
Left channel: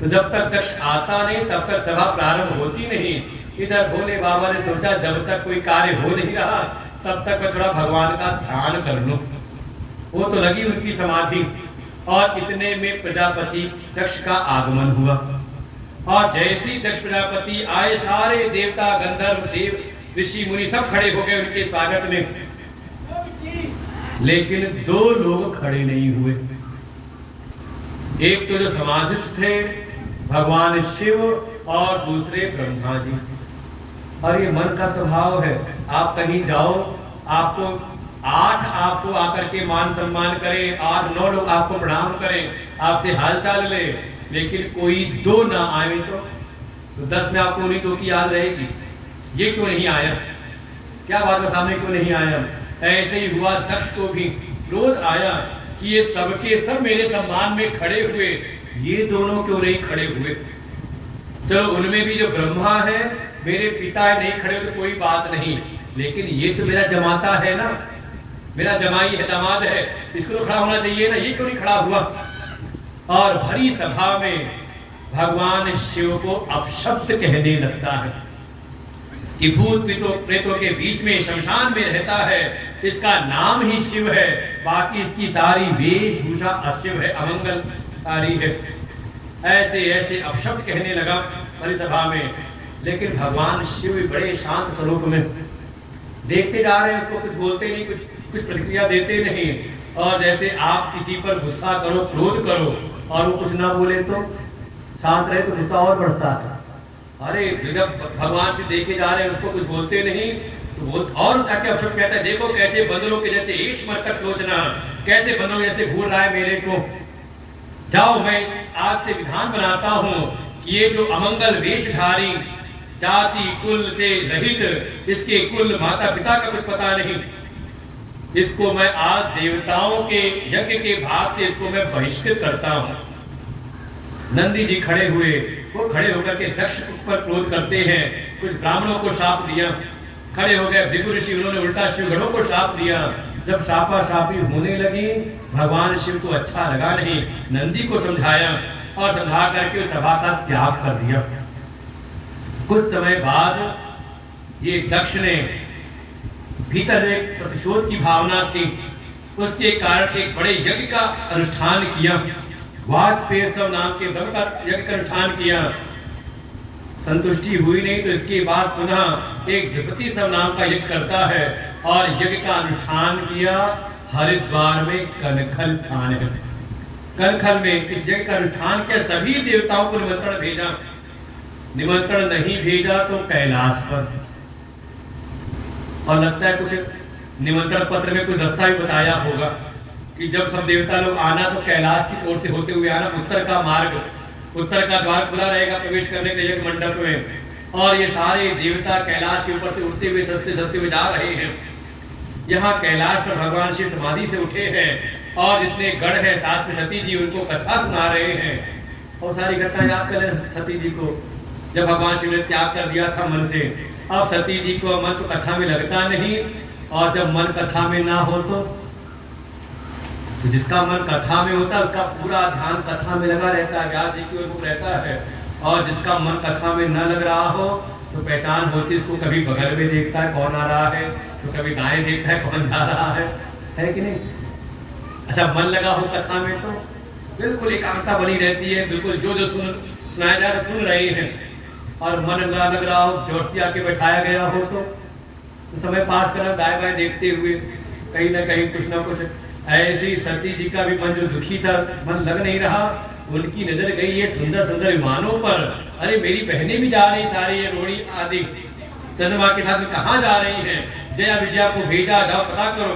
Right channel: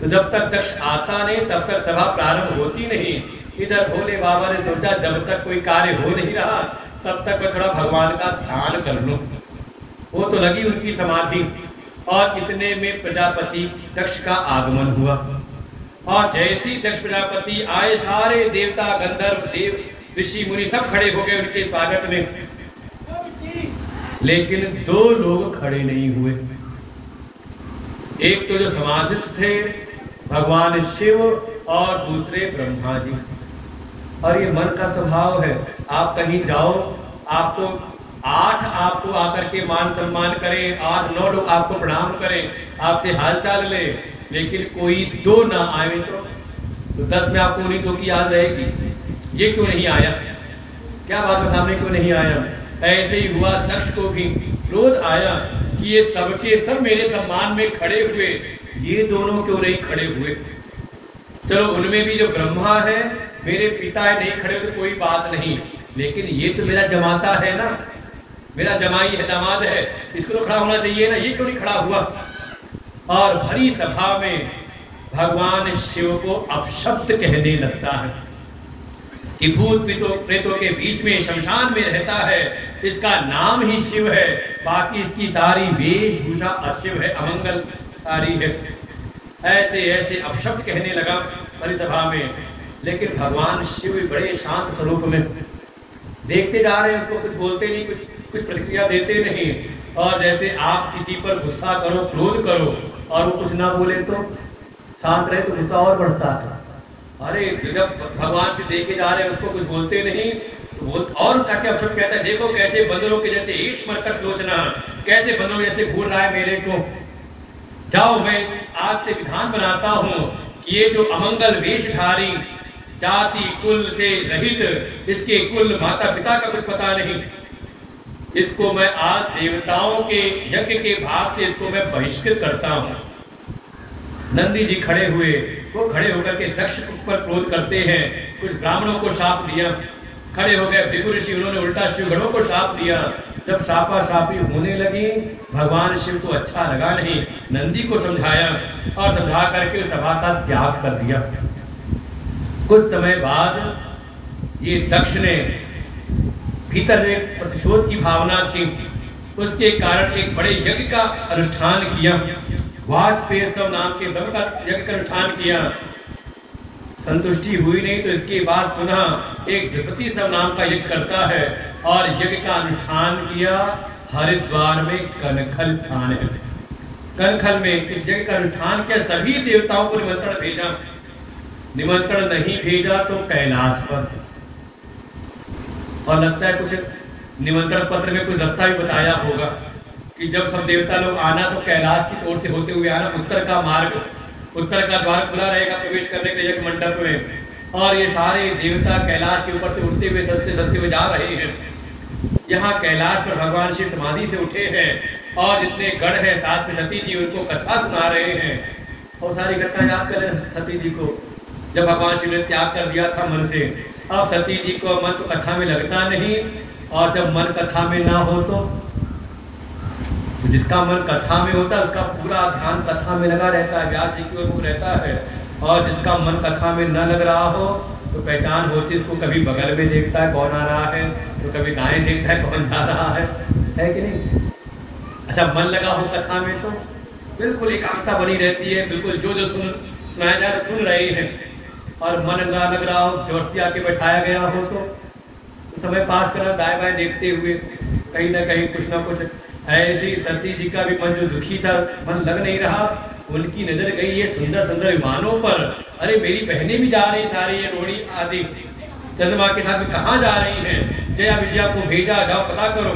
तो जब तक दक्ष आता नहीं तब तक सभा प्रारंभ होती नहीं। इधर भोले बाबा ने सोचा जब तक कोई कार्य हो नहीं रहा तब तक मैं थोड़ा भगवान का ध्यान कर लूं। वो तो लगी उनकी समाधि, और इतने में प्रजापति दक्ष का आगमन हुआ। और जैसी दक्ष प्रजापति आए, सारे देवता, गंधर्व, देव, ऋषि, मुनि सब खड़े हो गए उनके स्वागत में। लेकिन दो लोग खड़े नहीं हुए। एक तो जो समाधिस्थ थे भगवान शिव, और दूसरे ब्रह्मा जी। और ये मन का स्वभाव है, आप कहीं जाओ, आपको 8 आपको आकर के मान सम्मान करें, 8-9 लोग आपको प्रणाम करें, आपसे हालचाल ले, लेकिन कोई 2 ना आए तो 10 में आपको उन्हीं 2 की याद रहेगी। ये क्यों नहीं आया, क्या बात है, सामने क्यों नहीं आया? ऐसे ही हुआ दक्ष को भी क्रोध आया कि ये सबके सब मेरे सम्मान में खड़े हुए, ये दोनों क्यों नहीं खड़े हुए? चलो उनमें भी जो ब्रह्मा है, मेरे पिता है, नहीं खड़े तो कोई बात नहीं, लेकिन ये तो मेरा जमाता है ना, मेरा जमाई है, दामाद है, इसको तो खड़ा होना चाहिए ना, ये क्यों नहीं खड़ा हुआ? और भरी सभा में भगवान शिव को अपशब्द कहने लगता है कि भूत प्रेतों के बीच में, शमशान में रहता है, इसका नाम ही शिव है, बाकी इसकी सारी वेशभूषा अशिव है, अमंगलकारी है। ऐसे ऐसे अपशब्द कहने लगा परिसभा में। लेकिन भगवान शिव भी बड़े शांत स्वरूप में देखते जा रहे हैं, उसको कुछ बोलते नहीं, कुछ प्रतिक्रिया देते नहीं। और जैसे आप किसी पर गुस्सा करो, क्रोध करो, और वो कुछ ना बोले तो शांत रहे तो गुस्सा और बढ़ता है। अरे जब भगवान से देखे जा रहे हैं, उसको कुछ बोलते नहीं तो वो और जाके अवसर कहता है, देखो कैसे बंदरों के जैसे ईश मरकट लोचना, कैसे बंदरों जैसे भूल रहा है मेरे को। जाओ, मैं आज से विधान बनाता हूँ कि ये जो अमंगल वेशधारी, जाति कुल से रहित, इसके कुल माता पिता का कुछ पता नहीं, इसको मैं आज देवताओं के यज्ञ के भाग से इसको मैं बहिष्कृत करता हूँ। नंदी जी खड़े हुए, वो खड़े होकर के दक्ष पर क्रोध करते हैं। कुछ ब्राह्मणों को शाप दिया, खड़े हो गए भृगु ऋषि, उन्होंने उल्टा शिवगणों को शाप दिया। जब शापा शापी होने लगी, भगवान शिव को अच्छा लगा नहीं, नंदी को समझाया और समझा करके उस सभा का त्याग कर दिया। कुछ समय बाद ये दक्ष ने भीतर एक प्रतिशोध की भावना थी, उसके कारण एक बड़े यज्ञ का अनुष्ठान किया। वाजपेय नाम के ब्रह्म का यज्ञ का अनुष्ठान किया। संतुष्टि हुई नहीं तो इसके बाद पुनः एक बृहस्पति सब नाम का यज्ञ करता है और यज्ञ का अनुष्ठान किया। हरिद्वार में कनखल स्थान है, कनखल में इस यज्ञ का अनुष्ठान किया। सभी देवताओं को निमंत्रण भेजा, निमंत्रण नहीं भेजा तो कैलाश पर। और लगता है कुछ निमंत्रण पत्र में कुछ रास्ता भी बताया होगा, कि जब सब देवता लोग आना तो कैलाश की ओर से होते हुए आना, उत्तर का मार्ग, उत्तर का द्वार खुला रहेगा प्रवेश करने के यज्ञ मंडप में, और ये सारे देवता कैलाश के ऊपर से उड़ते हुए सस्ते सस्ते हुए जा रहे हैं। यहाँ कैलाश पर भगवान शिव समाधि से उठे हैं और जितने गढ़ है साथ में सती जी उनको कथा सुना रहे हैं और सारी घटना याद कर रहे हैं सती जी को। जब भगवान शिव ने त्याग कर दिया था मन से, अब सती जी को मन तो कथा में लगता नहीं, और जब मन कथा में ना हो तो जिसका मन कथा में होता है उसका पूरा ध्यान कथा में लगा रहता है, व्यास जी की ओर रहता है, और जिसका मन कथा में न लग रहा हो तो पहचान होती है, इसको कभी बगल में देखता है कौन आ रहा है, तो कभी दाएं देखता है कौन जा रहा है कि नहीं। अच्छा, मन लगा हो कथा में तो बिल्कुल एकांतता बनी रहती है, बिल्कुल जो जो सुनाया जा रहा सुन रहे हैं, और मन न लग रहा हो, जोशी आके बैठाया गया हो तो समय पास करना दाएं बाएं देखते हुए कहीं ना कहीं कुछ ना कुछ। ऐसी सती जी का भी मन जो दुखी था, मन लग नहीं रहा, उनकी नजर गई ये सुंदर सुंदर विमानों पर। अरे मेरी बहनें भी जा रही, सारी ये रोड़ी आदि चंद्रमा के साथ कहाँ जा रही हैं, जया विजया को भेजा, जाओ पता करो।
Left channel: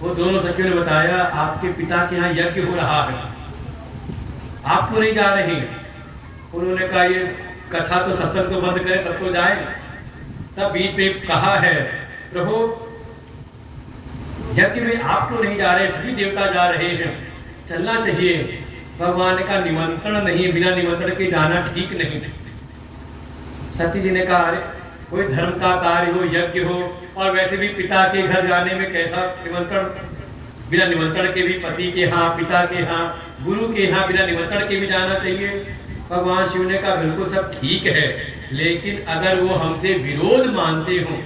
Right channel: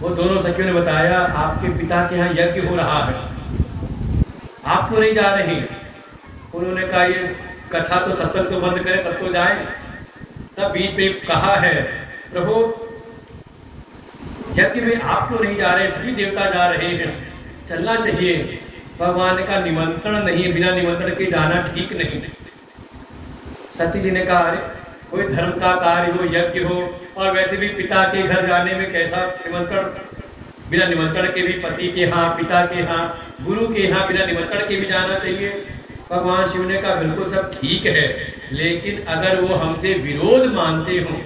वो दोनों सखियों ने बताया आपके पिता के यहाँ यज्ञ हो रहा है, आप तो नहीं जा रहे। उन्होंने कहा ये कथा तो सत्संग तो बंद करें तब तो जाए। तब बीच में कहा है प्रभु यज्ञ में आप तो नहीं जा रहे, सभी देवता जा रहे हैं, चलना चाहिए। भगवान का निमंत्रण नहीं, बिना निमंत्रण के जाना ठीक नहीं। सती जी ने कहा अरे कोई धर्म का कार्य हो, यज्ञ हो, और वैसे भी पिता के घर जाने में कैसा निमंत्रण, बिना निमंत्रण के भी पति के यहाँ, पिता के यहाँ, गुरु के यहाँ बिना निमंत्रण के भी जाना चाहिए। भगवान शिव ने कहा बिल्कुल सब ठीक है, लेकिन अगर वो हमसे विरोध मानते हो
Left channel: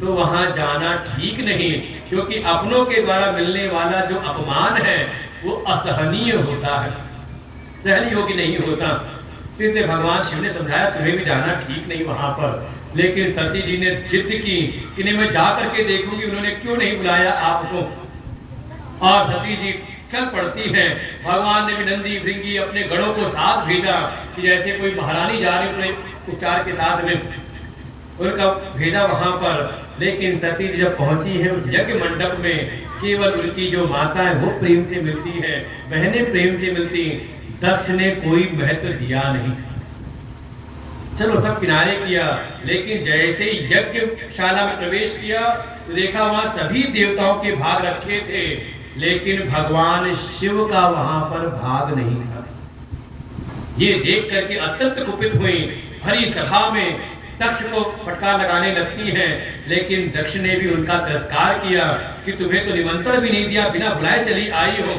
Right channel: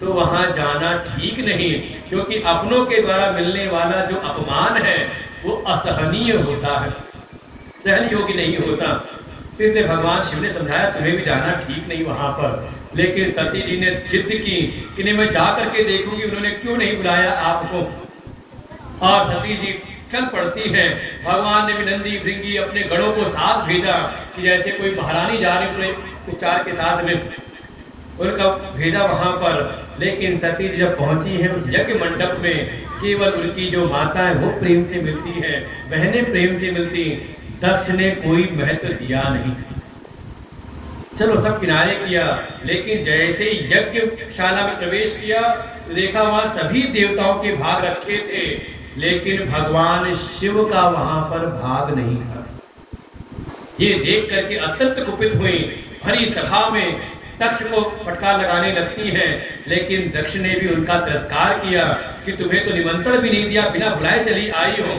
तो वहां जाना ठीक नहीं, क्योंकि अपनों के द्वारा मिलने वाला जो अपमान है वो असहनीय होता है, सहन योग्य नहीं होता। फिर से भगवान शिव ने समझाया तुम्हें भी जाना ठीक नहीं वहां पर। लेकिन सती जी ने जिद की कि नहीं मैं जा करके देखूंगी उन्होंने क्यों नहीं बुलाया आपको, और सती जी चल पड़ती है। भगवान ने भी नंदी भृंगी अपने गणों को साथ भेजा कि जैसे कोई महारानी जा रही उपचार के साथ में, उनका भेजा वहां पर। लेकिन सती जी जब पहुंची है उस यज्ञ मंडप में, केवल उनकी जो माता है वो प्रेम से मिलती है, बहनें प्रेम से मिलती, दक्ष ने कोई महत्व दिया नहीं। चलो सब किनारे किया, लेकिन जैसे यज्ञशाला में प्रवेश किया तो देखा वहां सभी देवताओं के भाग रखे थे, लेकिन भगवान शिव का वहां पर भाग नहीं था। ये देख करके अत्यंत कुपित हुई, भरी सभा में दक्ष को फटकार लगाने लगती हैं, लेकिन दक्ष ने भी उनका तिरस्कार किया कि तुम्हें तो निमंत्रण भी नहीं दिया, बिना बुलाए चली आई हो,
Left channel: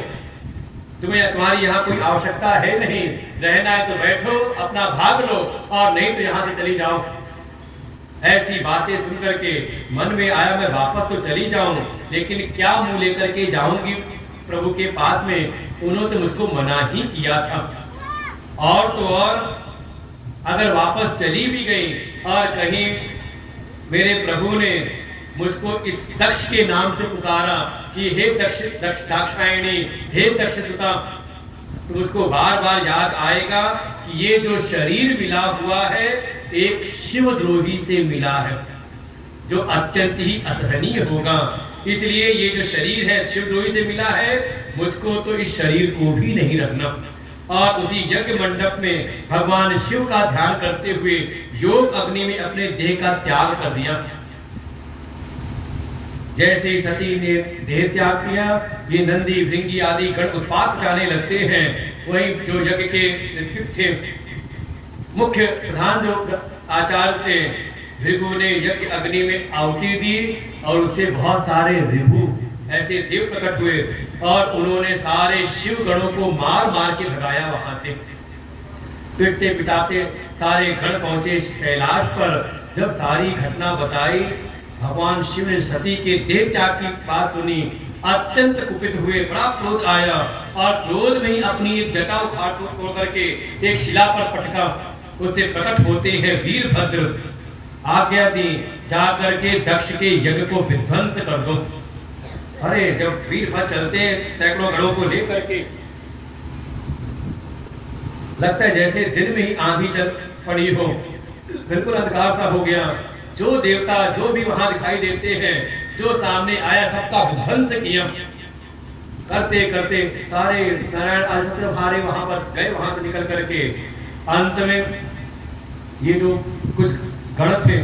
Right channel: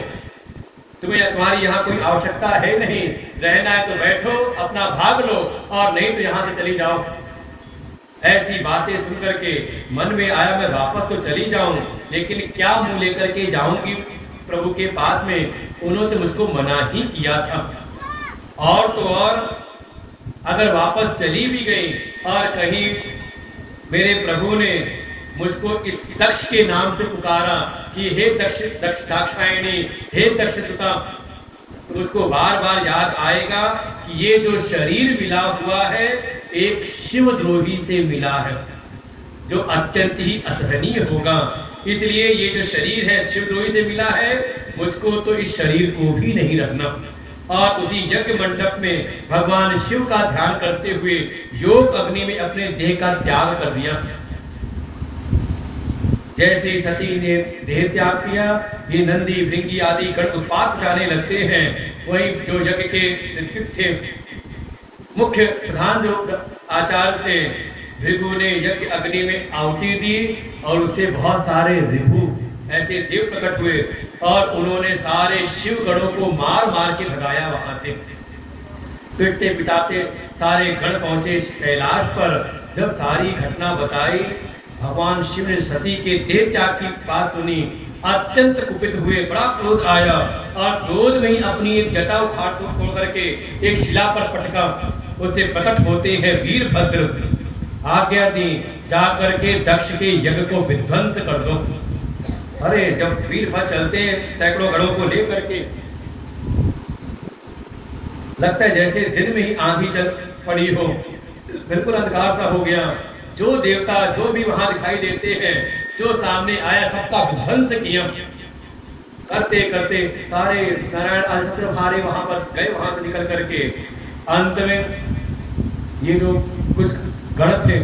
तुम्हारी यहाँ कोई आवश्यकता है नहीं, रहना है तो बैठो अपना भाग लो, और नहीं तो यहाँ से चली जाओ। ऐसी बातें सुनकर के मन में आया मैं वापस तो चली जाऊं, लेकिन क्या मुंह लेकर के जाऊंगी प्रभु के पास में, उन्होंने तो मुझको मना ही किया था। और तो और अगर वापस चली भी गई और कहीं मेरे प्रभु ने मुझको इस दक्ष के नाम से पुकारा कि हे दक्ष दाक्षायणी, हे दक्ष सुता, तो मुझको बार बार याद आएगा कि ये जो शरीर मिला हुआ है एक शिवद्रोही से मिला है, जो अत्यंत ही असहनीय होगा। इसलिए ये जो शरीर है शिवद्रोही से मिला है, मुझको तो इस शरीर को भी नहीं रखना। और उसी यज्ञ मंडप में भगवान शिव का ध्यान करते हुए योग अग्नि में अपने देह का त्याग कर दिया। जैसे ही सती ने देह त्याग किया, ये नंदी भृंगी आदि गण उत्पात जाने लगते हैं। वही जो यज्ञ के थे मुख्य प्रधान जो आचार्य थे, भृगु ने यज्ञ अग्नि में आहुति दी और उससे बहुत सारे ऋभु ऐसे देव प्रकट हुए और उन्होंने सारे शिव गणों को मार मार के भगाया वहां से। पिटते पिटाते सारे गण पहुंचे कैलाश पर। जब सारी घटना बताई, भगवान शिव ने सती के देह त्याग की बात सुनी, अत्यंत कुपित हुए, बड़ा क्रोध आया और क्रोध में ही अपनी एक जटा उखाड़ तोड़ करके एक शिला पर पटका। उससे प्रकट होते हैं वीरभद्र, आज्ञा दी जाकर के दक्ष के यज्ञ को विध्वंस कर दो। अरे जब वीरभद्र चलते सैकड़ों गणों को लेकर के, लगता है जैसे दिन में ही आंधी चल पड़ी हो, बिल्कुल अंधकार सा हो गया। जो देवता जो भी वहां दिखाई देते हैं, जो सामने आया सबका विध्वंस किया। करते करते सारे नारायण अलसत्र भारे वहां पर गए, वहां से निकल करके अंत में ये जो कुछ गण थे,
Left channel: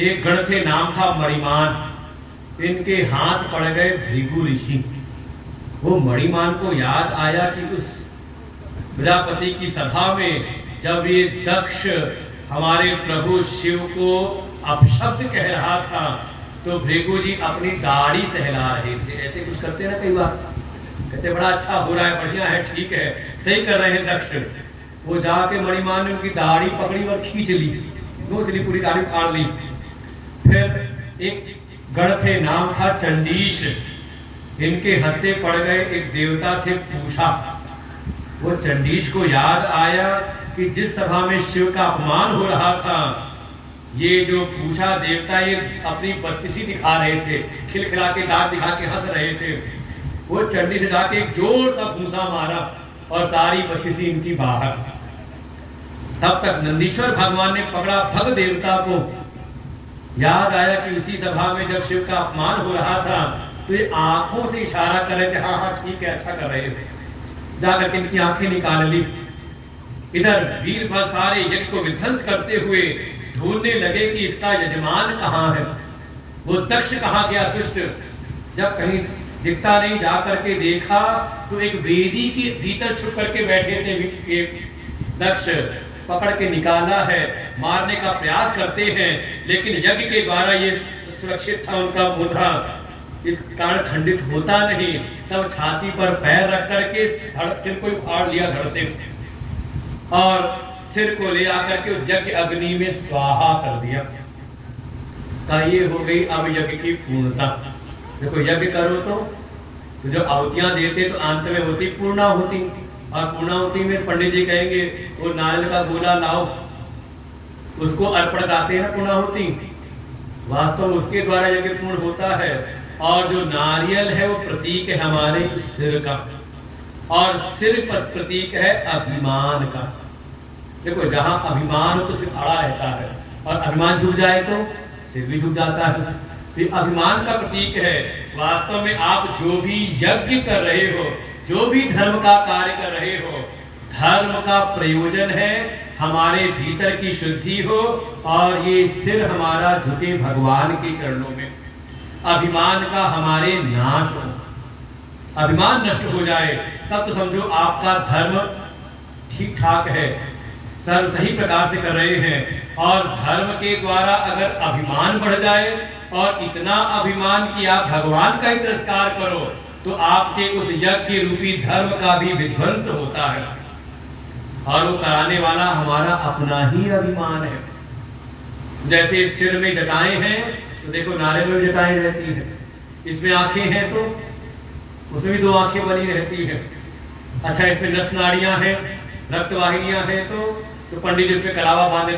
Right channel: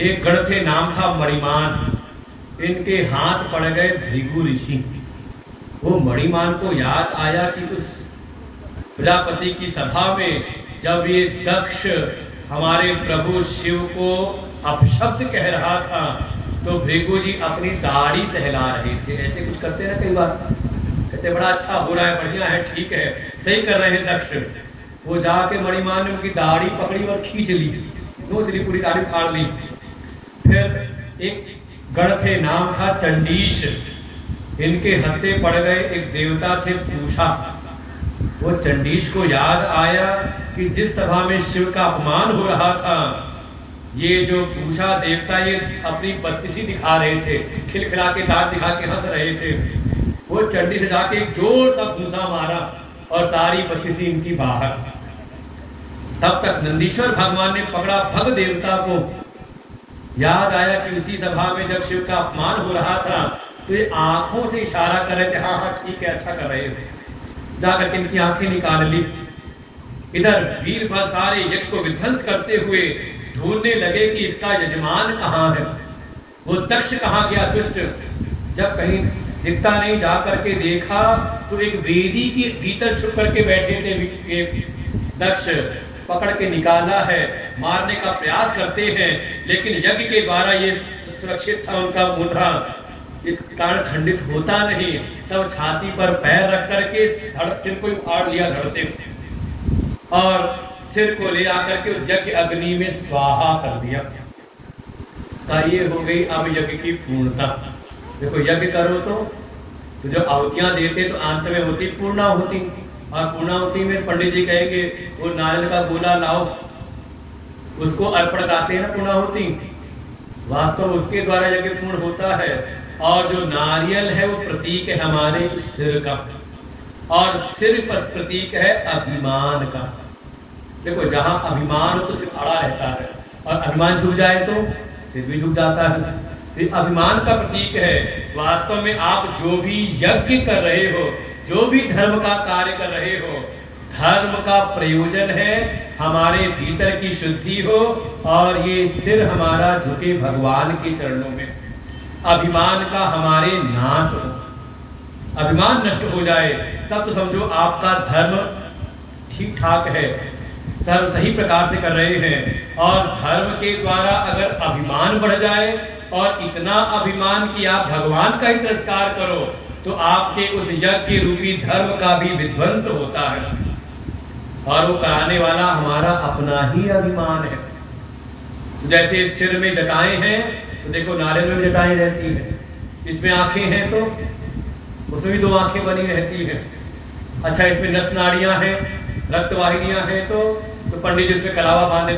एक गण थे नाम था मणिमान, इनके हाथ पड़ गए भृगु ऋषि। वो मणिमान को याद आया कि उस प्रजापति की सभा में जब ये दक्ष हमारे प्रभु शिव को अपशब्द कह रहा था तो भृगु जी अपनी दाढ़ी सहला रहे थे। ऐसे कुछ करते हैं ना कई बार, कहते बड़ा अच्छा हो रहा है, बढ़िया है, ठीक है, सही कर रहे हैं दक्ष। वो जाके मणिमान ने उनकी दाढ़ी पकड़ी और खींच ली, पूरी दाढ़ी फाड़ ली। फिर एक गण थे नाम था चंडीश, इनके हत्थे पड़ गए एक देवता थे पूषा। वो चंडीश को याद आया कि जिस सभा में शिव का अपमान हो रहा था, ये जो पूषा देवता ये अपनी बत्तीसी दिखा रहे थे, खिलखिला के दांत दिखा के हंस रहे थे। वो चंडी से जाके एक जोर सा पूछा मारा और सारी बत्तीसी इनकी बाहर। तब तक नंदीश्वर भगवान ने पकड़ा भग देवता को। याद आया कि उसी सभा में जब शिव का अपमान हो रहा था तो ये आंखों से इशारा कर रहे थे, हाँ हाँ ठीक है, अच्छा कर रहे थे। जाकर के इनकी आंखें निकाल ली। इधर वीरभद्र सारे यज्ञ को विध्वंस करते हुए ढूंढने लगे कि इसका यजमान कहाँ है, वो दक्ष कहाँ गया दुष्ट। जब कहीं दिखता नहीं, जा करके देखा तो एक वेदी के भीतर छुप करके बैठे थे दक्ष। पकड़ के निकाला है, मारने का प्रयास करते हैं, लेकिन यज्ञ के द्वारा ये सुरक्षित था उनका मुद्रा, इस कारण खंडित होता नहीं। तब छाती पर पैर रख करके सिर को फाड़ लिया धड़ से और सिर को ले आकर के उस यज्ञ अग्नि में स्वाहा कर दिया। ये हो गई अब यज्ञ की पूर्णता। देखो यज्ञ करो तो जो आहुतियां देते तो अंत में होती पूर्णाहुति, और पूर्णाहुति में पंडित जी कहेंगे वो नारियल का गोला लाओ, उसको अर्पण कराते हैं ना पूर्णाहुति। वास्तव में उसके द्वारा यज्ञ पूर्ण होता है। और जो नारियल है वो प्रतीक है हमारे सिर का, और सिर पर प्रतीक है अभिमान का। देखो जहां अभिमान हो तो सिर अड़ा रहता है, और अभिमान झुक जाए तो सिर भी झुक जाता है। ये अभिमान का प्रतीक है। वास्तव में आप जो भी यज्ञ कर रहे हो, जो भी धर्म का कार्य कर रहे हो, धर्म का प्रयोजन है हमारे भीतर की शुद्धि हो और ये सिर हमारा झुके भगवान के चरणों में। अभिमान का हमारे नाश हो, अभिमान नष्ट हो जाए तब तो समझो आपका धर्म ठीक ठाक है, सर्व सही प्रकार से कर रहे हैं। और धर्म के द्वारा अगर अभिमान बढ़ जाए और इतना अभिमान कि आप भगवान का ही तिरस्कार करो तो आपके उस यज्ञ रूपी धर्म का भी विध्वंस होता है। और वो कराने वाला हमारा अपना ही अभिमान है। जैसे सिर में जटाएं हैं तो देखो नारियल में जटाएं रहती है, इसमें आंखें हैं तो उसमें भी दो आंखें बनी रहती है। अच्छा इसमें नस नाड़ियां हैं, रक्त वाहिनियां हैं तो पंडित जी उसमें कलावा बांधे